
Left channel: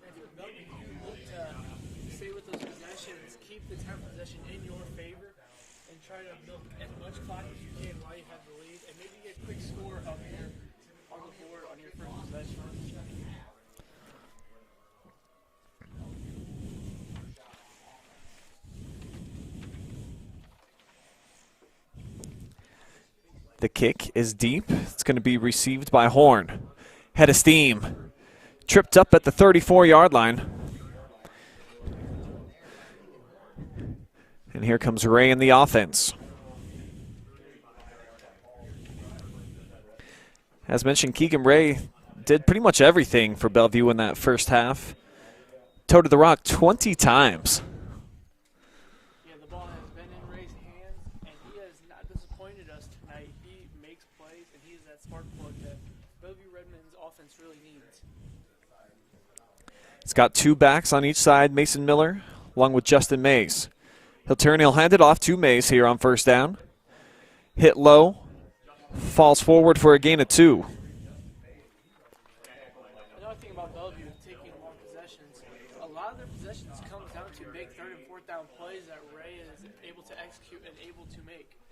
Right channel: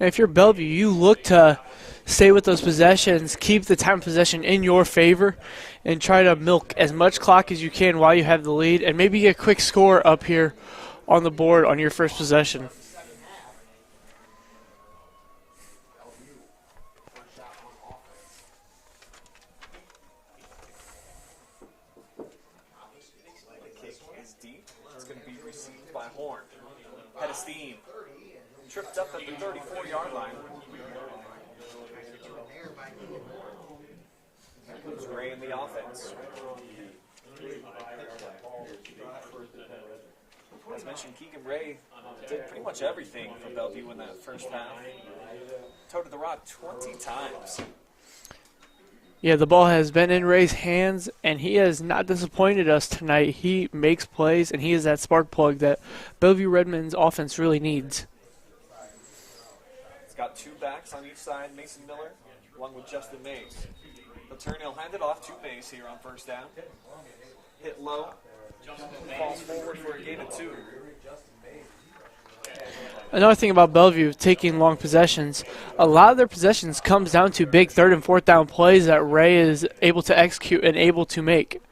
And if you're Bellevue, you look to stay with those possessions, keep the time of possession in your favor, and try to milk as much clock as you can while you have the lead, and maybe get a quick score up here on the board on your first possession. The kick is deep. It's going to be received by Horn. Head of steam. Tripped up at the 34-yard line. And here comes Ray in the offense. As mentioned, Keegan Ray did pretty much everything for Bellevue in that first half. Toted the rock 20 times. Yeah, the ball has been in Ray's hands, and he has not disappointed us tonight. He makes plays, and he is that spark plug that Bellevue Redmen's offense really needs. It's got 2 backs on each side, Mason Miller, along with Justin Mays. He'll hand it off to Mays here on first down. Hit low, falls forward for a gain of 2. Another thing about Bellevue taking long possessions, a lot of their possessions comes down to big 3rd and 4th down plays that Ray is able to execute and able to make.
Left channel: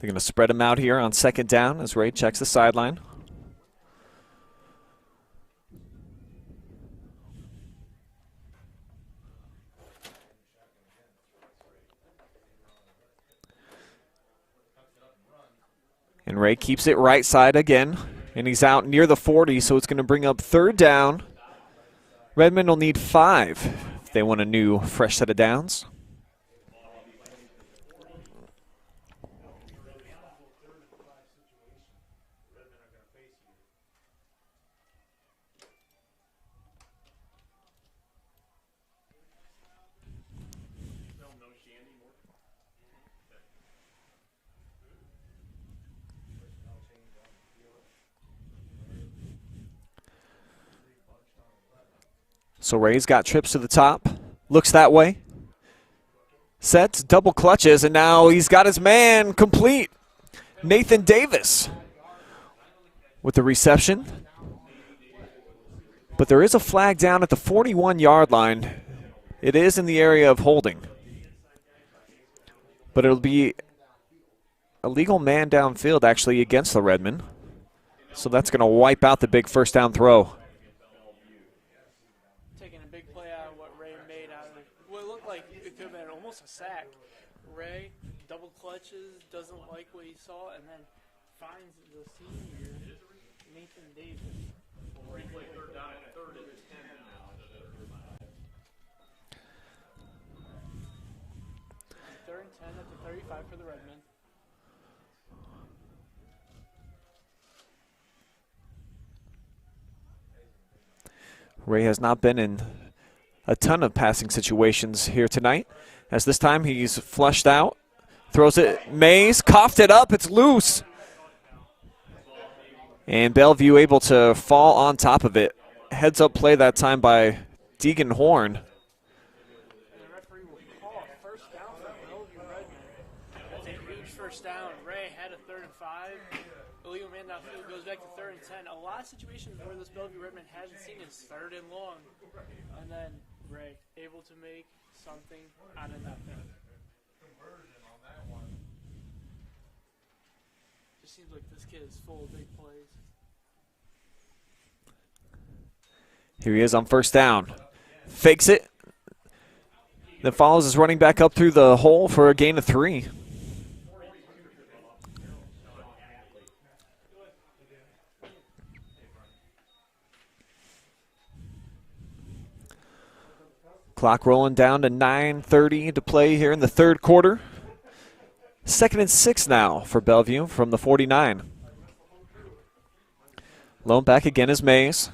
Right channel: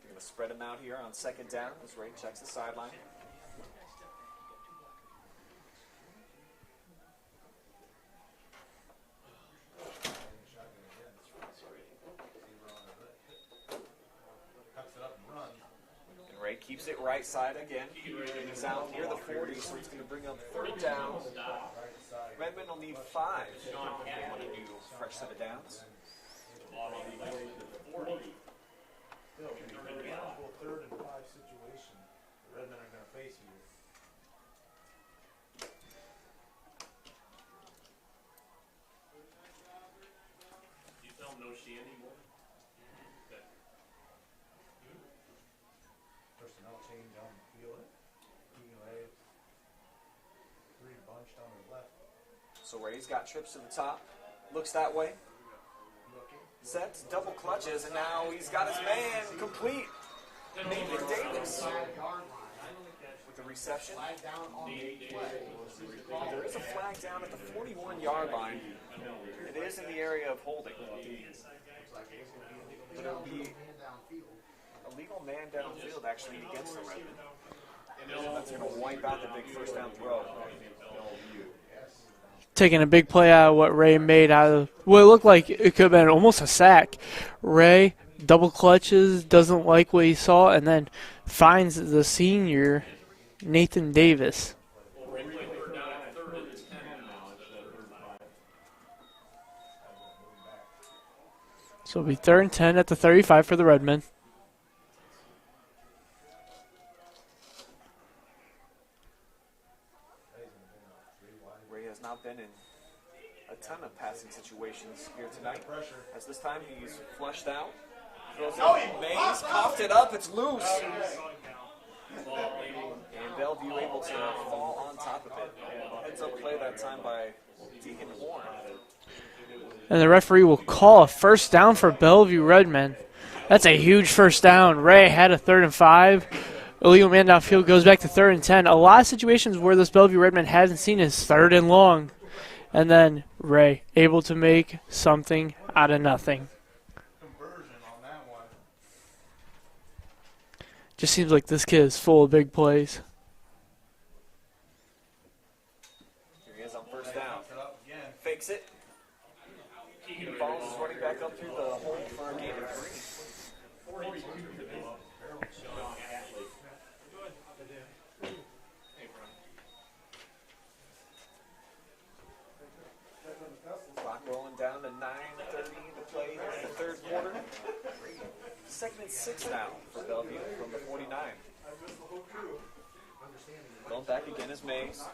They're going to spread him out here on second down as Ray checks the sideline. And Ray keeps it right side again, and he's out near the 40, so it's going to bring up 3rd down. Redmen will need 5 if they want a new fresh set of downs. So Ray's got trips to the top, looks that way, sets, double clutches, and now he's got his man complete. Nathan Davis with the reception. But there is a flag down at the 41-yard line. It is in the area of holding. But it'll be a legal man downfield actually against the Redmen. So that's going to wipe out the big 1st down throw. Taking a big play out of what Ray made out of what it looked like it could have been almost a sack. Ray double clutches, doesn't like what he saw, and then finds the senior, Nathan Davis. So it'll be 3rd and 10 at the 35 for the Redmen. Ray has not been in a ton of passing situations here tonight, as this time he's flushed out, throws it, Mays, coughed it up, it's loose. And Bellevue able to fall on top of it. Heads up play that time by Deegan Horn. And the referee will call a 1st down for Bellevue Redmen. That's a huge 1st down. Ray had a 3rd and 5. Illegal man downfield goes back to 3rd and 10. A lot of situations where this Bellevue Redmen hasn't seen is 3rd and long. And then Ray able to make something out of nothing. Just seems like this kid is full of big plays. Here he is on 1st down. Fakes it. Then follows his running back up through the hole for a gain of 3. Clock rolling down to 9:30 to play here in the 3rd quarter. 2nd and 6 now for Bellevue from the 49. Lone back again is Mays.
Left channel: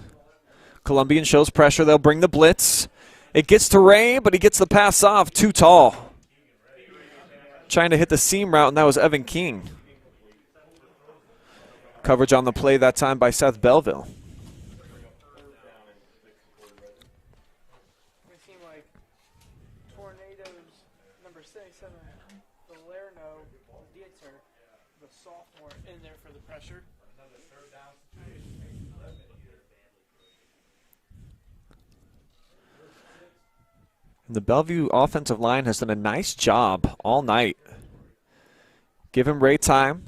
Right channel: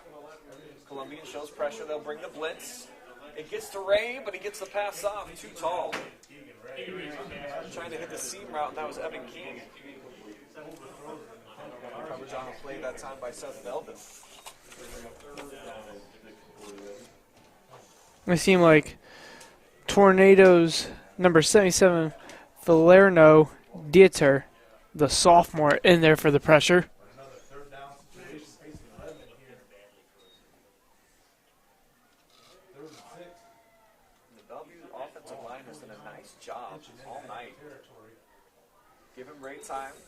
Columbian shows pressure. They'll bring the blitz. It gets to Ray, but he gets the pass off. Too tall. Trying to hit the seam route, and that was Evan King. Coverage on the play that time by Seth Belleville. It seemed like Tornadoes number 77, Valerno Dieter, the sophomore, in there for the pressure. The Bellevue offensive line has done a nice job all night. Give him Ray time,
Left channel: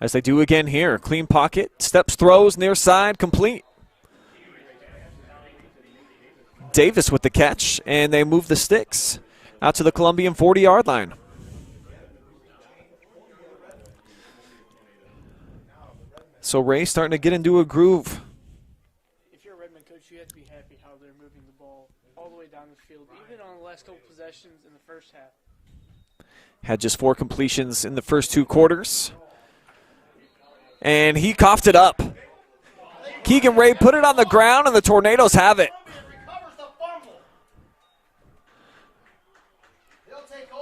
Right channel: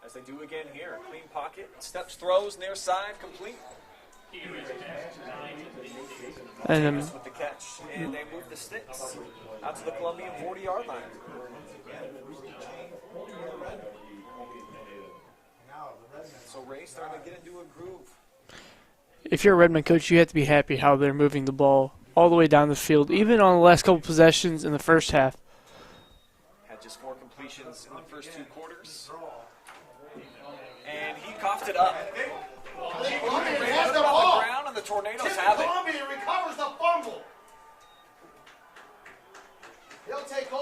as they do again here. Clean pocket, steps, throws, near side, complete. Davis with the catch, and they move the sticks out to the Columbian 40-yard line. So Ray starting to get into a groove. If you're a Redmen coach, you have to be happy how they're moving the ball all the way down the field, even on the last couple possessions in the 1st half. Had just 4 completions in the first 2 quarters. And he coughed it up. Keegan Ray put it on the ground, and the Tornadoes have it.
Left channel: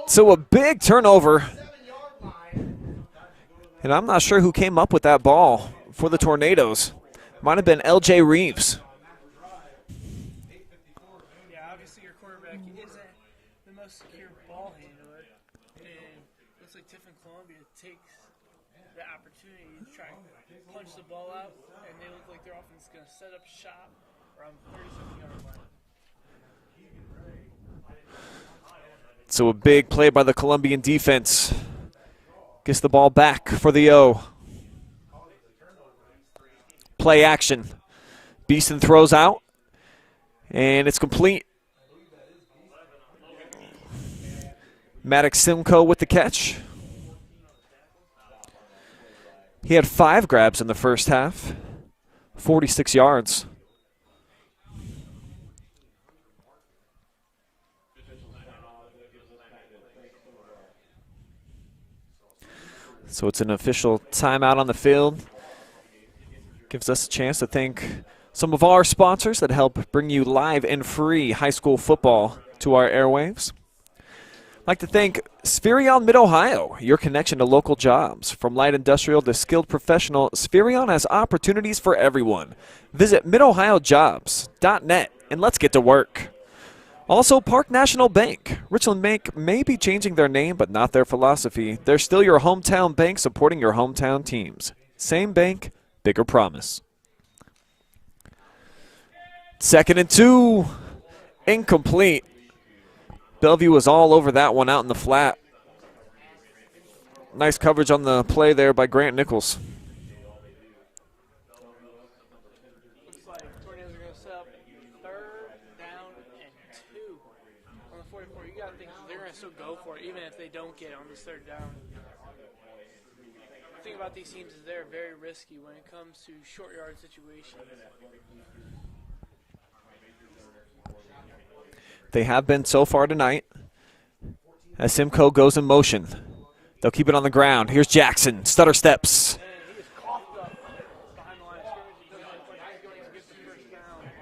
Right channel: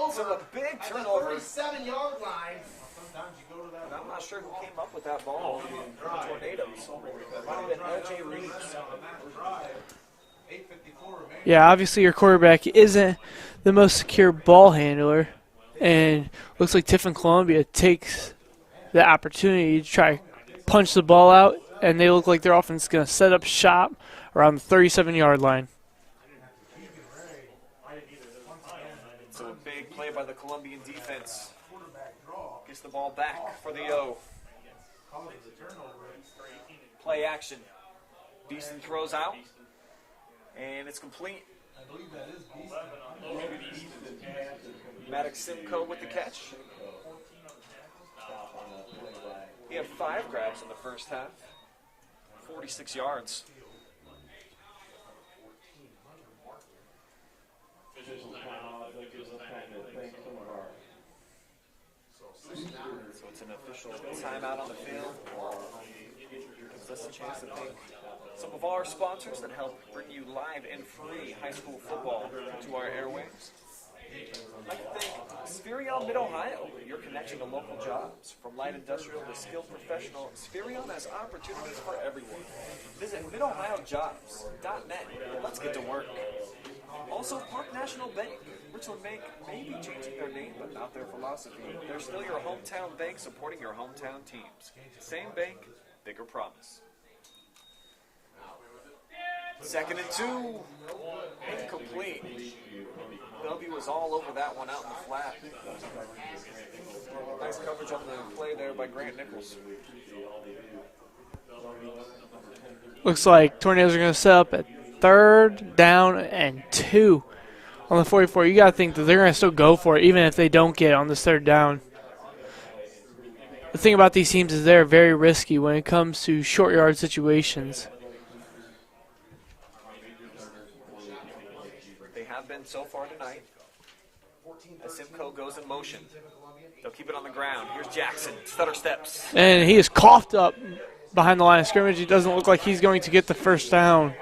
So a big turnover. And I'm not sure who came up with that ball for the Tornadoes. Might have been L.J. Reeves. Yeah, obviously your quarterback isn't the most secure ball handler. And looks like Tiffin-Columbian takes the opportunity to try to punch the ball out. And they look like their offense is going to set up shop around the 37-yard line. So a big play by the Columbian defense. Gets the ball back for the O. Play action. Beeson throws out, and it's complete. Maddox Simcoe with the catch. He had 5 grabs in the first half, 46 yards. So it's an official timeout on the field. Gives us a chance to thank some of our sponsors that help bring you live and free high school football to our airwaves. I'd like to thank Spherion Mid-Ohio, your connection to local jobs. From light industrial to skilled professional, Spherion has opportunities for everyone. Visit midohiojobs.net and let's get to work. Also, Park National Bank. Richland Bank may be changing their name, but not their philosophy. They're still your hometown bank supporting your hometown teams. Same bank, bigger promise. 2nd and 2. Incomplete. Bellevue was all over that one out in the flat. Nice coverage on the play there by Grant Nichols. Looks like Tornadoes are going to set up at 3rd down and 2 on the 44. You got to think that they're going to still go for it, even if they don't get it on this 3rd down. The thing about these teams is they're very risky when it comes to short yard situations. They have been so far tonight. As Simcoe goes in motion, they'll keep it on the ground. Here's Jackson, stutter steps. And he is coughed up behind the line of scrimmage. It doesn't look like he's going to get the 1st down.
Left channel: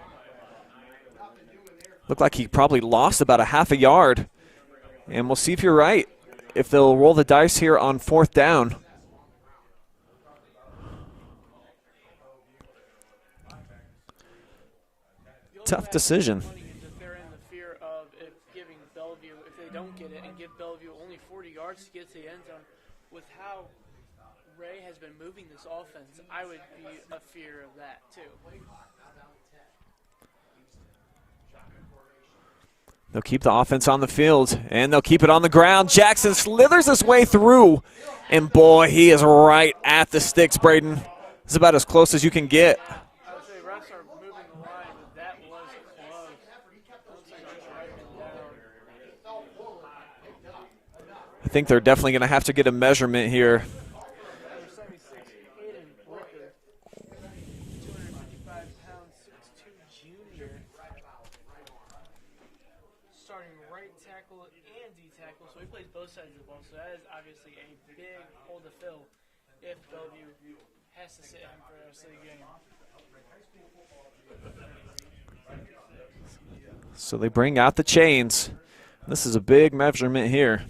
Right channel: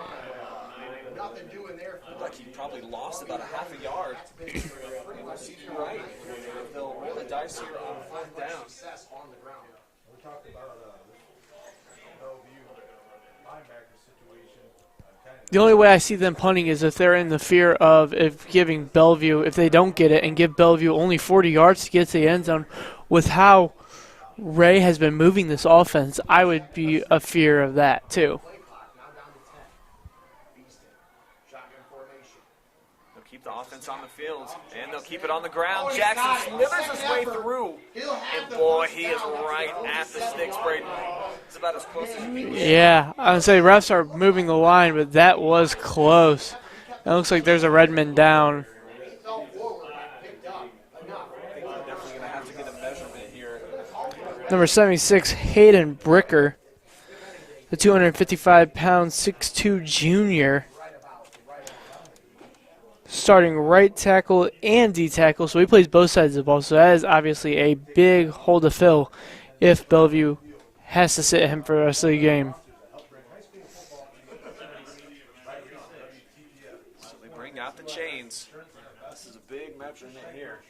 Looked like he probably lost about a half a yard. And we'll see if you're right, if they'll roll the dice here on 4th down. The only way I see them punting is if they're in the fear of giving Bellevue, if they don't get it and give Bellevue only 40 yards to get to the end zone. With how Ray has been moving this offense, I would be a fear of that too. They'll keep the offense on the field, and they'll keep it on the ground. Jackson slithers his way through, and boy, he is right at the sticks, Brayden. It's about as close as you can get. Yeah, I would say refs are moving the line, but that was close. It looks like there's a Redmen down. I think they're definitely going to have to get a measurement here. Number 76, Hayden Bricker, the 255-pound 6'2 junior. Starting right tackle and D tackle, so he plays both sides of the ball. So that is obviously a big hole to fill if Bellevue has to sit him for the rest of the game. So they bring out the chains. This is a big measurement here.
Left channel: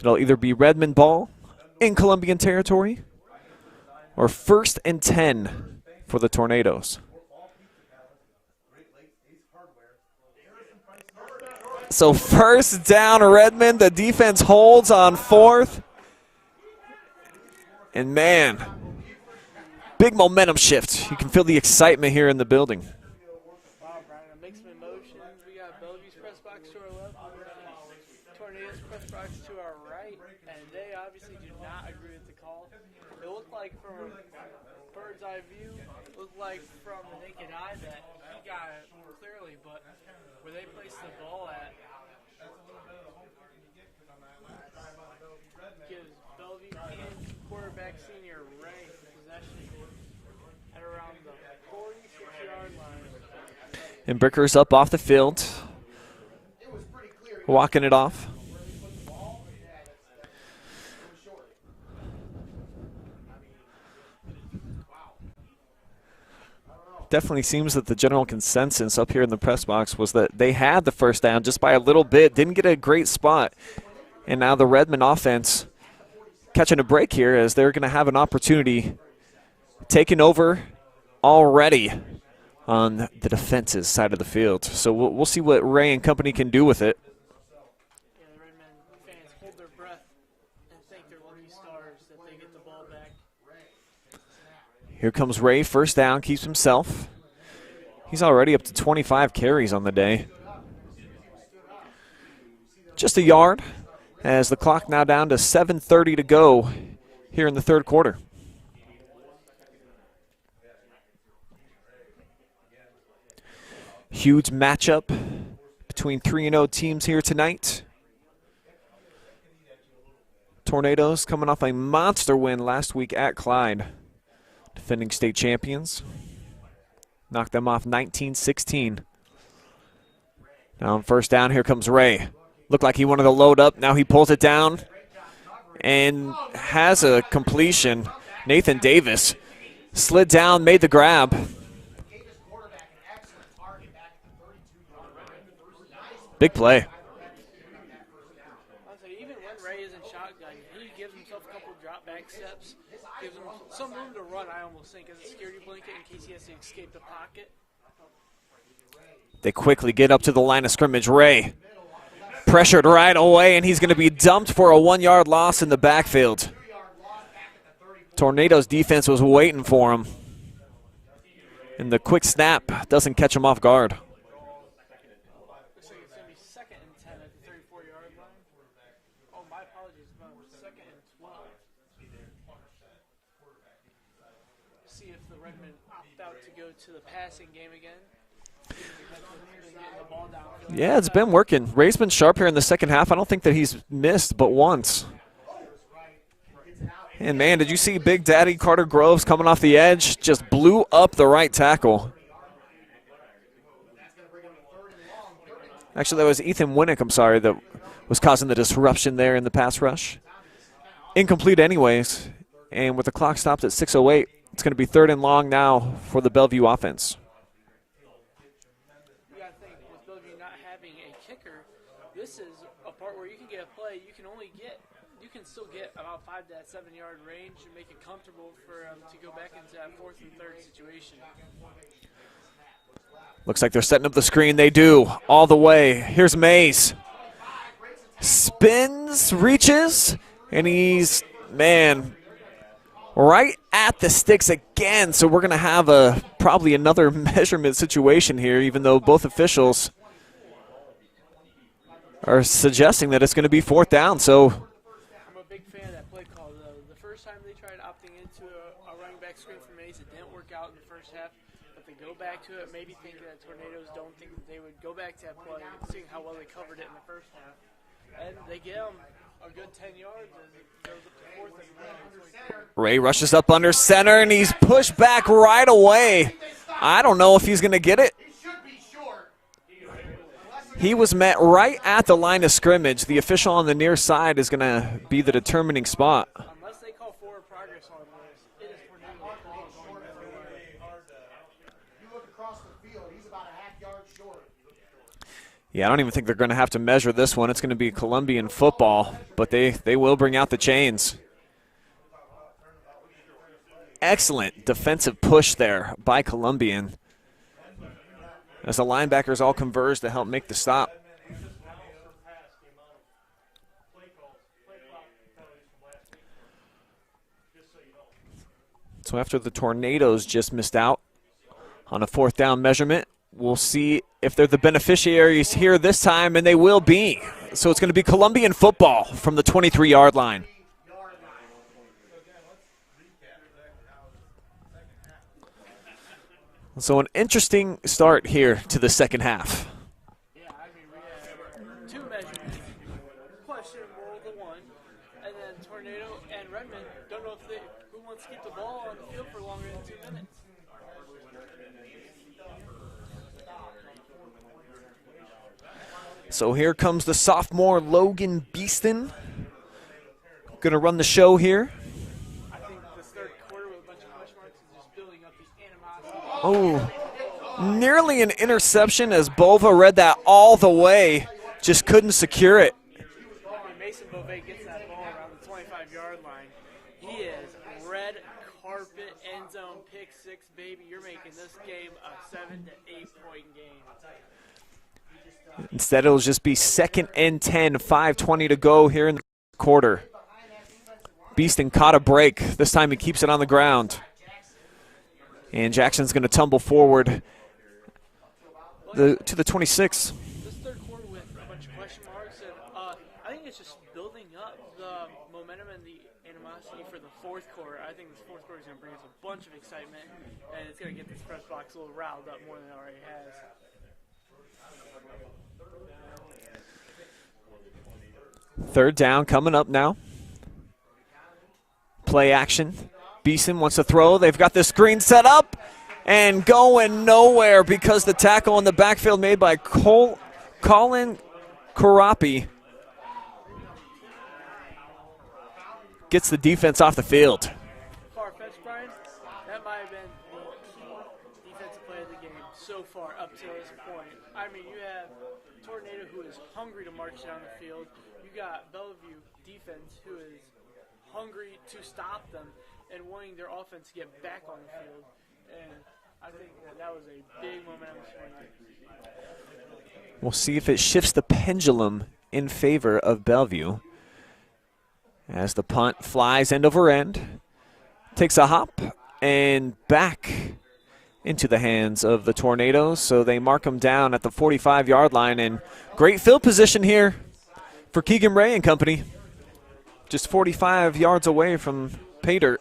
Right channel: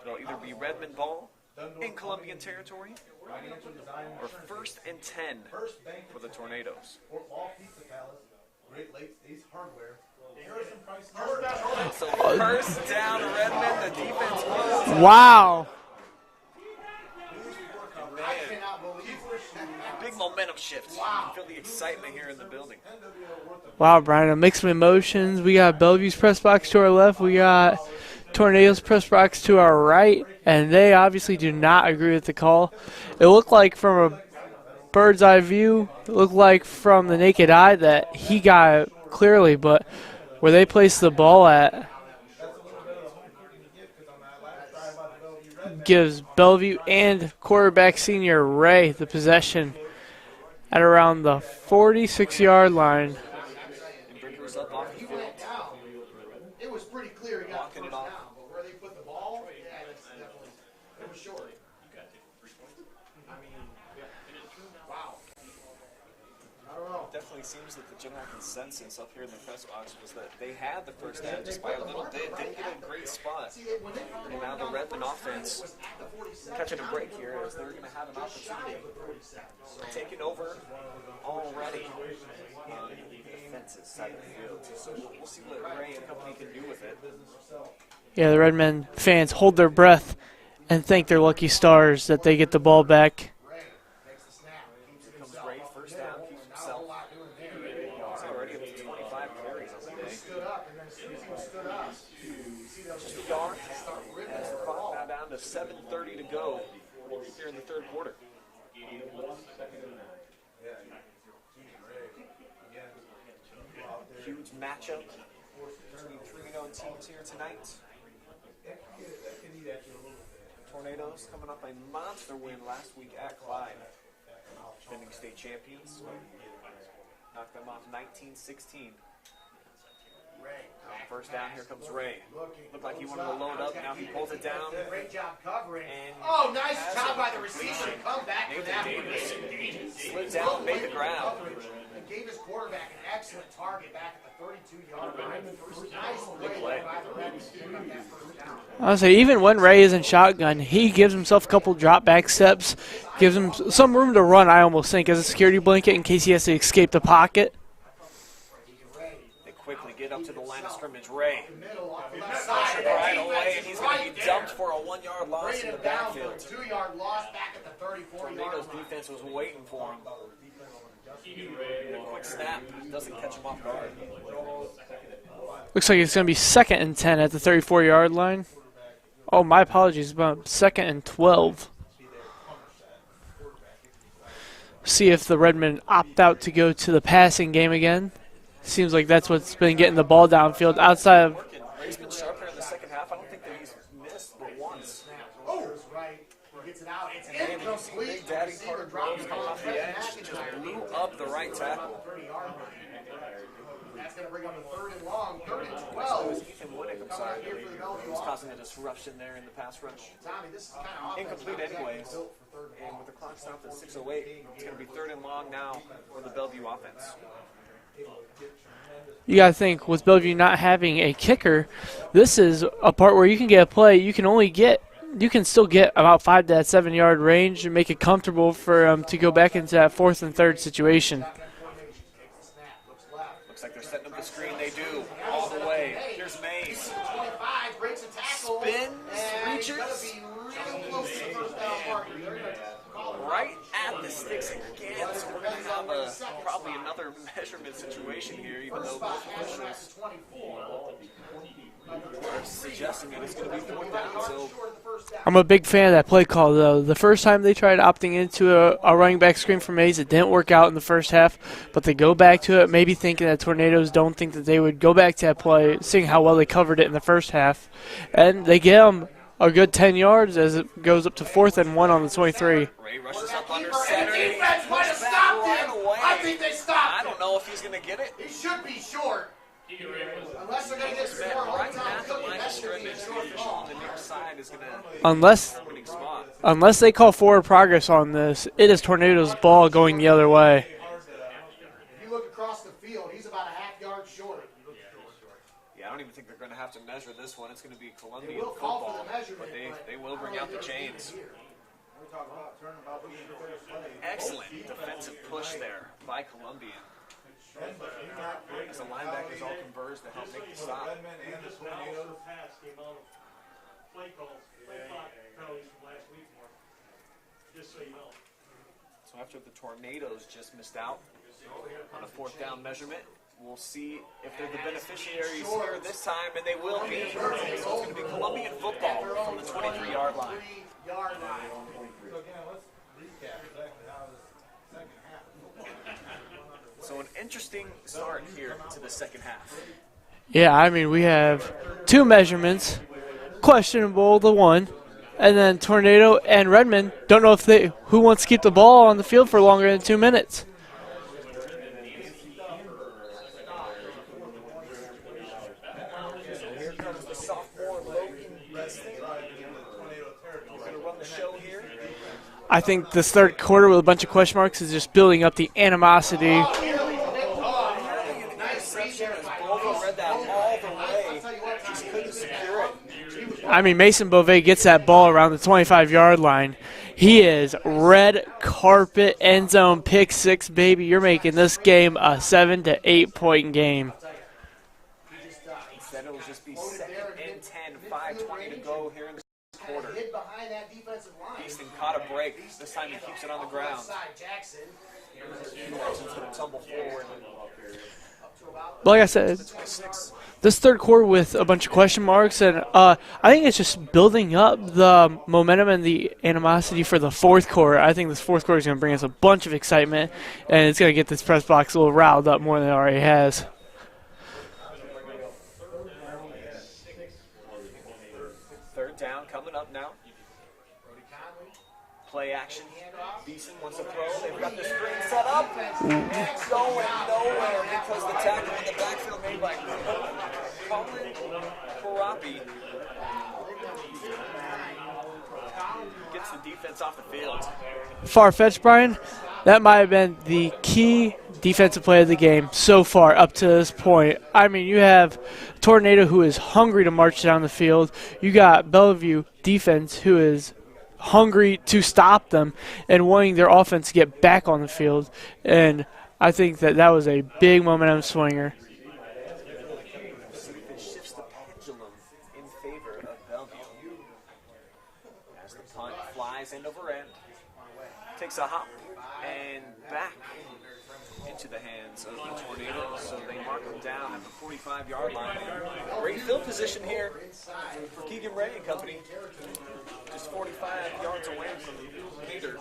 It'll either be Redmen ball in Columbian territory or 1st and 10 for the Tornadoes. So 1st down, Redmen. The defense holds on 4th. And man, big momentum shift. You can feel the excitement here in the building. Wow, Brian, a mix of emotions. We got Bellevue's press box to our left. We got Tornadoes press box to our right. And they obviously do not agree with the call. It looked like from a bird's eye view, it looked like from the naked eye that he got it clearly, but where they place the ball at gives Bellevue and quarterback senior Ray the possession at around the 46-yard line. And Bricker's up off the field, walking it off. Definitely seems that the general consensus up here in the press box was that they had the 1st down just by a little bit, didn't get a great spot. And now the Redmen offense catching a break here as they're going to have an opportunity taking over already on the defense's side of the field. So we'll see what Ray and company can do with it. Yeah, the Redmen fans hold their breath and thank their lucky stars that they get the ball back. Here comes Ray, 1st down, keeps himself. He's already up to 25 carries on the day. Just a yard as the clock now down to 7:30 to go here in the 3rd quarter. Huge matchup between 3-0 teams here tonight. Tornadoes coming off a monster win last week at Clyde. Defending state champions. Knocked them off 19-16. Now on first down, here comes Ray. Looked like he wanted to load up. Now he pulls it down and has a completion. Nathan Davis slid down, made the grab. Big play. I would say even when Ray is in shotgun, he gives himself a couple drop back steps, gives him some room to run, I almost think, as a security blanket in case he has to escape the pocket. They quickly get up to the line of scrimmage. Ray pressured right away, and he's going to be dumped for a 1-yard loss in the backfield. Tornadoes defense was waiting for him. And the quick snap doesn't catch him off guard. Looks like it's going to be 2nd and 10 at the 34-yard line. Oh, my apologies, about 2nd and 12. See if the Redmen opt out to go to the passing game again. Seems like that's what's been getting the ball downfield. Yeah, it's been working. Ray's been sharp here in the second half. I don't think that he's missed but once. And, man, did you see Big Daddy Carter Groves coming off the edge? Just blew up the right tackle. Actually, that was Ethan Winnick, I'm sorry, that was causing the disruption there in the pass rush. Incomplete anyways. And with the clock stopped at 6:08, it's going to be 3rd and long now for the Bellevue offense. You got to think, with Bellevue not having a kicker, this is a part where you can get a play. You can still get about 5 to that 7-yard range and make it comfortable for to go back into that 4th and 3rd situation. Looks like they're setting up the screen. They do, all the way. Here's Mays. Spins, reaches, and he's, man, right at the sticks again. So we're going to have probably another measurement situation here, even though both officials are suggesting that it's going to be 4th down. So I'm a big fan of that play call, though. The first time they tried opting into a running back screen for Mays, it didn't work out in the first half, but they go back to it, maybe thinking that Tornadoes don't think that they would go back to that play, seeing how well they covered it in the first half. And they get them a good 10 yards as it goes up to 4th and 1 on the 23. Ray rushes up under center, and he's pushed back right away. I don't know if he's going to get it. He was met right at the line of scrimmage. The official on the near side is going to be the determining spot. Unless they call forward progress on this, it is Tornadoes' ball going the other way. If you look across the field, he's about a half-yard short. Yeah, I don't even think they're going to have to measure this one. It's going to be Columbian football, but they will bring out the chains. Excellent defensive push there by Columbian, as the linebackers all converge to help make the stop. So after the Tornadoes just missed out on a 4th down measurement, we'll see if they're the beneficiaries here this time, and they will be. So it's going to be Columbian football from the 23-yard line. So an interesting start here to the second half. Yeah, I mean, we have 2 measurements, questionable the one, and then Tornado and Redmen don't know who wants to keep the ball on the field for longer than 2 minutes. So here comes the sophomore Logan Beeston. Going to run the show here. I think this 3rd quarter with a bunch of question marks is just building up the animosity. Oh, nearly an interception as Bova read that all the way, just couldn't secure it. I mean, Mason Beauvais gets that ball around the 25-yard line. He is red carpet end zone pick 6, baby. You're making this game a 7 to 8 point game. Instead, it'll just be 2nd and 10, 5:20 to go here in the quarter. Beeston caught a break. This time he keeps it on the ground. And Jackson's going to tumble forward like I said, to the 26. This 3rd quarter with a bunch of question marks, and I think it's just building up the momentum and the animosity for the 4th quarter. I think this 4th quarter is going to bring us a bunch of excitement, and it's going to get this press box a little riled up more than it already has. Third down coming up now. play action. Beeson wants to throw. They've got the screen set up and going nowhere because the tackle in the backfield made by Colin Karapi gets the defense off the field. Far-fetched, Brian. That might have been the key defensive play of the game so far up to this point. I mean, you have Tornado who is hungry to march down the field. You got Bellevue defense who is hungry to stop them and wanting their offense to get back on the field. And I think that was a big momentum swinger. We'll see if it shifts the pendulum in favor of Bellevue as the punt flies end over end, takes a hop, and back into the hands of the Tornadoes. So they mark them down at the 45-yard line, and great field position here for Keegan Ray and company. Just 45 yards away from pay dirt.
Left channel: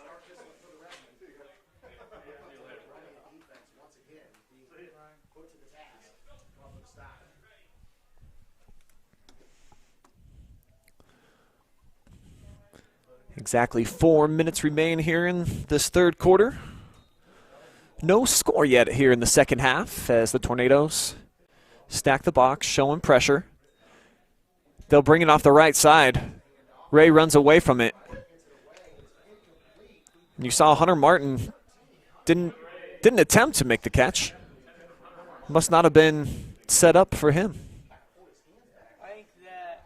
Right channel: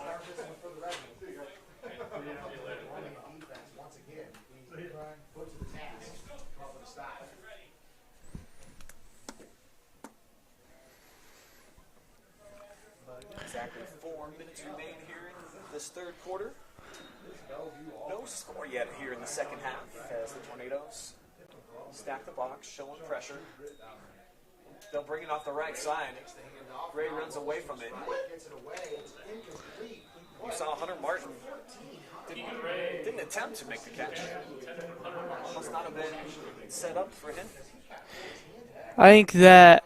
Exactly 4 minutes remain here in this third quarter. No score yet here in the second half as the Tornadoes stack the box, showing pressure. They'll bring it off the right side. Ray runs away from it. And you saw Hunter Martin didn't attempt to make the catch. Must not have been set up for him. I think that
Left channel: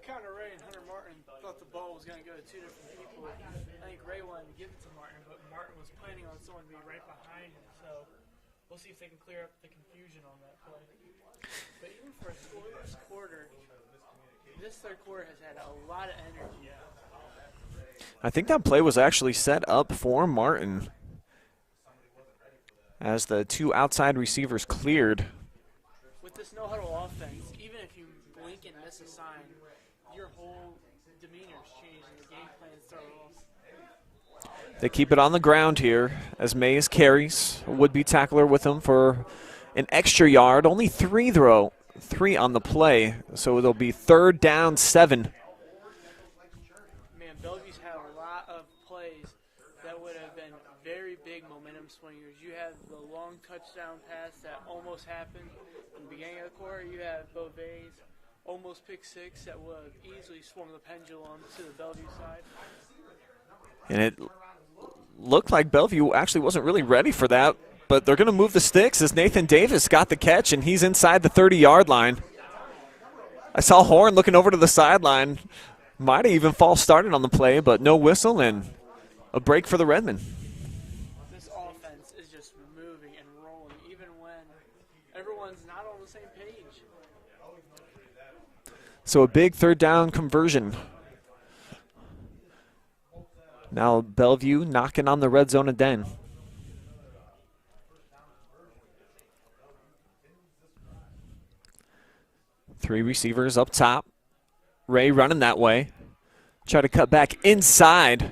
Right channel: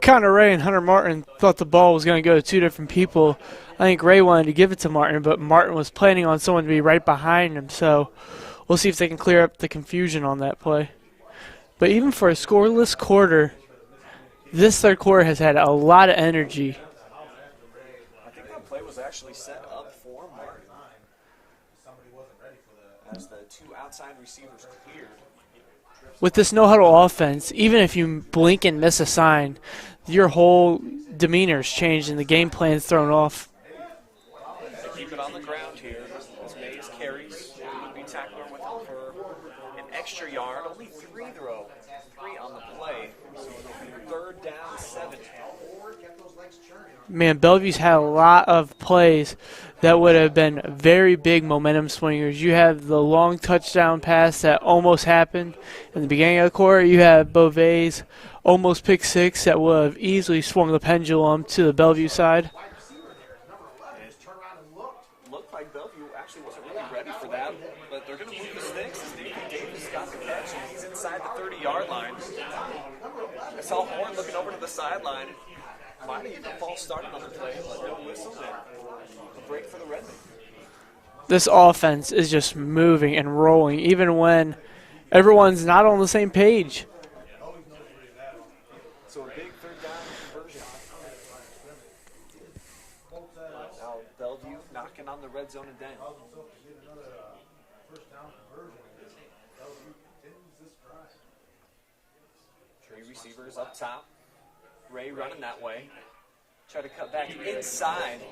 Connor Ray and Hunter Martin thought the ball was going to go to two different people. I think Ray wanted to give it to Martin, but Martin was planning on someone to be right behind him. So we'll see if they can clear up the confusion on that play. But even for a scoreless quarter, this third quarter has had a lot of energy. I think that play was actually set up for Martin as the two outside receivers cleared. With this no-huddle offense, even if you blink and miss a sign, your whole demeanor's changed and the game plan's thrown off. They keep it on the ground here as Mays carries. A would-be tackler with him for an extra yard. Only three on the play, so it'll be 3rd down 7. Man, Bellevue's had a lot of plays that would have been very big momentum swingers. You have the long touchdown pass that almost happened in the beginning of the quarter. You have Beauvais' almost pick 6 that would have easily swung the pendulum to the Bellevue side. And it looked like Bellevue actually wasn't really ready for that, but they're going to move the sticks as Nathan Davis got the catch, and he's inside the 30-yard line. I saw Horn looking over to the sideline. Might have even false started on the play, but no whistle and a break for the Redmen. This offense is just moving and rolling, even when everyone's not on the same page. So a big 3rd down conversion. Now Bellevue knocking on the red zone again. Three receivers up top. Ray running that way. Try to cut back inside.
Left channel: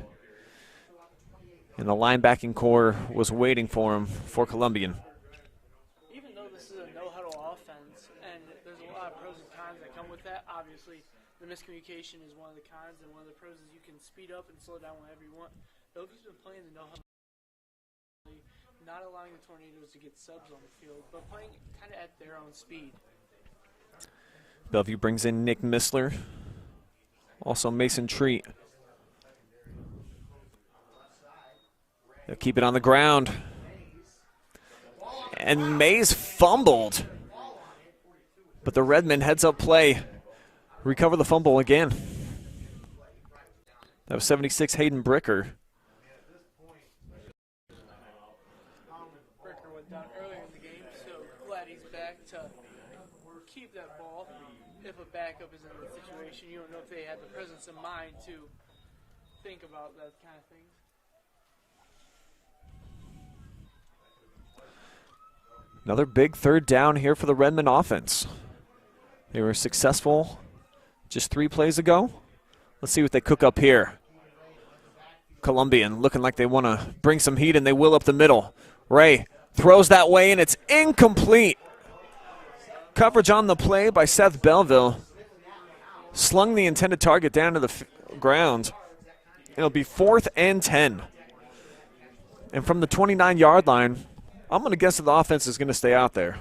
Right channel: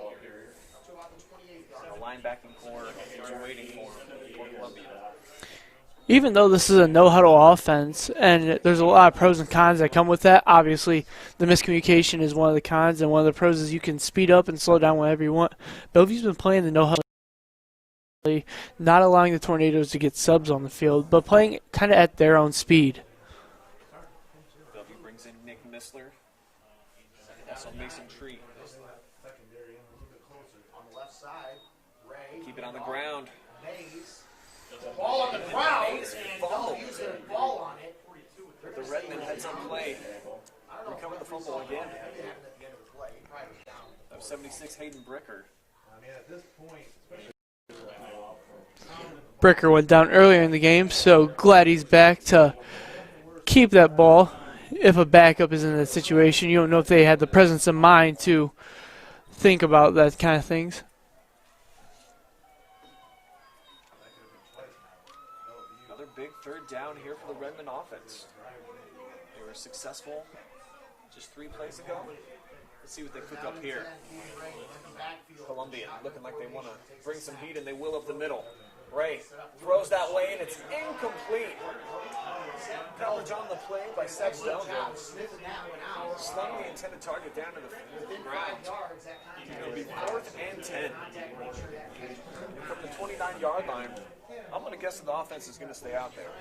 And the linebacking core was waiting for him for Columbian. Even though this is a no-huddle offense, and there's a lot of pros and cons that come with that, obviously the miscommunication is one of the cons, and one of the pros is you can speed up and slow down whenever you want. Bellevue's been playing the no-huddle, not allowing the Tornadoes to get subs on the field, but playing kind of at their own speed. Bellevue brings in Nick Missler, also Mason Treat. They'll keep it on the ground. And Mays fumbled. But the Redmen heads up play. Recover the fumble again. That was 76 Hayden Bricker. Bricker went down earlier in the game, so glad he's back to keep that ball. If a backup is in that situation, you don't know if they had the presence of mind to think about that kind of things. Another big 3rd down here for the Redmen offense. They were successful just 3 plays ago. Let's see what they cook up here. Columbian looking like they want to bring some heat, and they will up the middle. Ray throws that way, and it's incomplete. Coverage on the play by Seth Belleville. Slung the intended target down to the ground. It'll be 4th and 10. And from the 29-yard line, I'm going to guess that the offense is going to stay out there.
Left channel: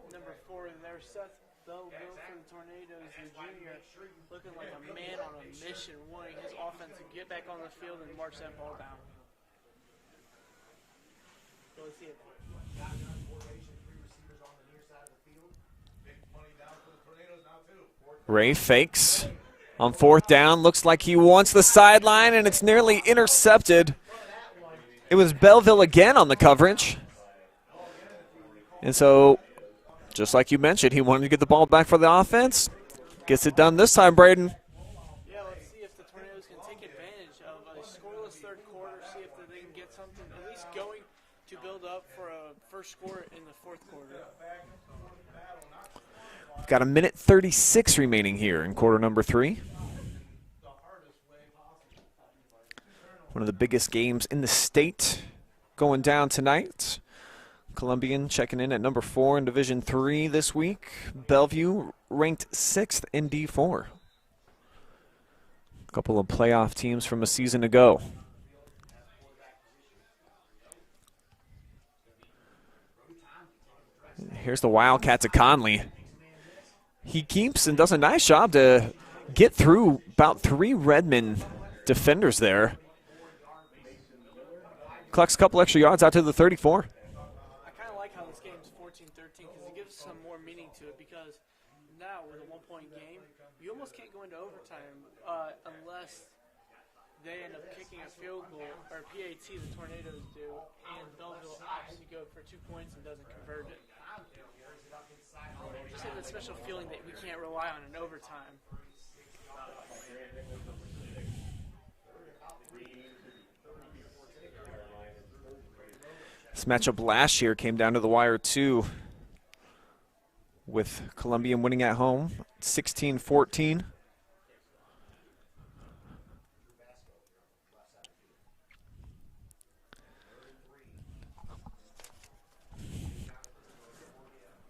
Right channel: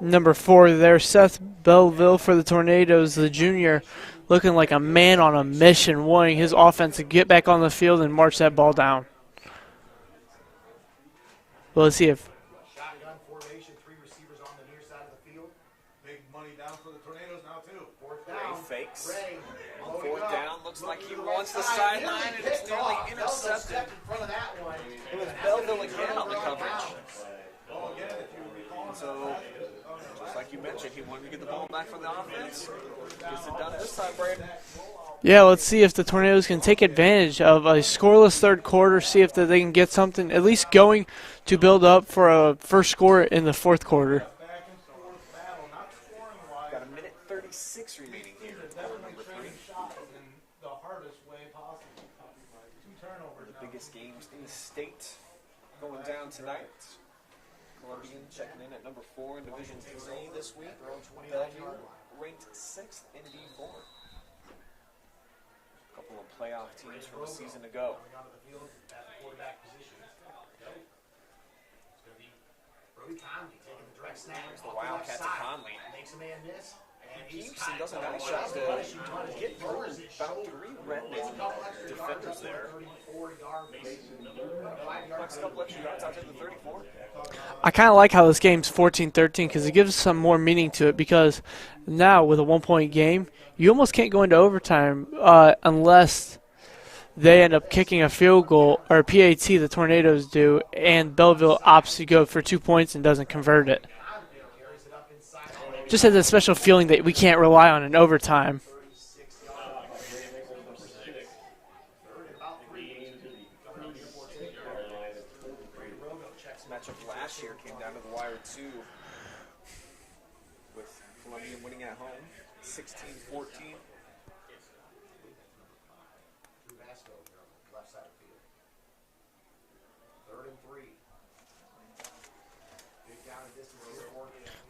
Number 4 there, Seth Bellevue for the Tornadoes, the junior, looking like a man on a mission, wanting his offense to get back on the field and march that ball down. Well, let's see if Ray fakes on 4th down. Looks like he wants the sideline, and it's nearly intercepted. It was Belleville again on the coverage. And so, just like you mentioned, he wanted to get the ball back for the offense. Gets it done this time, Brayden. Yeah, let's see if the Tornadoes can take advantage of a scoreless third quarter, see if they can get something at least going to build up for a first score in the 4th quarter. Got a minute 36 remaining here in quarter number 3. One of the biggest games in the state going down tonight. Columbian checking in at number 4 in Division III this week. Bellevue ranked 6th in D4. A couple of playoff teams from a season ago. Here's the Wildcat to Conley. He keeps and does a nice job to get through about 3 Redmen defenders there. Collects a couple extra yards out to the 34. I kind of like how this game's 14-13 because it gives some more meaning to it, because now with a 1-point game, you almost can't go into overtime unless they end up kicking a field goal, or PAT, the Tornadoes do, and Belleville opts to go for 2 points and doesn't convert it. Just has a special feeling that we can't rely on in overtime. This matchup last year came down to the wire too, with Columbian winning at home 16-14.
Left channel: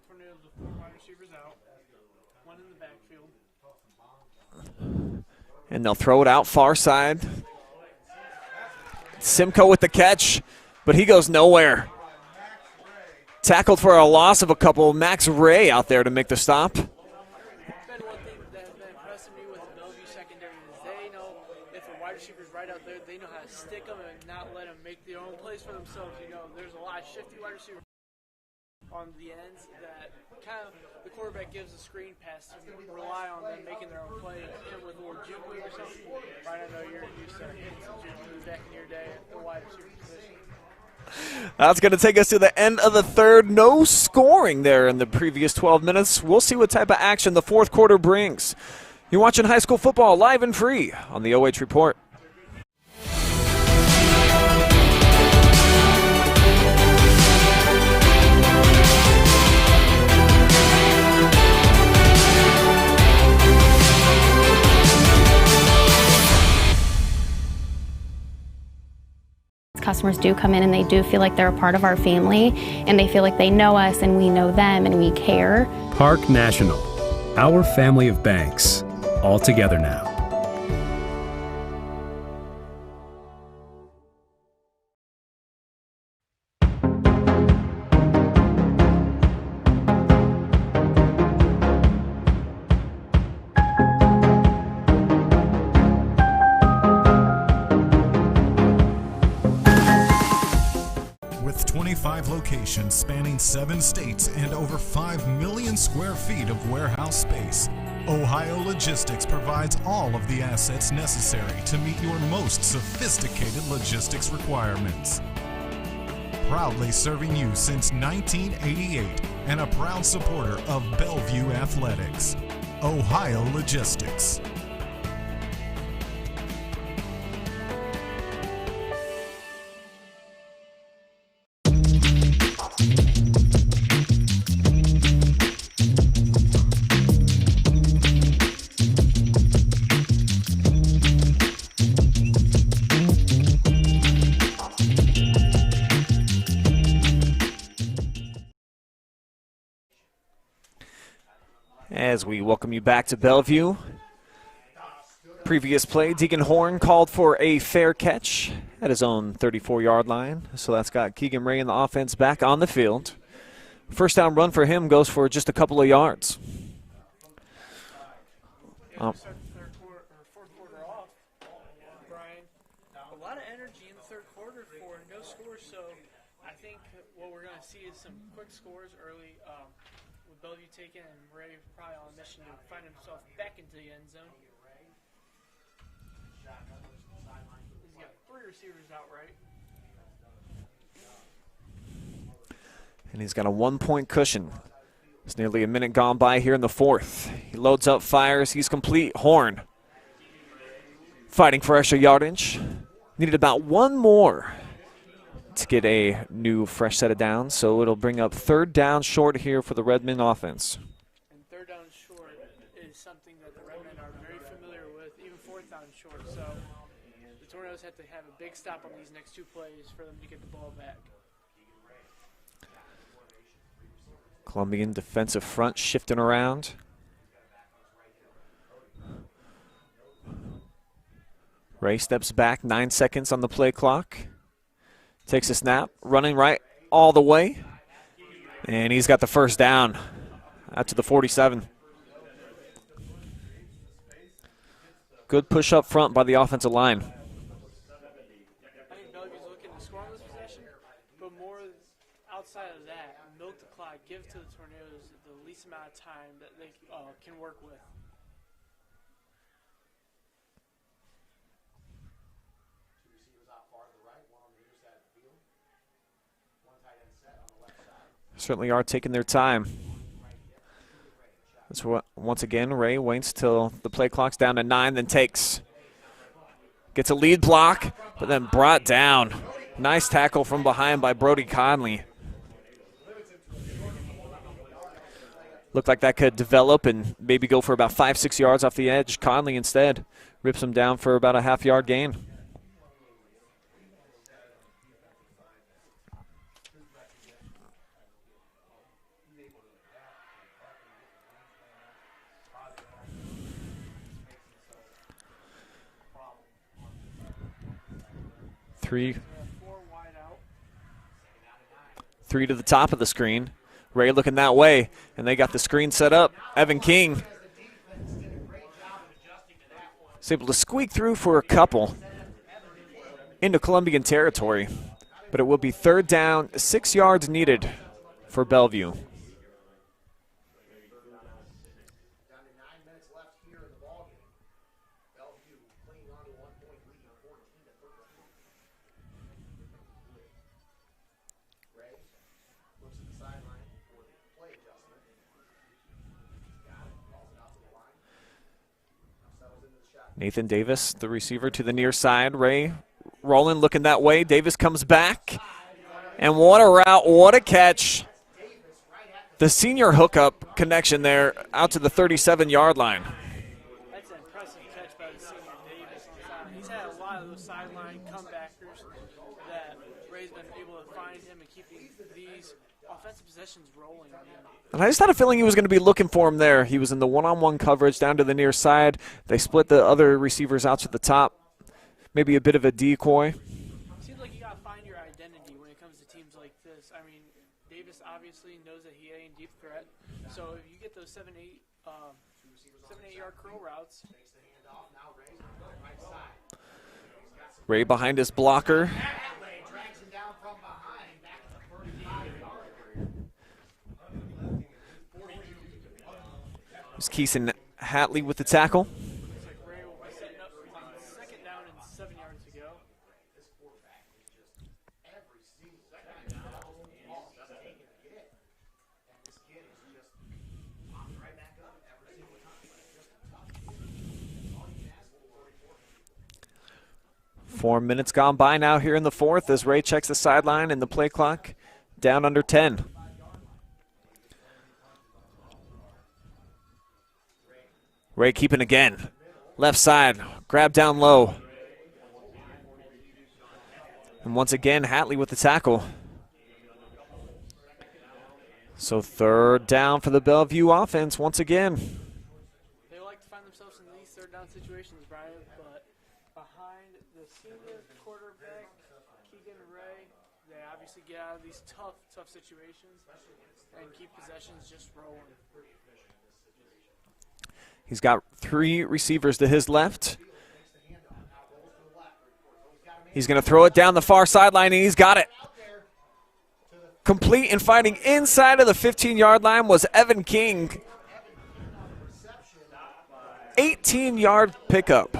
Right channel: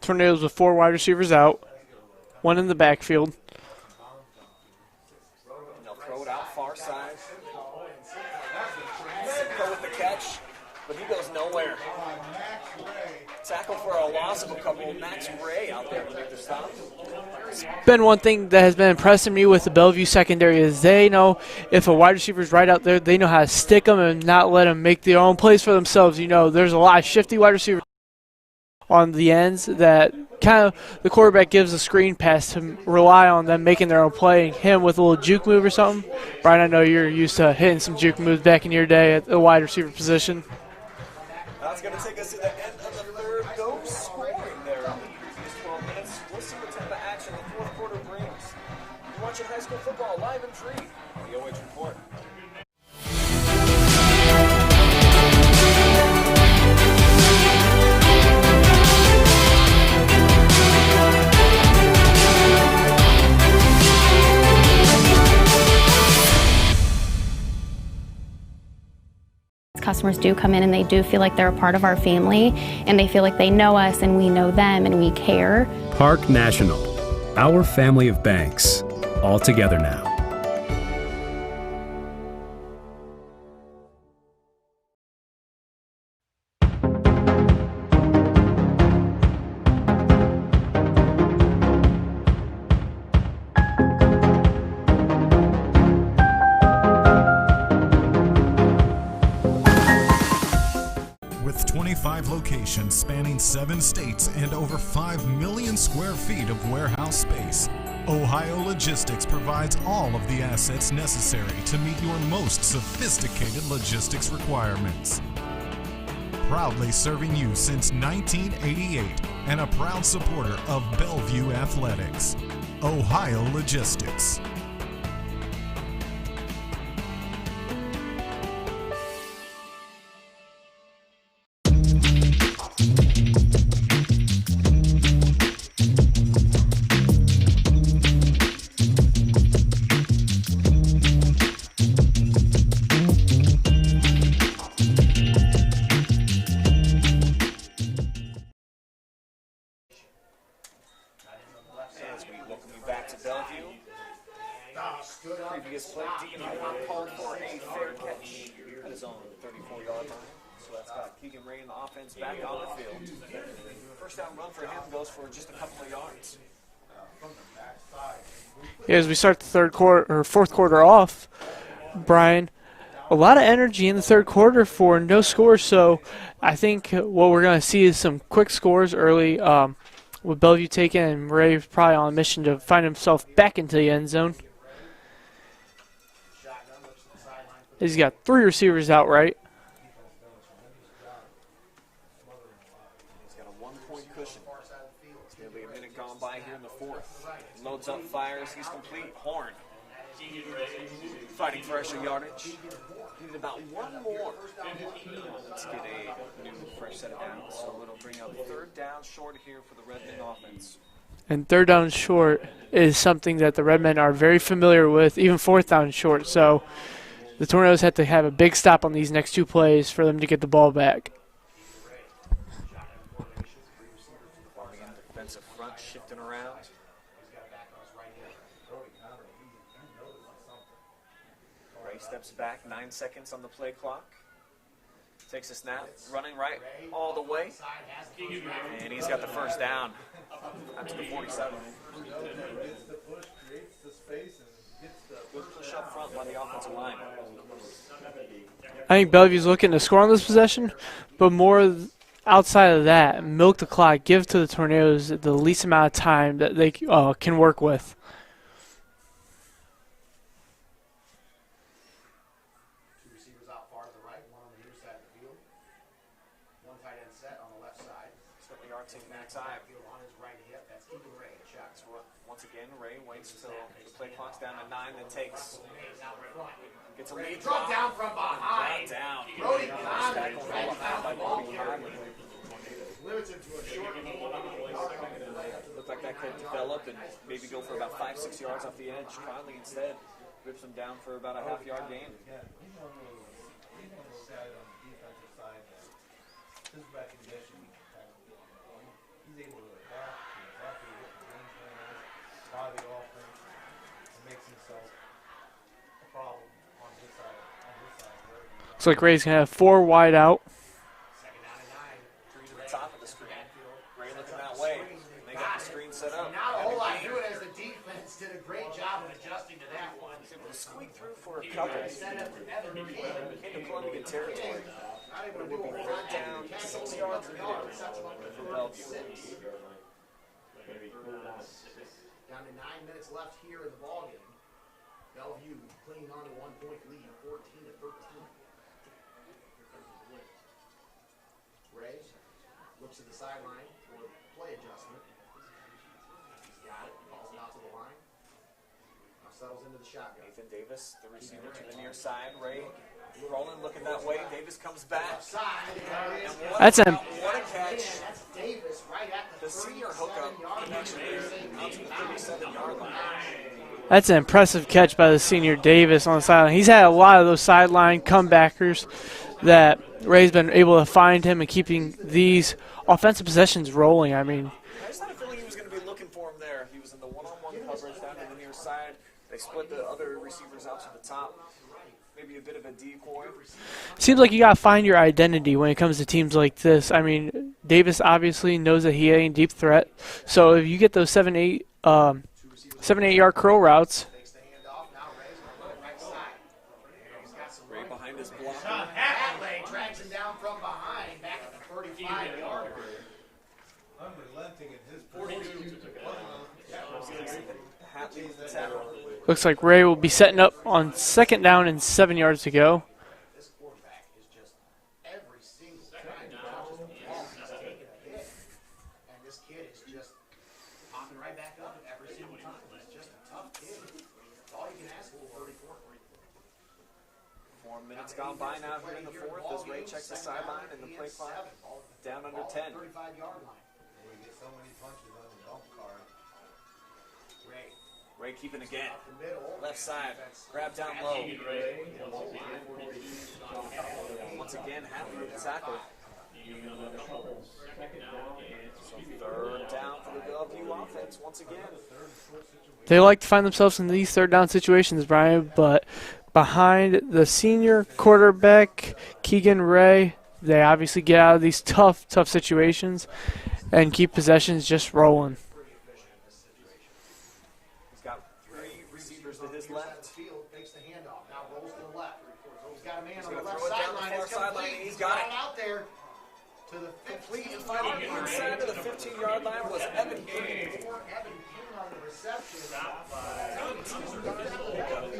Tornadoes with 4 wide receivers out, 1 in the backfield. And they'll throw it out far side. Simcoe with the catch, but he goes nowhere. Tackled for a loss of a couple. Max Ray out there to make the stop. It's been one thing that has been impressing me with the Bellevue secondary is they know if a wide receiver's right out there, they know how to stick them and not let them make their own plays for themselves. You know, there's a lot of shifty wide receivers on the ends that kind of the quarterback gives a screen pass to rely on them making their own play, and him with a little juke move or something. Brian, I know you're used to hitting some juke moves back in your day at the wide receiver position. That's going to take us to the end of the 3rd. No scoring there in the previous 12 minutes. We'll see what type of action the 4th quarter brings. You're watching high school football live and free on the OH Report. Customers do come in and they do feel like they're a part of our family, and they feel like they know us and we know them and we care. Park National, our family of banks, all together now. With 25 locations spanning 7 states and over 5 million square feet of warehouse space, Ohio Logistics provides all of the assets necessary to meet your most sophisticated logistics requirements. Proudly serving you since 1988 and a proud supporter of Bellevue Athletics, Ohio Logistics. As we welcome you back to Bellevue. Previous play, Deegan Horn called for a fair catch at his own 34-yard line. So that's got Keegan Ray and the offense back on the field. First down run for him goes for just a couple of yards. Yeah, as we start the fourth quarter off, Brian, a lot of energy in the third quarter for no score. So I think what we're going to see is some quick scores early with Bellevue taking, and Ray probably on a mission to find himself back into the end zone. He's got 3 receivers out right. And he's got a 1-point cushion. It's nearly a minute gone by here in the fourth. He loads up, fires, he's complete. Horn fighting for extra yardage. Needed about one more to get a new fresh set of downs, so it'll bring up third down short here for the Redmen offense. And third down short is something that the Redmen are very familiar with, even fourth down short. So the Tornadoes had to have a big stop on these next 2 plays for them to get the ball back. Columbian defensive front shifting around. Ray steps back, 9 seconds on the play clock. Takes a snap, running right all the way. And he's got the first down out to the 47. Good push up front by the offensive line. I think Bellevue's looking to score on this possession, but more outside of that, milk the clock, give to the Tornadoes the least amount of time that they can work with. Certainly are taking their time. That's what, once again, Ray waits till the play clock's down to 9, then takes. Gets a lead block, but then brought down. Nice tackle from behind by Brody Conley. Looked like that could develop and maybe go for about 5-6 yards off the edge. Conley instead rips him down for about a half-yard gain. Looks like Ray's going to have 4 wide out. 3 to the top of the screen. Ray looking that way, and they got the screen set up. Evan King is able to squeak through for a couple into Columbian territory, but it will be third down, 6 yards needed for Bellevue. Nathan Davis, the receiver, to the near side. Ray rolling, looking that way. Davis comes back. And what a route, what a catch. The senior hookup connection there out to the 37-yard line. That's an impressive catch by the senior Davis on the sideline. He's had a lot of those sideline comebackers that Ray's been able to find him and keeping these offensive possessions rolling. I mean, and I just had a feeling he was going to be looking for him there. He was in the one-on-one coverage down to the near side. They split the other receivers out to the top. Maybe a bit of a decoy. Seems like you got to find your identity when it comes to teams like this. I mean, Davis obviously knows that he ain't a deep threat. So if you get those 7-8 yard curl routes. Ray behind his blocker. Keeson Hatley with the tackle. Looks like Ray will be setting up on second down and 7 yards to go. Four minutes gone by now here in the fourth as Ray checks the sideline and the play clock down under 10. Ray keeping again. Left side, grab down low. And once again, Hatley with the tackle. So third down for the Bellevue offense once again. They like to find themselves in these third down situations, Brian, but behind the senior quarterback, Keegan Ray, they obviously get out of these tough situations and keep possessions just rolling. He's got 3 receivers to his left. He's going to throw it down the far sideline, and he's got it. Complete and fighting inside of the 15-yard line was Evan King. 18-yard pickup.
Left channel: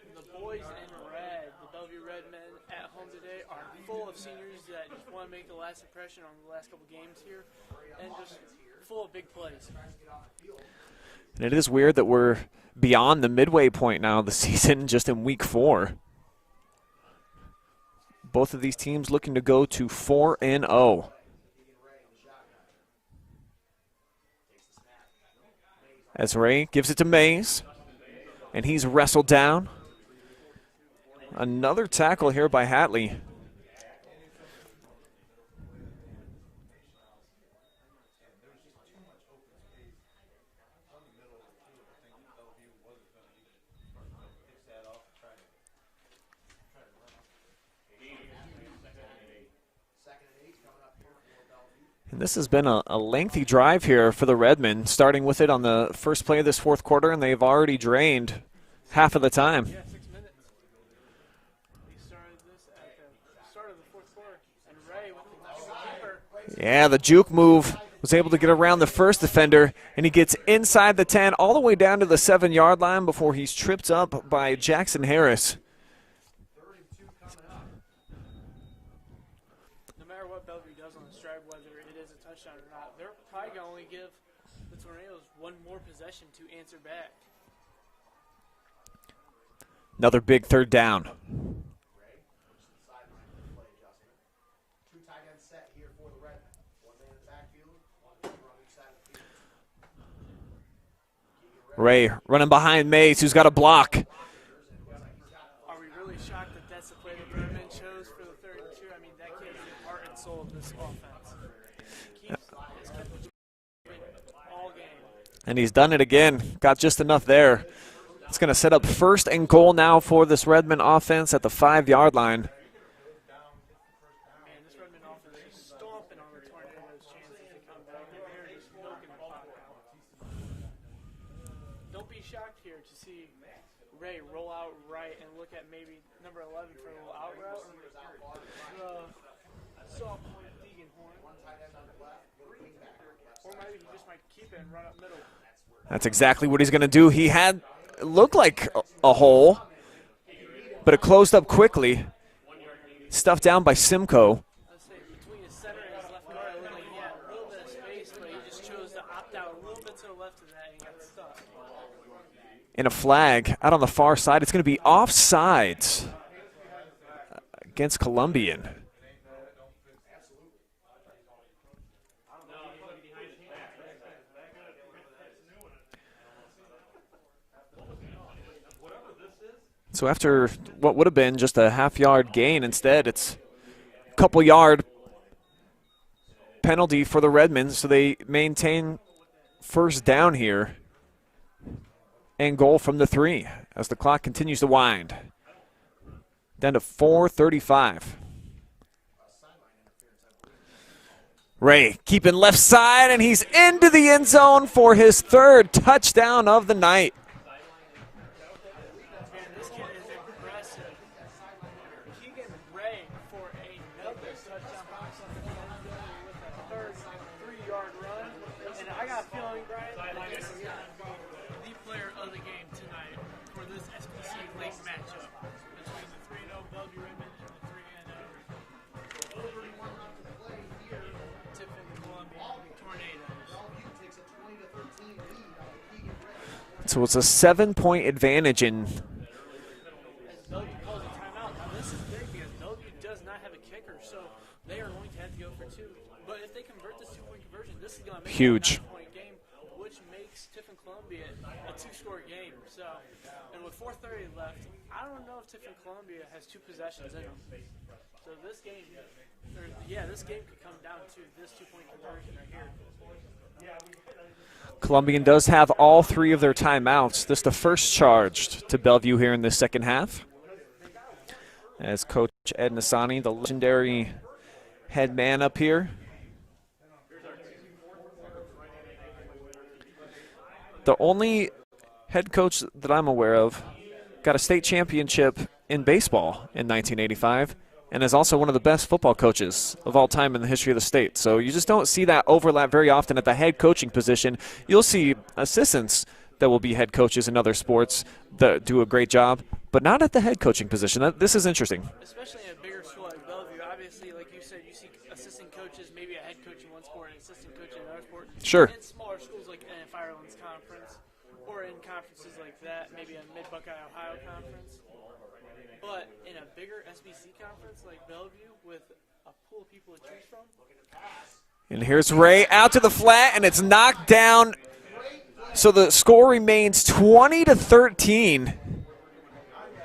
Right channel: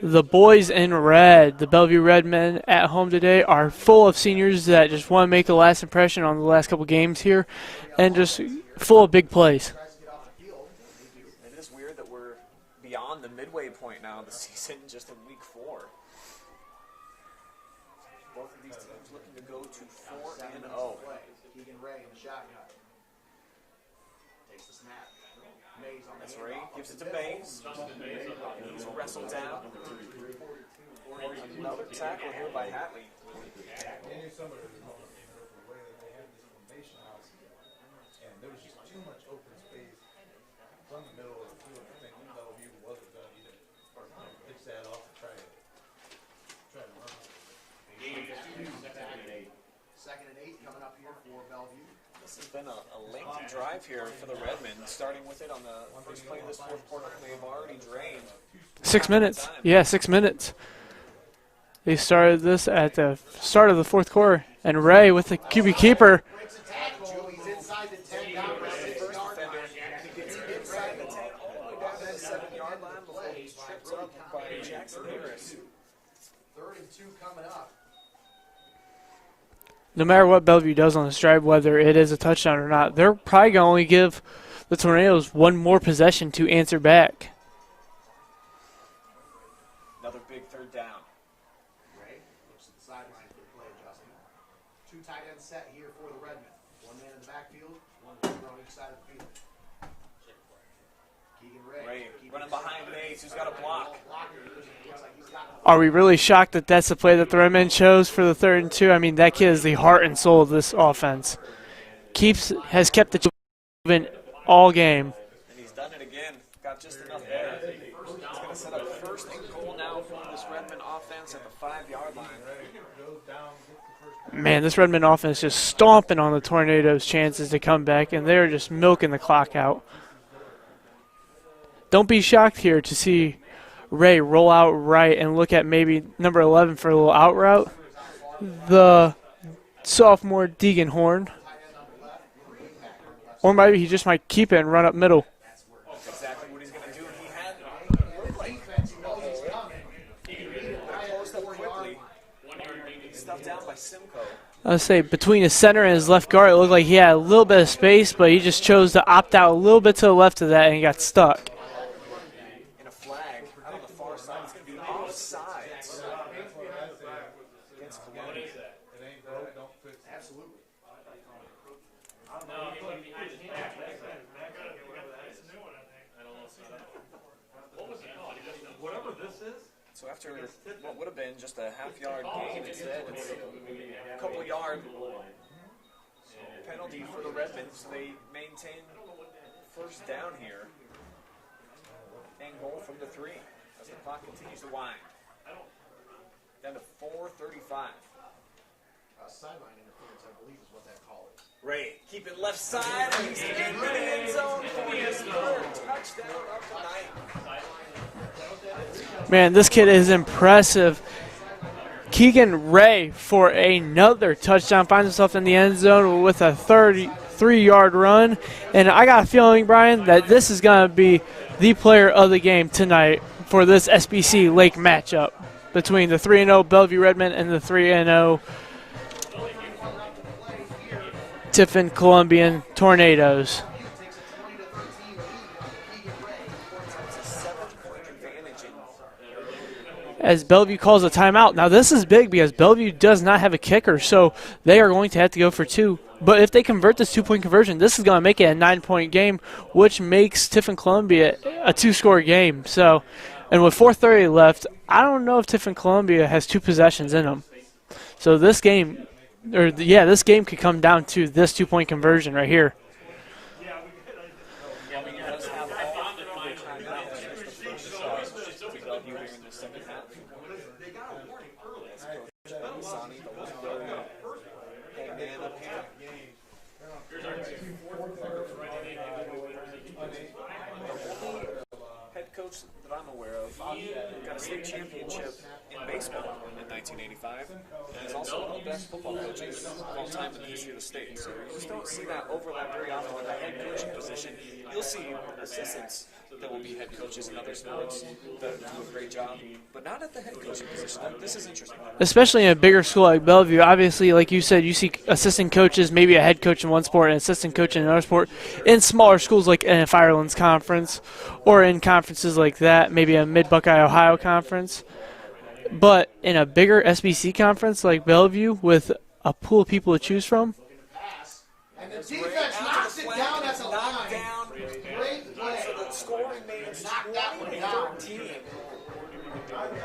The boys in red, the Bellevue Redmen at home today, are full of seniors that just want to make a last impression on the last couple games here and just full of big plays. And it is weird that we're beyond the midway point now of the season, just in week 4. Both of these teams looking to go to 4-0. As Ray gives it to Mays, and he's wrestled down. Another tackle here by Hatley. And this has been a lengthy drive here for the Redmen, starting with it on the first play of this fourth quarter, and they've already drained 6 half minutes. of the time. Yeah, 6 minutes. They started this at the start of the fourth quarter, and Ray with the QB keeper. Yeah, the juke move was able to get around the first defender, and he gets inside the 10 all the way down to the 7-yard line before he's tripped up by Jackson Harris. No matter what Bellevue does on this drive, whether it is a touchdown or not, they're probably going to only give the Tornadoes one more possession to answer back. Another big third down. Ray running behind Mays, who's got a block. Are we really shocked that that's the play that the Redmen chose for the 3rd and 2? I mean, that kid is the heart and soul of this offense. Has kept the moving all game. And he's done it again. Got just enough there. It's going to set up 1st and goal now for this Redmen offense at the 5-yard line. Man, this Redmen offense just stomping on the Tornadoes' chances to come back, and they're just milking the clock out. Don't be shocked here to see Ray roll out right and look at maybe number 11 for a little out route. The sophomore Deegan Horn. Or maybe he just might keep it and run up middle. That's exactly what he's going to do. He had looked like a hole, but it closed up quickly. Stuffed down by Simcoe. I would say between his center and his left guard, it looked like he had a little bit of space, but he just chose to opt out a little bit to the left of that and he got stuck. In a flag out on the far side. It's going to be offsides against Columbian. So after what would have been just a half-yard gain, instead it's a couple-yard penalty for the Redmen, so they maintain 1st down here. And goal from the 3 as the clock continues to wind. Down to 4:35. Ray keeping left side, and he's into the end zone for his 3rd touchdown of the night. Man, this kid is impressive. Keegan Ray for another touchdown finds himself in the end zone with a 33-yard run. And I got a feeling, Brian, that this is going to be the player of the game tonight for this SBC Lake matchup between the 3-0 Bellevue Redmen and the 3-0 Tiffin-Columbian Tornadoes. So it's a 7-point advantage in. As Bellevue calls a timeout. Now this is big because Bellevue does not have a kicker, so they are going to have to go for 2. But if they convert this 2-point conversion, this is going to make it a 9-point game, which makes Tiffin-Columbian a 2-score game. So, and with 4:30 left, I don't know if Tiffin-Columbian has 2 possessions in them. So this game, this game could come down to this 2-point conversion right here. Columbian does have all 3 of their timeouts. This is the first charged to Bellevue here in the second half. As Coach Ed Nasani, the legendary head man up here. The only head coach that I'm aware of got a state championship in baseball in 1985 and is also one of the best football coaches of all time in the history of the state. So you just don't see that overlap very often at the head coaching position. You'll see assistants that will be head coaches in other sports that do a great job, but not at the head coaching position. This is interesting. Especially in a bigger school like Bellevue. Obviously, like you said, you see assistant coaches, maybe a head coach in one sport and assistant coach in another sport. Sure. In smaller schools like in Firelands Conference or in conferences like that, maybe a Mid-Buckeye Ohio Conference. But in a bigger SBC conference like Bellevue with a pool of people to choose from. And here's Ray out to the flat, and it's knocked down. So the score remains 20-13.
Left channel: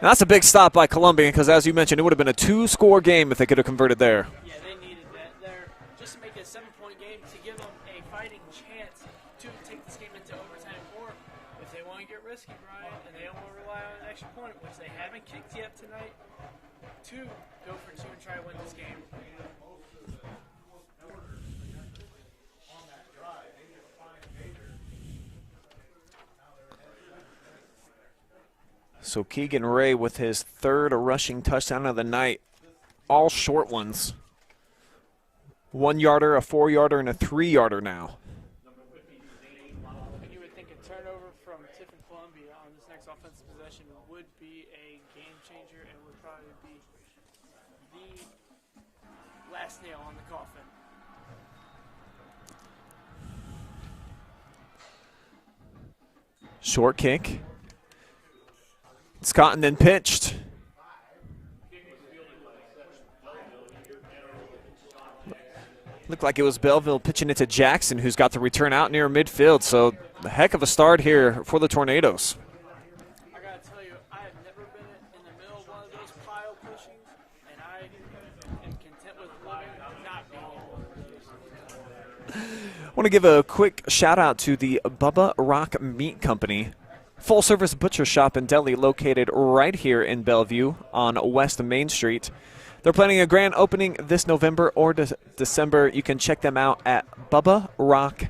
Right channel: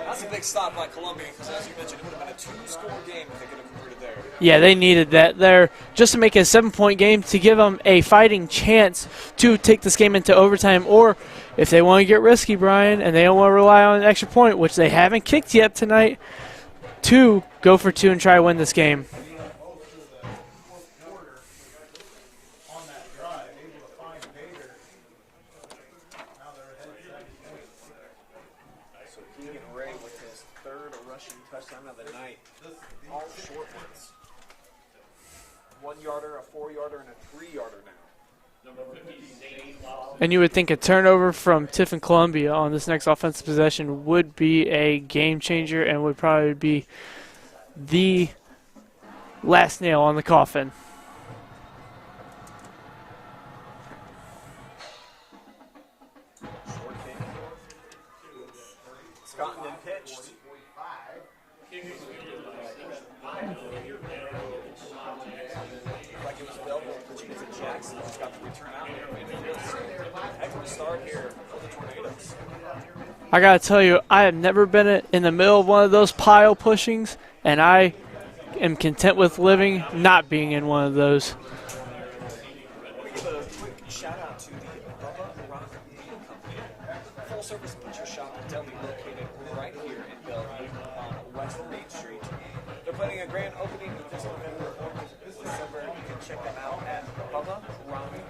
That's a big stop by Columbian because, as you mentioned, it would have been a 2-score game if they could have converted there. Yeah, they needed that there just to make it a 7-point game to give them a fighting chance to take this game into overtime, or if they want to get risky, Brian, and they don't want to rely on an extra point, which they haven't kicked yet tonight, to go for 2 and try to win this game. So Keegan Ray with his 3rd rushing touchdown of the night. All short ones. 1-yarder, a 4-yarder, and a 3-yarder now. And you would think a turnover from Tiffin-Columbian on this next offensive possession would be a game changer and would probably be the last nail on the coffin. Short kick. It's caught and then pitched. Looked like it was Belleville pitching it to Jackson, who's got the return out near midfield. So a heck of a start here for the Tornadoes. I got to tell you, I have never been in the middle of one of those pile pushings, and I am content with living not being in one of those. I want to give a quick shout out to the Bubba Rock Meat Company. Full-service butcher shop and deli located right here in Bellevue on West Main Street. They're planning a grand opening this November or December. You can check them out at bubbarock.com.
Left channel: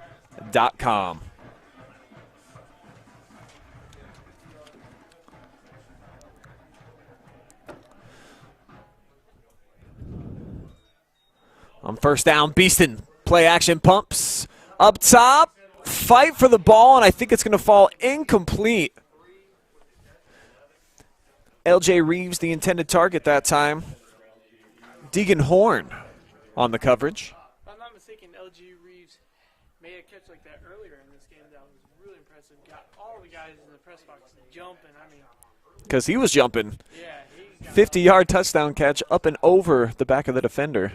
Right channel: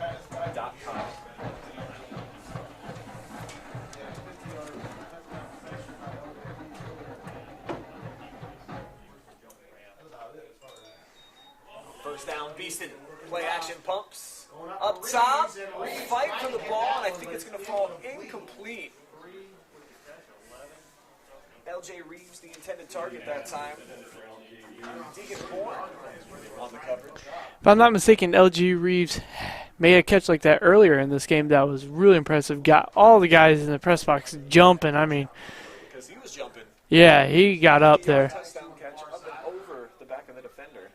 On first down, Beeston, play action pumps. Up top, fight for the ball, and I think it's going to fall incomplete. LJ Reeves, the intended target that time. Deegan Horn on the coverage. If I'm not mistaken, LG Reeves made a catch like that earlier in this game that was really impressive. Got all the guys in the press box jumping. I mean, because he was jumping. Yeah, he got up 50-yard touchdown catch up and over the back of the defender.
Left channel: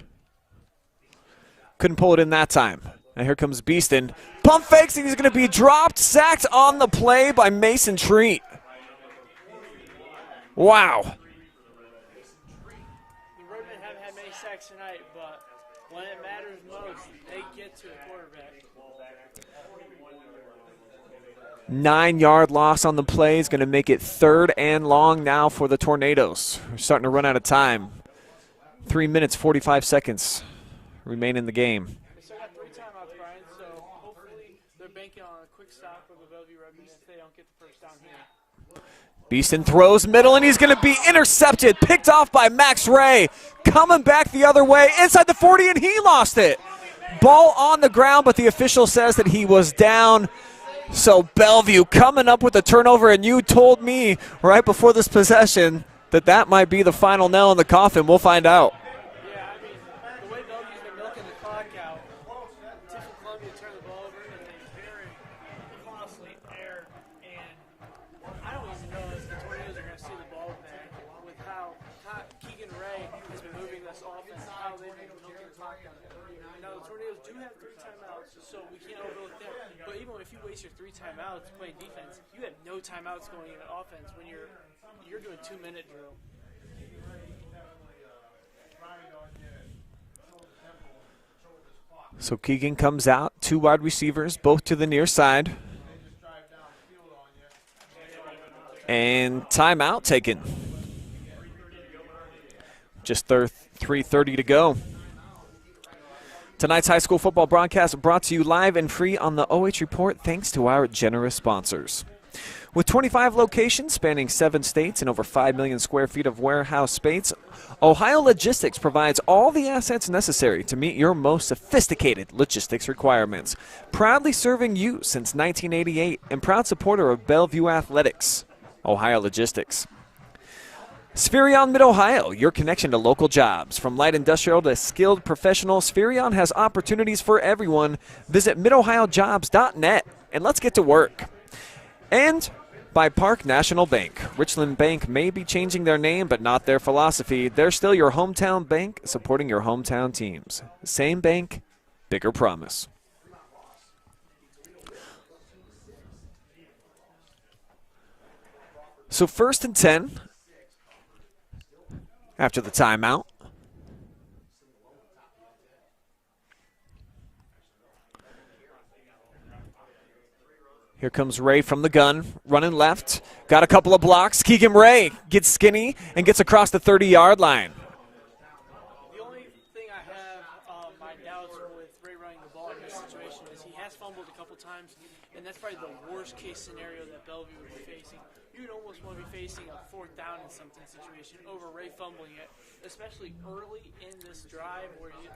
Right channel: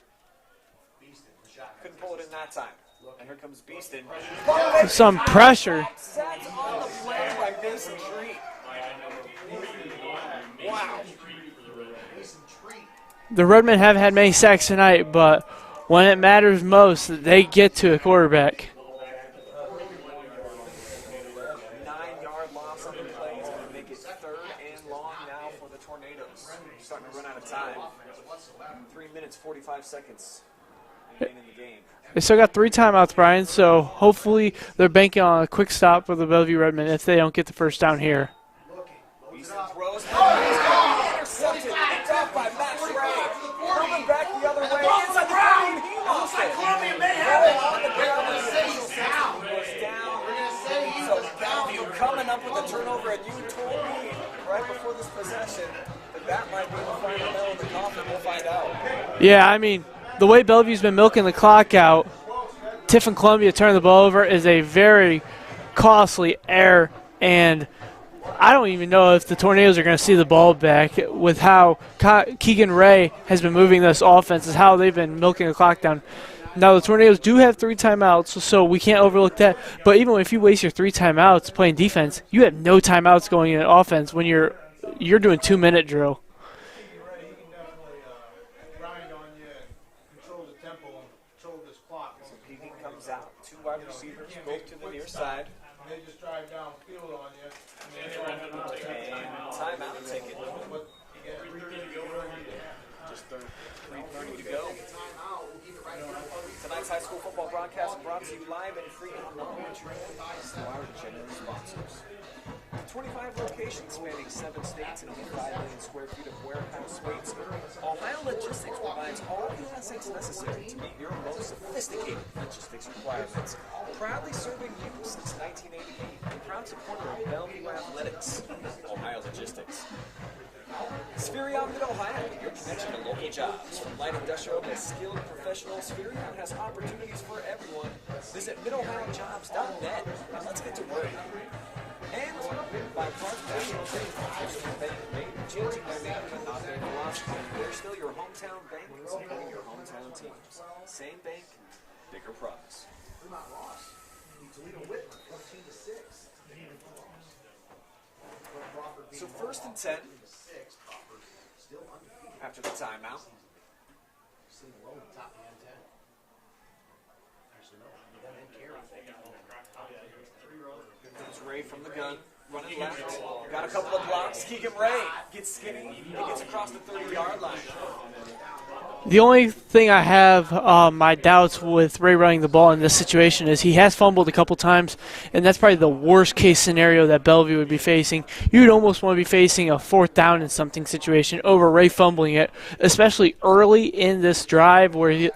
Couldn't pull it in that time. And here comes Beeston. Pump fake, he's going to be dropped, sacked on the play by Mason Treat. Wow. The Redmen haven't had many sacks tonight, but when it matters most, they get to a quarterback. 9-yard loss on the play is going to make it 3rd and long now for the Tornadoes. We're starting to run out of time. 3 minutes, 45 seconds remain in the game. They still got 3 timeouts, Brian, so hopefully they're banking on a quick stop for the Bellevue Redmen if they don't get the first down here. Beeston throws middle, and he's going to be intercepted, picked off by Max Ray. Coming back the other way, inside the 40, and he lost it. Ball on the ground, but the official says that he was down. So Bellevue coming up with a turnover, and you told me right before this possession that that might be the final nail in the coffin. We'll find out. Yeah, I mean, the way Bellevue's been milking the clock out, Tiffin-Columbian turning the ball over is a very costly error, and I don't even know if the Tornadoes are going to see the ball back with how Keegan Ray has been moving this offense, is how they've been milking the clock down. Now, the Tornadoes do have 3 timeouts, so we can't overlook that. But even if you waste your 3 timeouts playing defense, you have no timeouts going in offense when you're doing 2-minute drill. So Keegan comes out two wide receivers, both to the near side. And timeout taken. Just 3:30 to go. Tonight's high school football broadcast brought to you live and free on the OH Report thanks to our generous sponsors. With 25 locations spanning 7 states and over 5 million square feet of warehouse space, Ohio Logistics provides all the assets necessary to meet your most sophisticated logistics requirements. Proudly serving you since 1988 and proud supporter of Bellevue Athletics. Ohio Logistics. Spherion Mid-Ohio, your connection to local jobs. From light industrial to skilled professionals, Spherion has opportunities for everyone. Visit midohiojobs.net and let's get to work. And by Park National Bank. Richland Bank may be changing their name, but not their philosophy. They're still your hometown bank, supporting your hometown teams. Same bank, bigger promise. So 1st and 10 after the timeout. Here comes Ray from the gun, running left. Got a couple of blocks. Keegan Ray gets skinny and gets across the 30-yard line. The only thing I have my doubts with Ray running the ball in this situation is he has fumbled a couple times, and that's probably the worst case scenario that Bellevue would be facing. You'd almost want to be facing a 4th down and something situation over Ray fumbling it, especially early in this drive where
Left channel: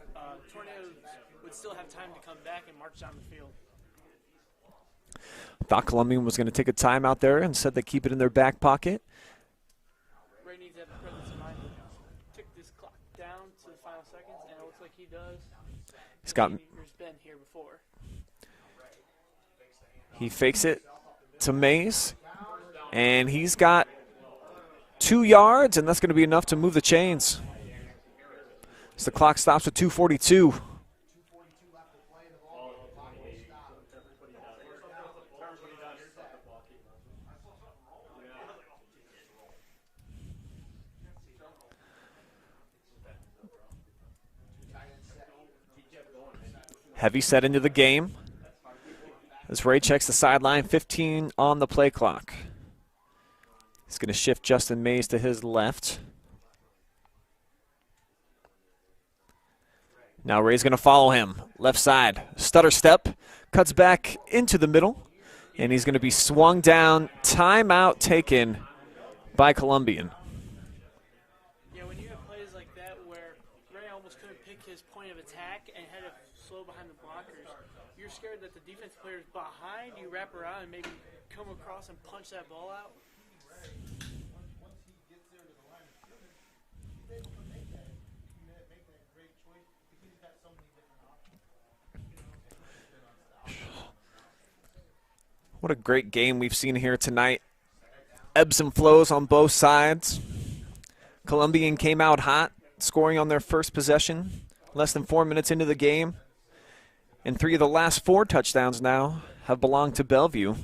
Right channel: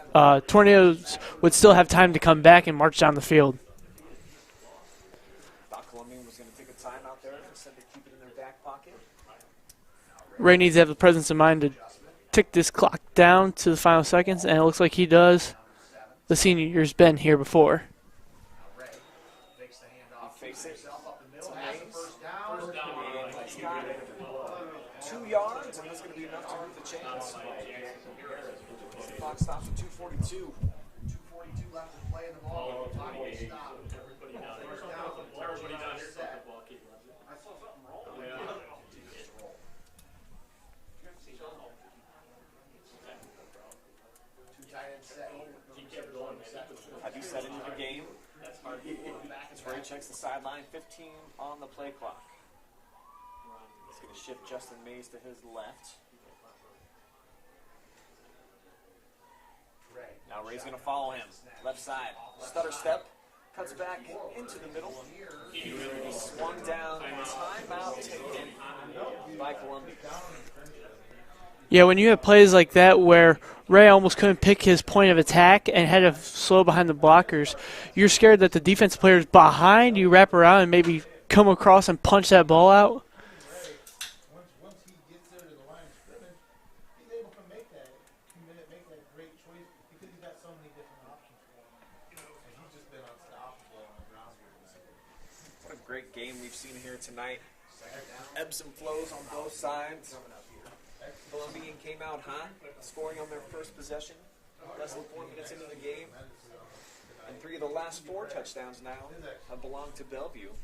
Tornadoes would still have time to come back and march down the field. Thought Columbian was going to take a timeout there and said they keep it in their back pocket. Ray needs to have the presence of mind to tick this clock down to the final seconds, and it looks like he does. The senior's been here before. He fakes it to Mays, and he's got 2 yards, and that's going to be enough to move the chains. So the clock stops at 2:42. Heavy set into the game as Ray checks the sideline, 15 on the play clock. He's going to shift Justin Mays to his left. Now Ray's going to follow him. Left side, stutter step, cuts back into the middle, and he's going to be swung down. Timeout taken by Columbian. Yeah, when you have plays like that where Ray almost couldn't pick his point of attack and had to slow behind the blockers, you're scared that the defense players behind you wrap around and maybe come across and punch that ball out. What a great game we've seen here tonight. Ebbs and flows on both sides. Columbian came out hot, scoring on their first possession, less than 4 minutes into the game. And 3 of the last 4 touchdowns now have belonged to Bellevue.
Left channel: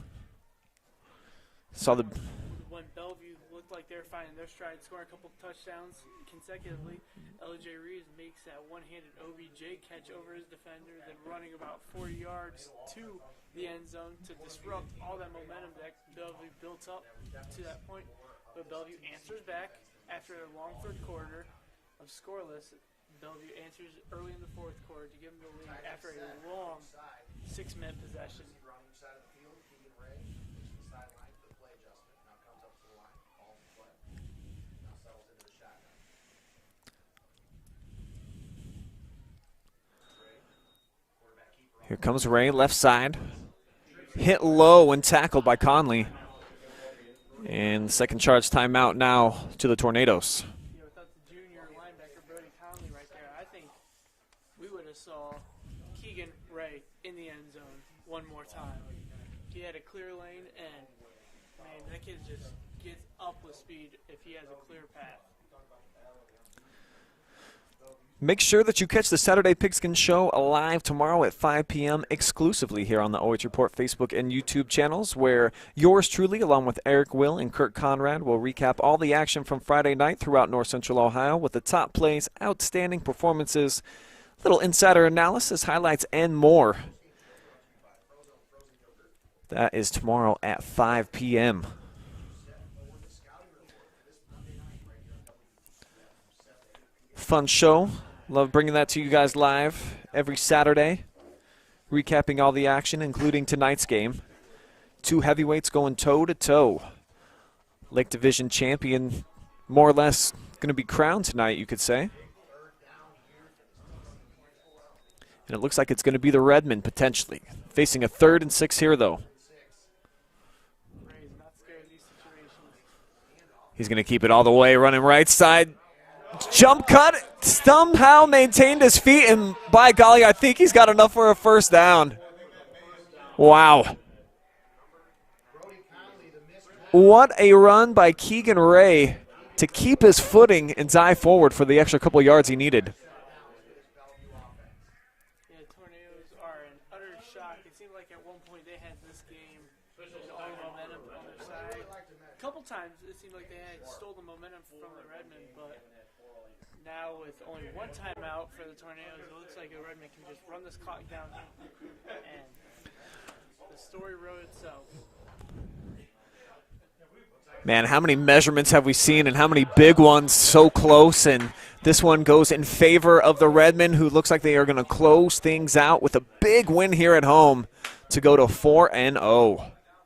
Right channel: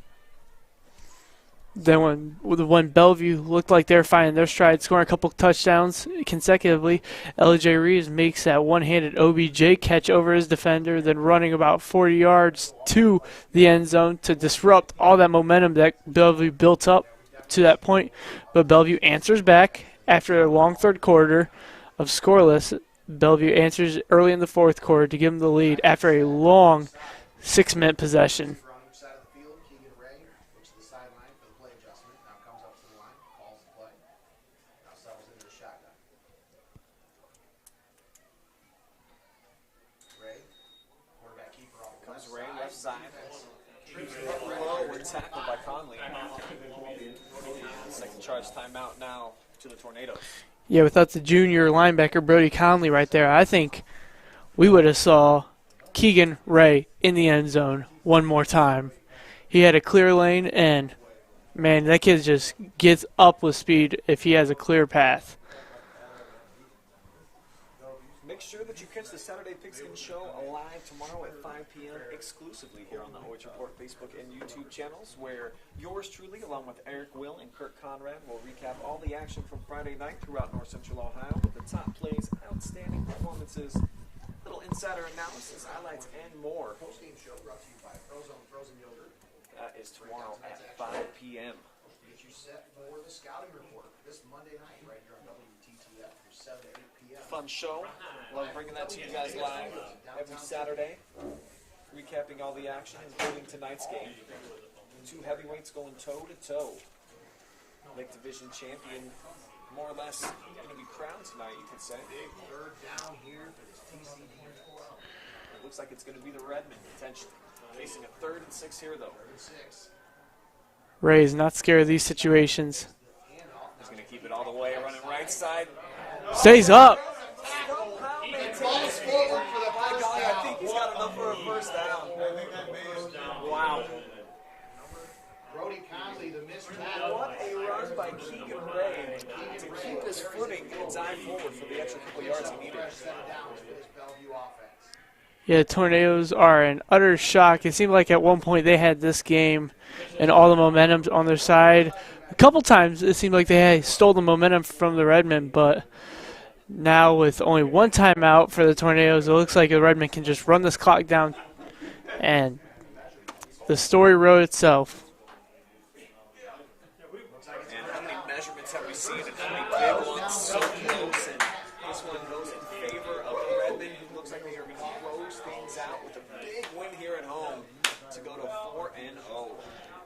Then when Bellevue looked like they were finding their stride, scoring a couple touchdowns consecutively, L.J. Reeves makes that one-handed OBJ catch over his defender, then running about 40 yards to the end zone to disrupt all that momentum that Bellevue built up to that point. But Bellevue answers back after a long third quarter of scoreless. Bellevue answers early in the fourth quarter to give them the lead after a long 6-minute possession. Here comes Ray, left side. Hit low and tackled by Conley. And second charge timeout now to the Tornadoes. Yeah, without the junior linebacker Brody Conley right there, I think we would have saw Keegan Ray in the end zone one more time. He had a clear lane, and, man, that kid just gets up with speed if he has a clear path. Make sure that you catch the Saturday Pigskin Show live tomorrow at 5 p.m. exclusively here on the OH Report Facebook and YouTube channels, where yours truly, along with Eric Will and Kurt Conrad, will recap all the action from Friday night throughout North Central Ohio with the top plays, outstanding performances, little insider analysis, highlights, and more. That is tomorrow at 5 p.m. Fun show. Love bringing that to you guys live every Saturday. Recapping all the action, including tonight's game. 2 heavyweights going toe-to-toe. Lake Division champion, more or less, going to be crowned tonight, you could say. And it looks like it's going to be the Redmen, potentially. Facing a 3rd and 6 here, though. Ray is not scared of these situations. He's going to keep it all the way, running right side. Stays Jump up. cut, somehow maintained his feet, and by golly, I think he's got enough for a first down. Wow. What a run by Keegan Ray to keep his footing and dive forward for the extra couple yards he needed. Yeah, Tornadoes are in utter shock. It seemed like at one point they had this game and all the momentum on their side. A couple times it seemed like they had stole the momentum from the Redmen, but now with only 1 timeout for the Tornadoes, it looks like the Redmen can just run this clock down, and the story wrote itself. Man, how many measurements have we seen and how many big ones so close, and this one goes in favor of the Redmen, who looks like they are going to close things out with a big win here at home to go to 4-0.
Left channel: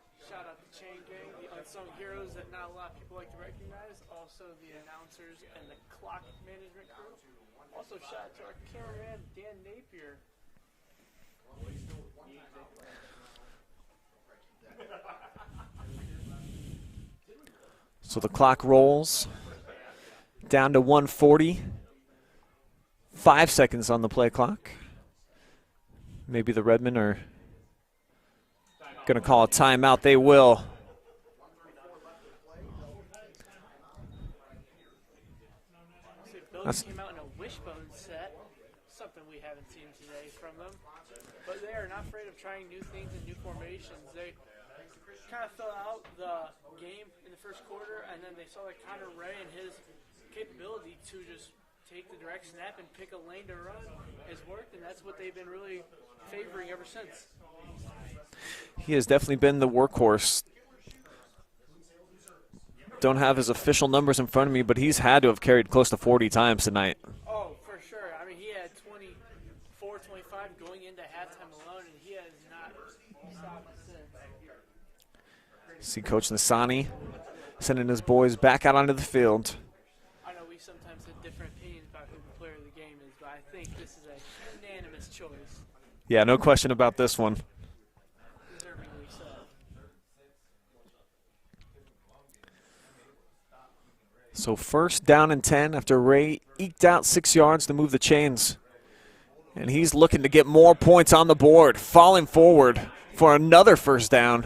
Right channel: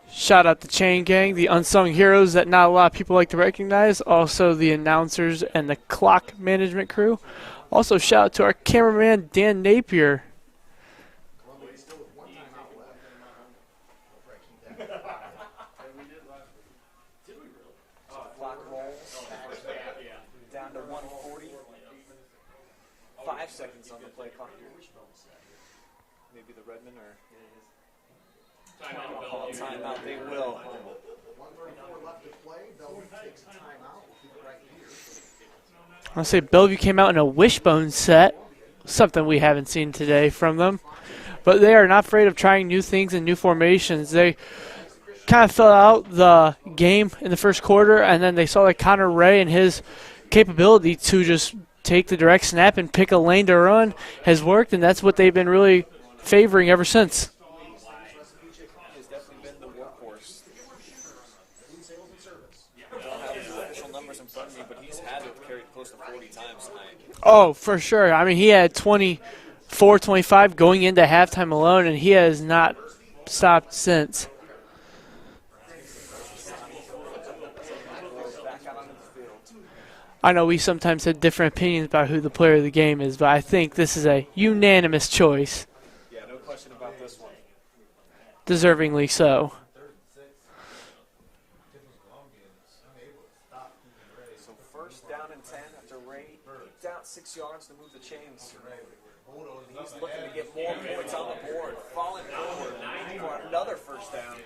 Shout out the Chain Gang, the unsung heroes that not a lot of people like to recognize. Also the announcers and the clock management crew. Also shout out to our cameraman, Dan Napier. So the clock rolls down to 1:40. 5 seconds on the play clock. Maybe the Redmen are going to call a timeout. They will. I'll say Bellevue came out in a wishbone set, something we haven't seen today from them. But they are not afraid of trying new things and new formations. They kind of fell out the game in the first quarter, and then they saw that Connor Ray and his capability to just take the direct snap and pick a lane to run has worked, and that's what they've been really favoring ever since. He has definitely been the workhorse. Don't have his official numbers in front of me, but he's had to have carried close to 40 times tonight. Oh, for sure. I mean, he had 24, 25 going into halftime alone, and he has not stopped since. See Coach Nasani sending his boys back out onto the field. I know we sometimes have different opinions about who the player of the game is, but I think this is a unanimous choice. Yeah, no question about this one. Deservingly so. So first down and 10 after Ray eked out 6 yards to move the chains. And he's looking to get more points on the board, falling forward for another first down.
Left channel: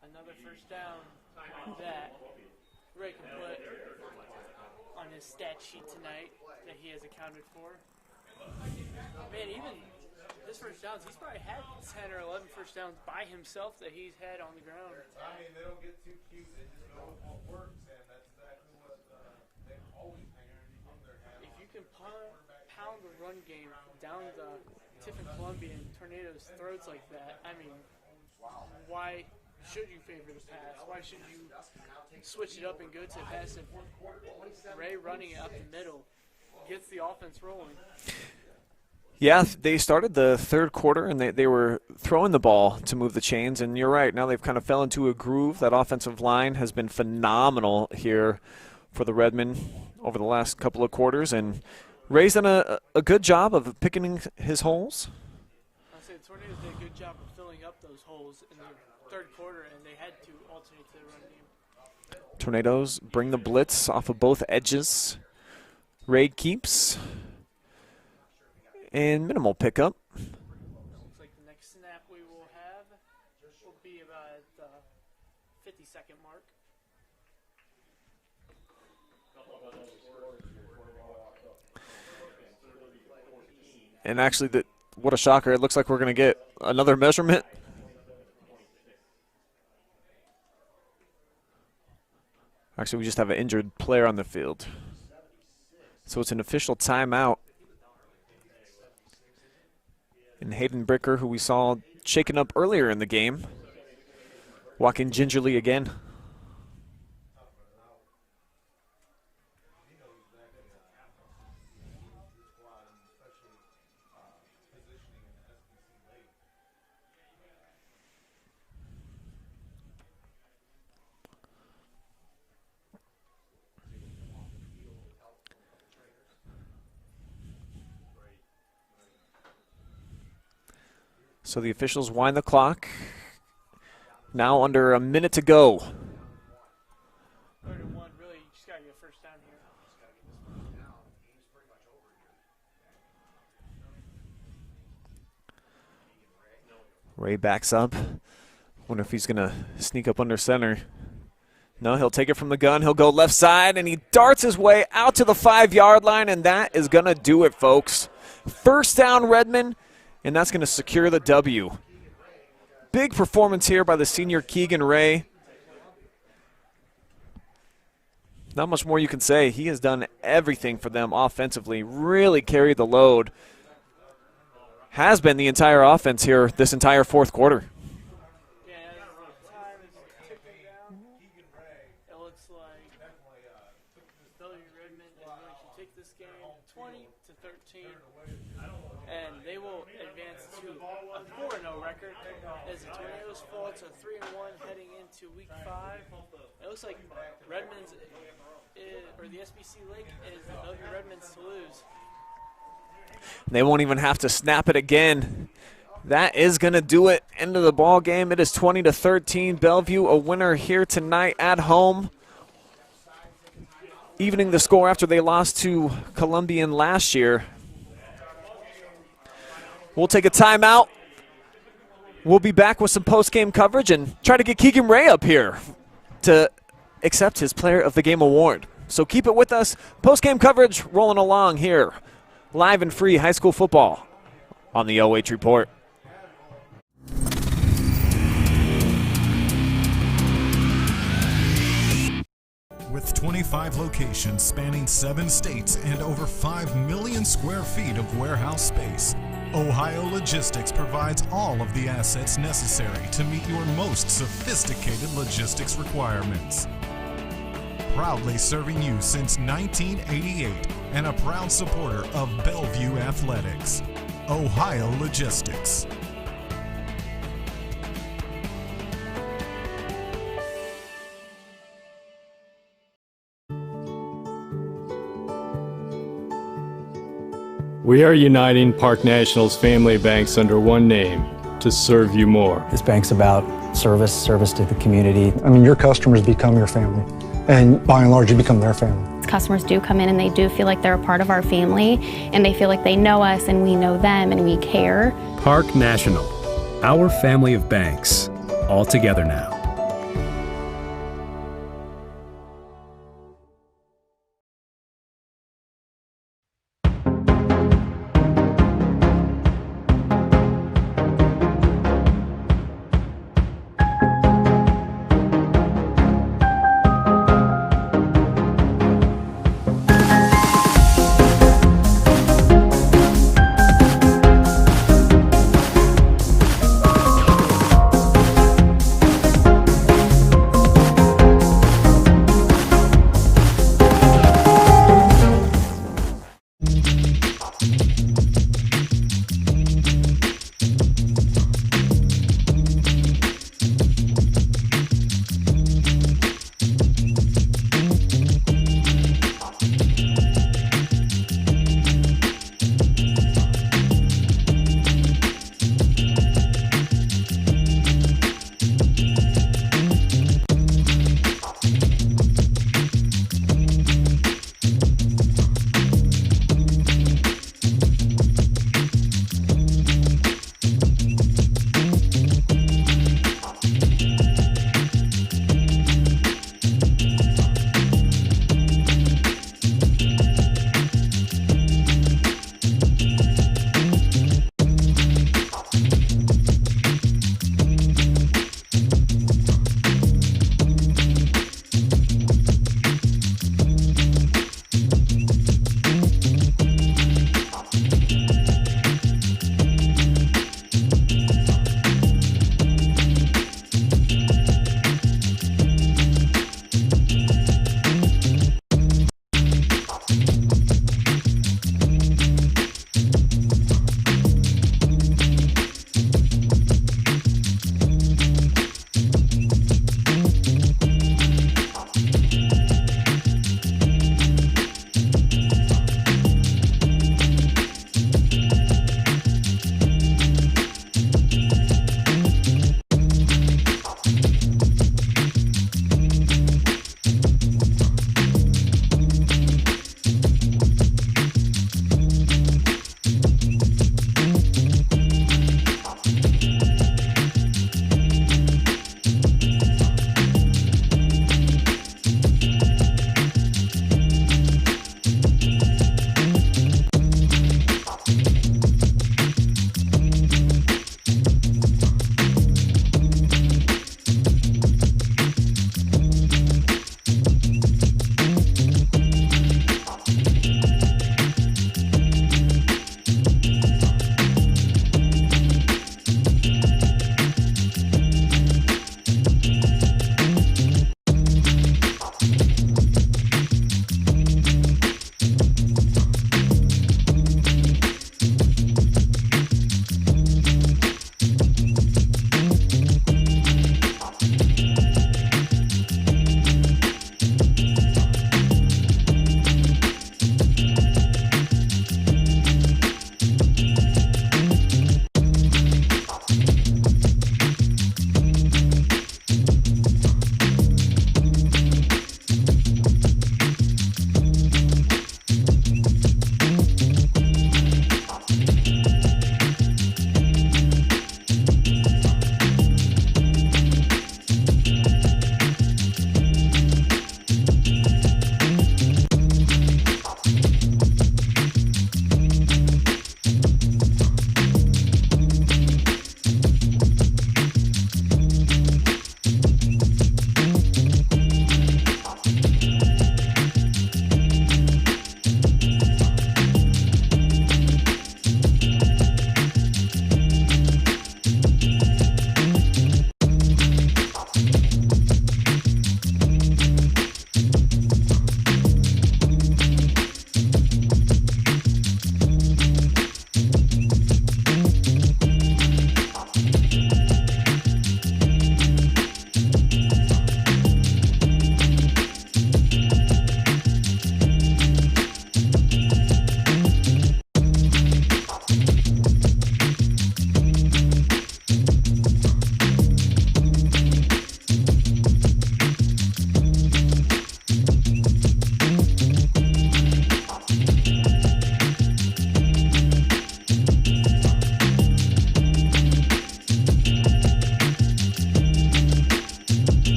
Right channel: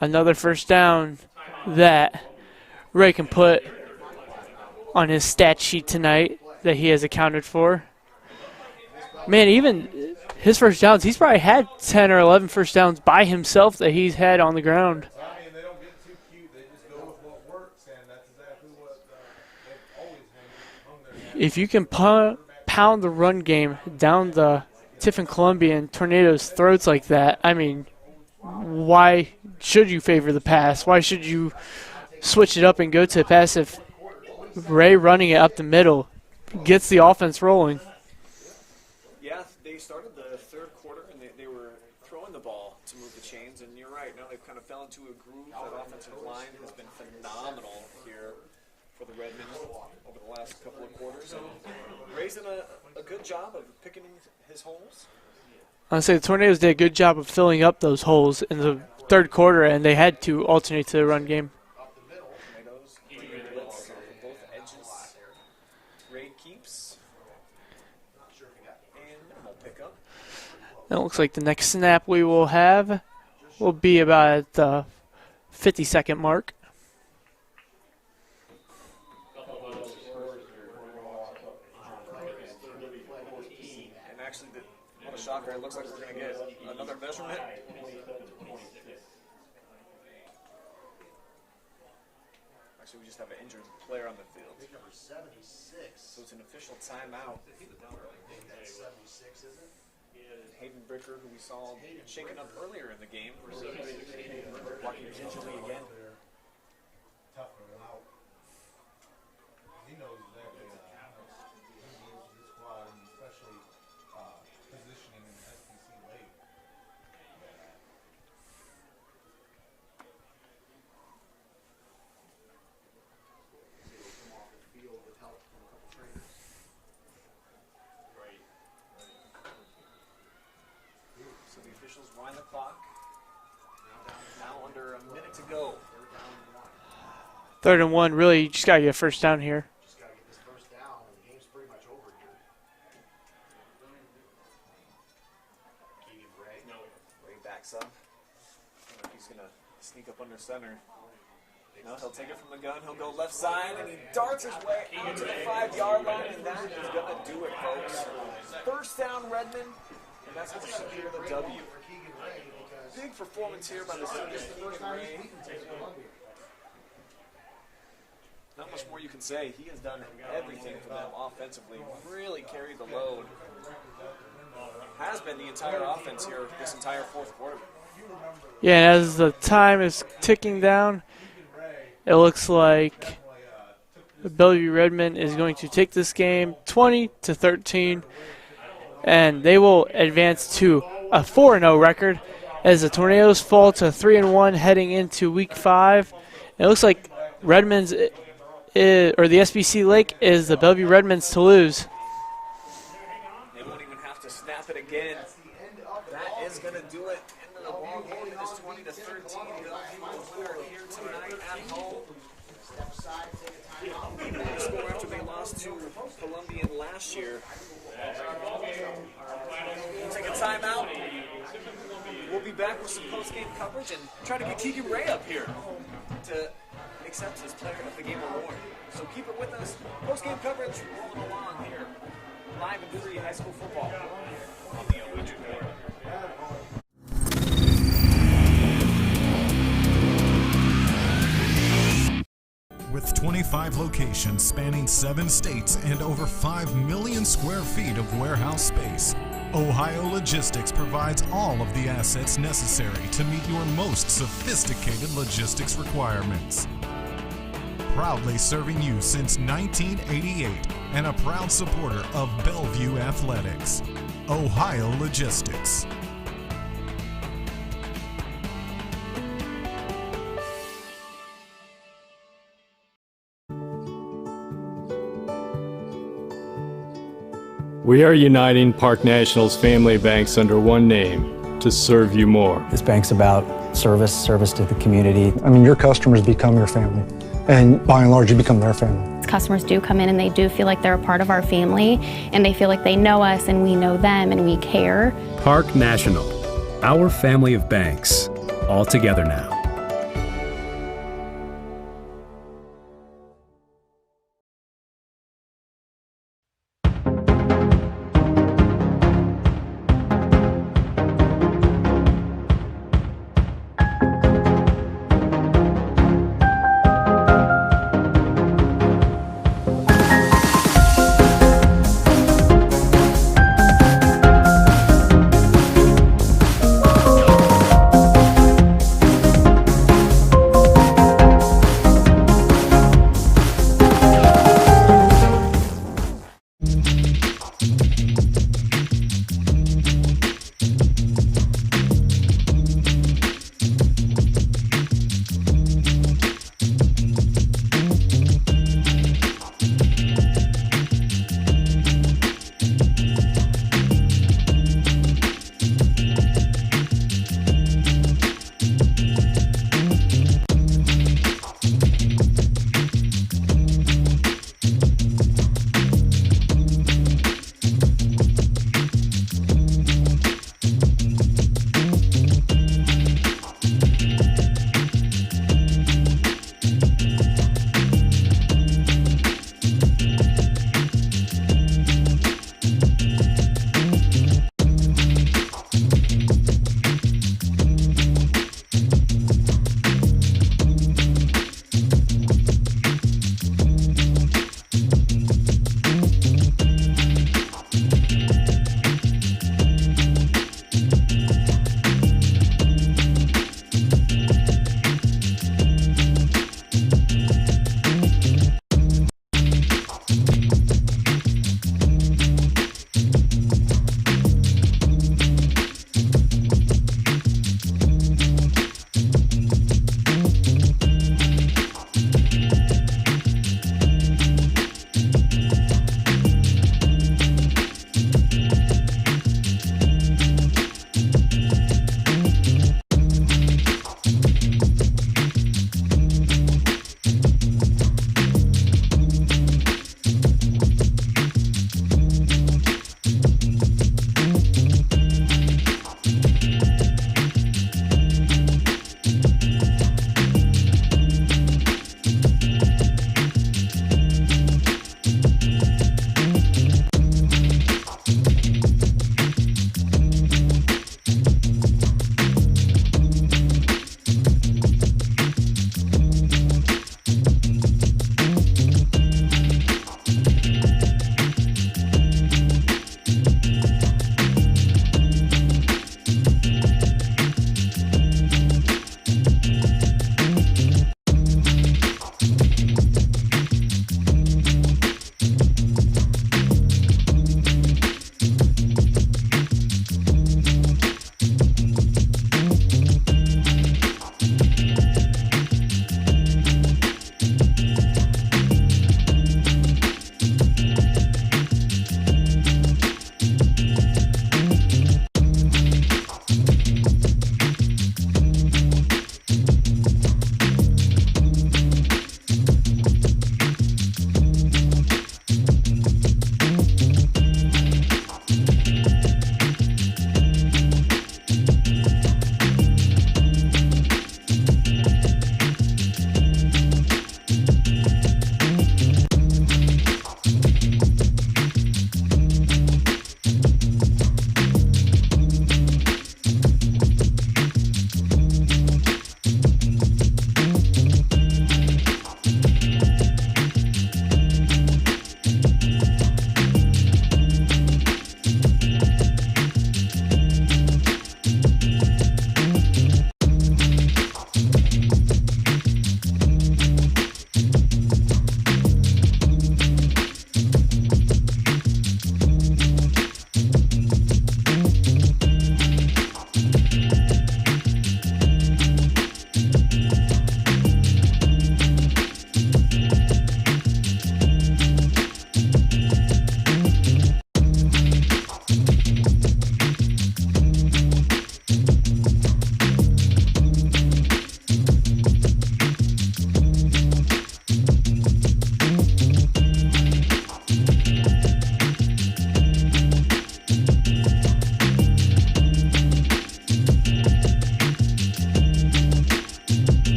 Another first down that Ray can put on his stat sheet tonight that he has accounted for. Man, even his first downs, he's probably had 10 or 11 first downs by himself that he's had on the ground. If you can pound the run game down the Tiffin-Columbian Tornadoes' throats like that, I mean, why should you favor the pass? Why should you switch it up and go to the pass if Ray running it up the middle gets the offense rolling? Yeah, they started the third quarter, and they were throwing the ball to move the chains, and you're right. Now they've kind of fell into a groove. That offensive line has been phenomenal here for the Redmen over the last couple of quarters, and Ray's done a good job of picking his holes. I'd say the Tornadoes did a good job of filling up those holes in the third quarter, and they had to alternate to the run game. Tornadoes bring the blitz off of both edges. Ray keeps. And minimal pickup. It looks like the next snap we will have will be about at the 50-second mark. And actually, what a shocker. It looks like we're going to get another measurement. Actually, we just have an injured player on the field. So it's an official timeout. And Hayden Bricker, who we saw shaken up earlier in the game, walking gingerly again. So the officials wind the clock. Now under a minute to go. 3rd and 1, really, you just got to get first down here. Ray backs up. Wonder if he's going to sneak up under center. No, he'll take it from the gun. He'll go left side, and he darts his way out to the 5-yard line, and that is going to do it, folks. First down, Redmen, and that's going to secure the W. Big performance here by the senior Keegan Ray. Not much more you can say. He has done everything for them offensively, really carried the load. Has been the entire offense here this entire fourth quarter. Yeah, and as the time is ticking down, it looks like Bellevue Redmen is going to take this game 20-13, and they will advance to a 4-0 record as the Tornadoes fall to 3-1 heading into Week 5. And it looks like Redmen's or the SBC Lake is the Bellevue Redmen's to lose. They won't even have to snap it again. That is going to do it. End of the ball game. It is 20-13. Bellevue a winner here tonight at home. Evening the score after they lost to Columbian last year. We'll take a timeout. We'll be back with some post-game coverage and try to get Keegan Ray up here to accept his Player of the Game award. So keep it with us. Post-game coverage rolling along here. Live and free high school football on the OH Report. With 25 locations spanning 7 states and over 5 million square feet of warehouse space, Ohio Logistics provides all of the assets necessary to meet your most sophisticated logistics requirements. Proudly serving you since 1988 and a proud supporter of Bellevue Athletics. Ohio Logistics. We are uniting Park National's family banks under one name to serve you more. This bank's about service to the community. I mean, your customers become your family, and by and large, you become their family. Customers do come in and they do feel like they're a part of our family, and they feel like they know us and we know them and we care. Park National, our family of banks, all together now.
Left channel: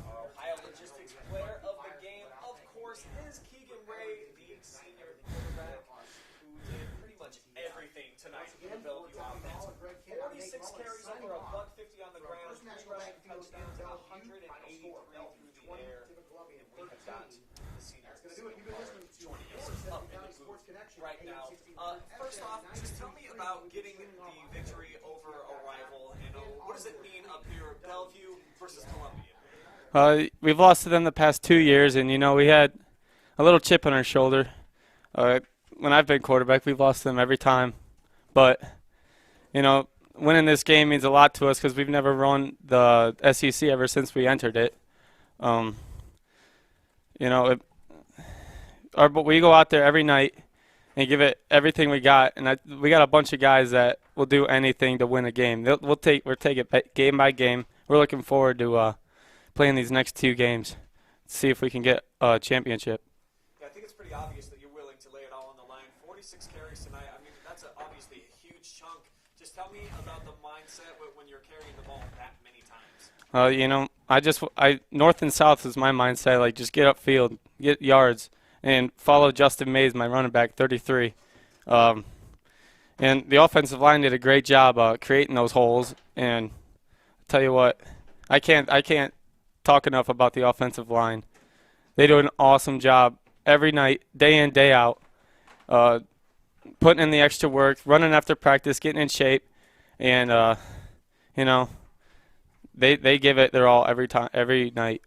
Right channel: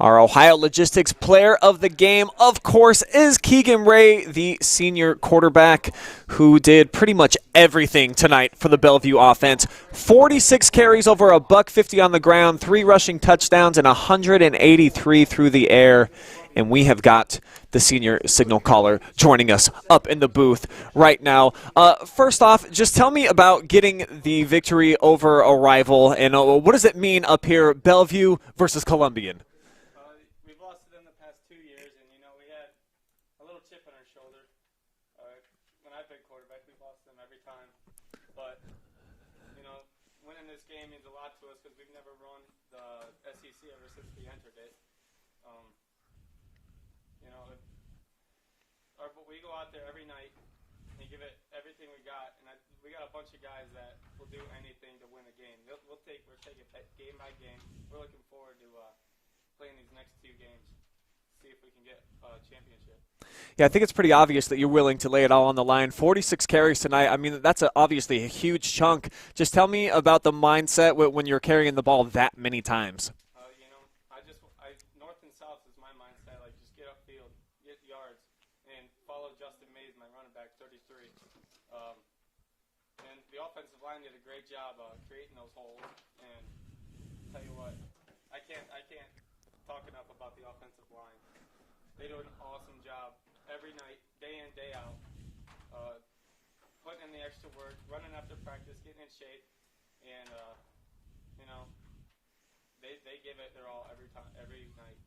Our Ohio Logistics player of the game, of course, is Keegan Ray, the senior quarterback who did pretty much everything tonight for the Bellevue offense. 46 carries, over $150 on the ground, 3 rushing touchdowns, and 183 through the air. And we have got the senior signal caller joining us up in the booth right now. First off, just tell me about getting the victory over a rival, and what does it mean up here, Bellevue versus Columbian? We've lost to them the past 2 years, and, we had a little chip on our shoulder. When I've been quarterback, we've lost to them every time. But, winning this game means a lot to us because we've never run the SEC ever since we entered it. But we go out there every night and give it everything we got, and we got a bunch of guys that will do anything to win a game. We'll take it game by game. We're looking forward to playing these next 2 games, see if we can get a championship. Yeah, I think it's pretty obvious that you're willing to lay it all on the line. 46 carries tonight. I mean, that's obviously a huge chunk. Just tell me about the mindset when you're carrying the ball that many times. North and south is my mindset. Like, just get upfield, get yards, and follow Justin Mays, my running back, 33. And the offensive line did a great job creating those holes. And I'll tell you what, I can't talk enough about the offensive line. They do an awesome job every night, day in, day out, putting in the extra work, running after practice, getting in shape, and they give it their all every night.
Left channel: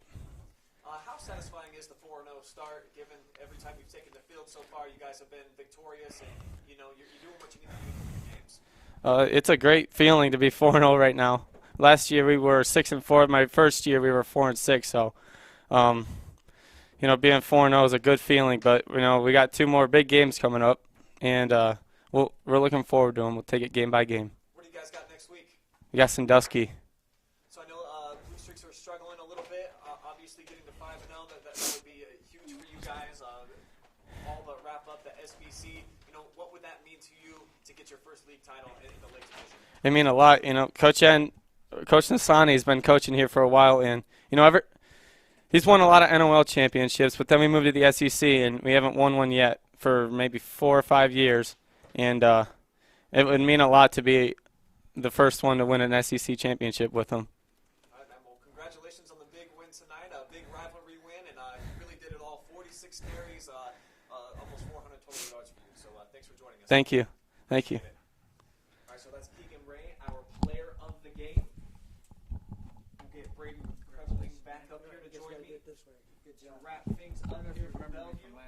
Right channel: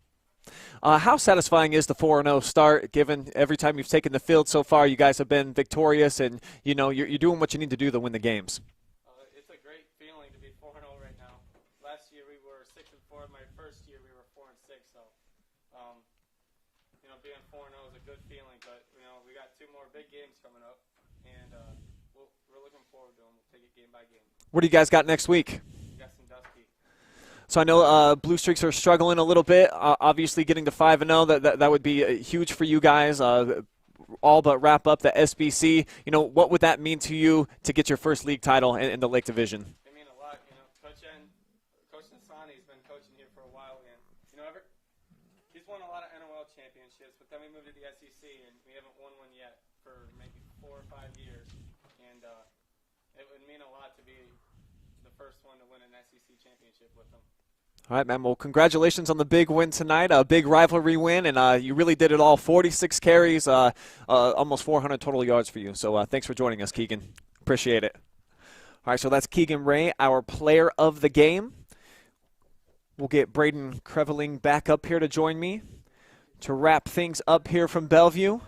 How satisfying is the 4-0 start, given every time you've taken the field so far, you guys have been victorious, and you're doing what you need to do to win the games? It's a great feeling to be 4-0 right now. Last year we were 6-4. My first year we were 4-6. So, being 4-0 is a good feeling. But we got 2 more big games coming up, and we're looking forward to them. We'll take it game by game. What do you guys got next week? We got Sandusky. So I know Blue Streaks are struggling a little bit. Obviously, getting to 5-0 that would be huge for you guys. All but wrap up the SBC. What would that mean to you to get your first league title in the Lake Division? It mean a lot. Coach Nasani has been coaching here for a while, and he's won a lot of NOL championships, but then we moved to the SEC, and we haven't won one yet for maybe 4 or 5 years. And it would mean a lot to be the first one to win an SEC championship with him. All right, man. Well, congratulations on the big win tonight, a big rivalry win, and you really did it all. 46 carries, almost 400 total yards for you. So thanks for joining us, Thank Keegan. you. Appreciate it. All right, so that's Keegan Ray, our player of the game. We'll get Brayden Creveling back up here to join me to wrap things up here from Bellevue.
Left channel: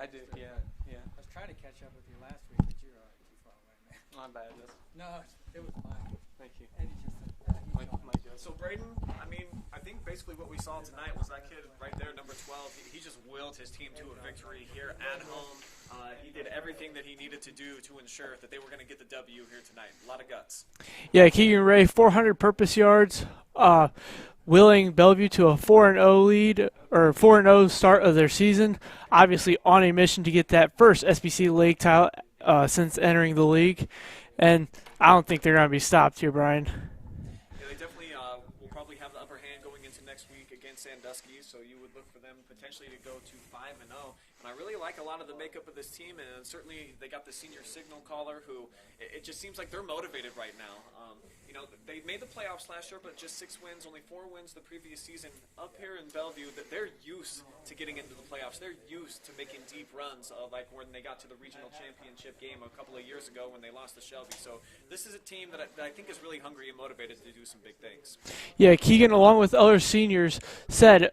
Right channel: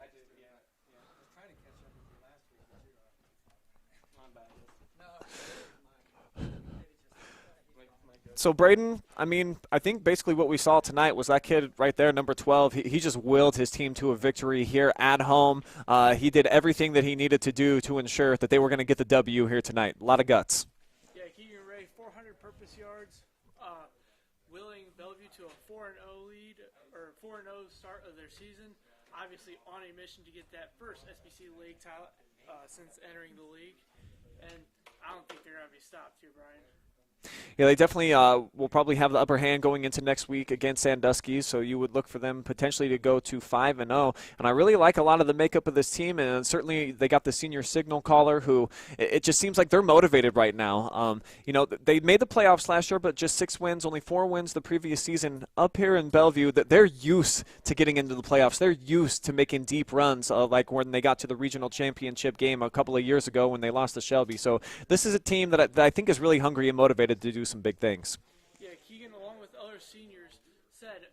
I did, yeah. I was trying to catch up with you last week, but you were too far away. My bad. So, Brayden, I think basically what we saw tonight was that kid right there, number 12. He just willed his team to a victory here at home. He did everything that he needed to do to ensure that they were going to get the W here tonight. A lot of guts. Yeah, Keegan Ray, 400 purpose yards, willing Bellevue to a 4-0 lead, or 4-0 start of their season. Obviously on a mission to get that first SBC league title since entering the league. And I don't think they're going to be stopped here, Brian. Yeah, they definitely will probably have the upper hand going into next week against Sandusky, so you would look for them potentially to go to 5-0. And I really like a lot of the makeup of this team, and certainly they got the senior signal caller who it just seems like they're motivated right now. They made the playoffs last year, but just 6 wins, only 4 wins the previous season up here in Bellevue. That they're used to getting into the playoffs. They're used to making deep runs, like when they got to the regional championship game a couple of years ago when they lost to Shelby. So this is a team that I think is really hungry and motivated to do some big things. Yeah, Keegan, along with other seniors, said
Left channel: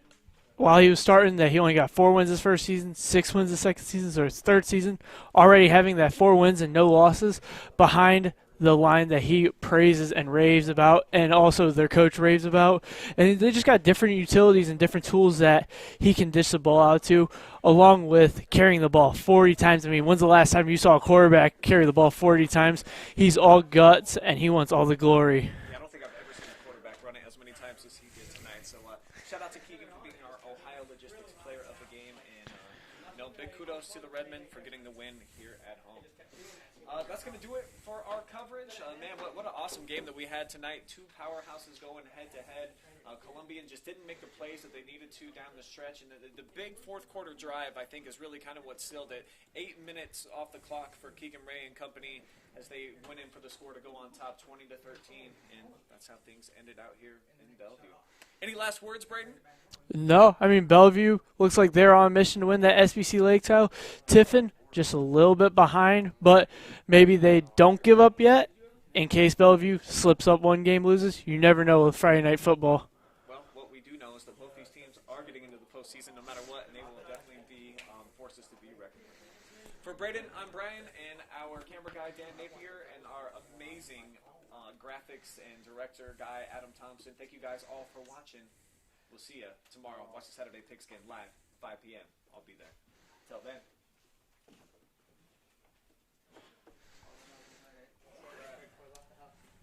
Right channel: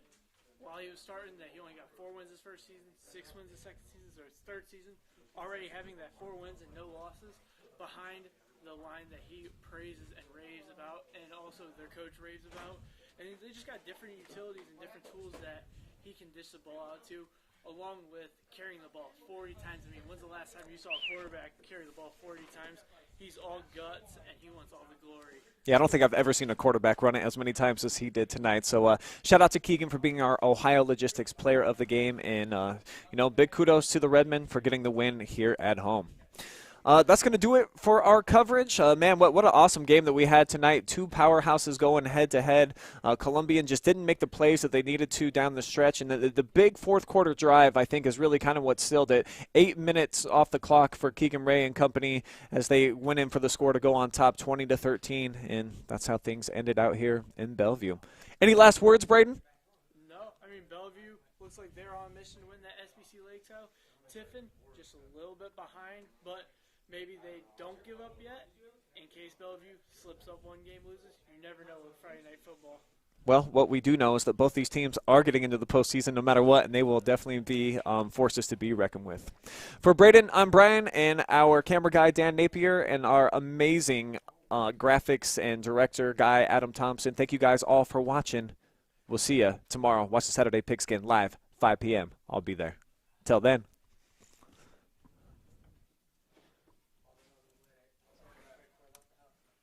while he was starting that he only got 4 wins his first season, 6 wins his second season, so his third season, already having that 4 wins and no losses behind the line that he praises and raves about, and also their coach raves about. And they just got different utilities and different tools that he can dish the ball out to, along with carrying the ball 40 times. When's the last time you saw a quarterback carry the ball 40 times? He's all guts, and he wants all the glory. Yeah, I don't think I've ever seen a quarterback run it as many times as he did tonight. So shout out to Keegan for being our Ohio Logistics player of the game, and big kudos to the Redmen for getting the win here at home. That's going to do it for our coverage. Man, what an awesome game that we had tonight. Two powerhouses going head-to-head. Columbian just didn't make the plays that they needed to down the stretch. And the big fourth-quarter drive, I think, is really kind of what sealed it. 8 minutes off the clock for Keegan Ray and company as they went in for the score to go on top 20-13. And that's how things ended out here in Bellevue. Any last words, Brayden? No, I mean, Bellevue looks like they're on a mission to win that SBC Lake title. Tiffin just a little bit behind, but maybe they don't give up yet in case Bellevue slips up one game, loses. You never know with Friday night football. Well, what we do know is that both these teams are getting into the postseason no matter what, and they will definitely be forces to be reckoned with. For Brayden, I'm Brian, and our camera guy, Dan Napier, and our amazing graphics and director guy, Adam Thompson. Thank you guys all for watching. We'll see you tomorrow. Watch the Saturday Pigskin live, 5 p.m. I'll be there. Till then.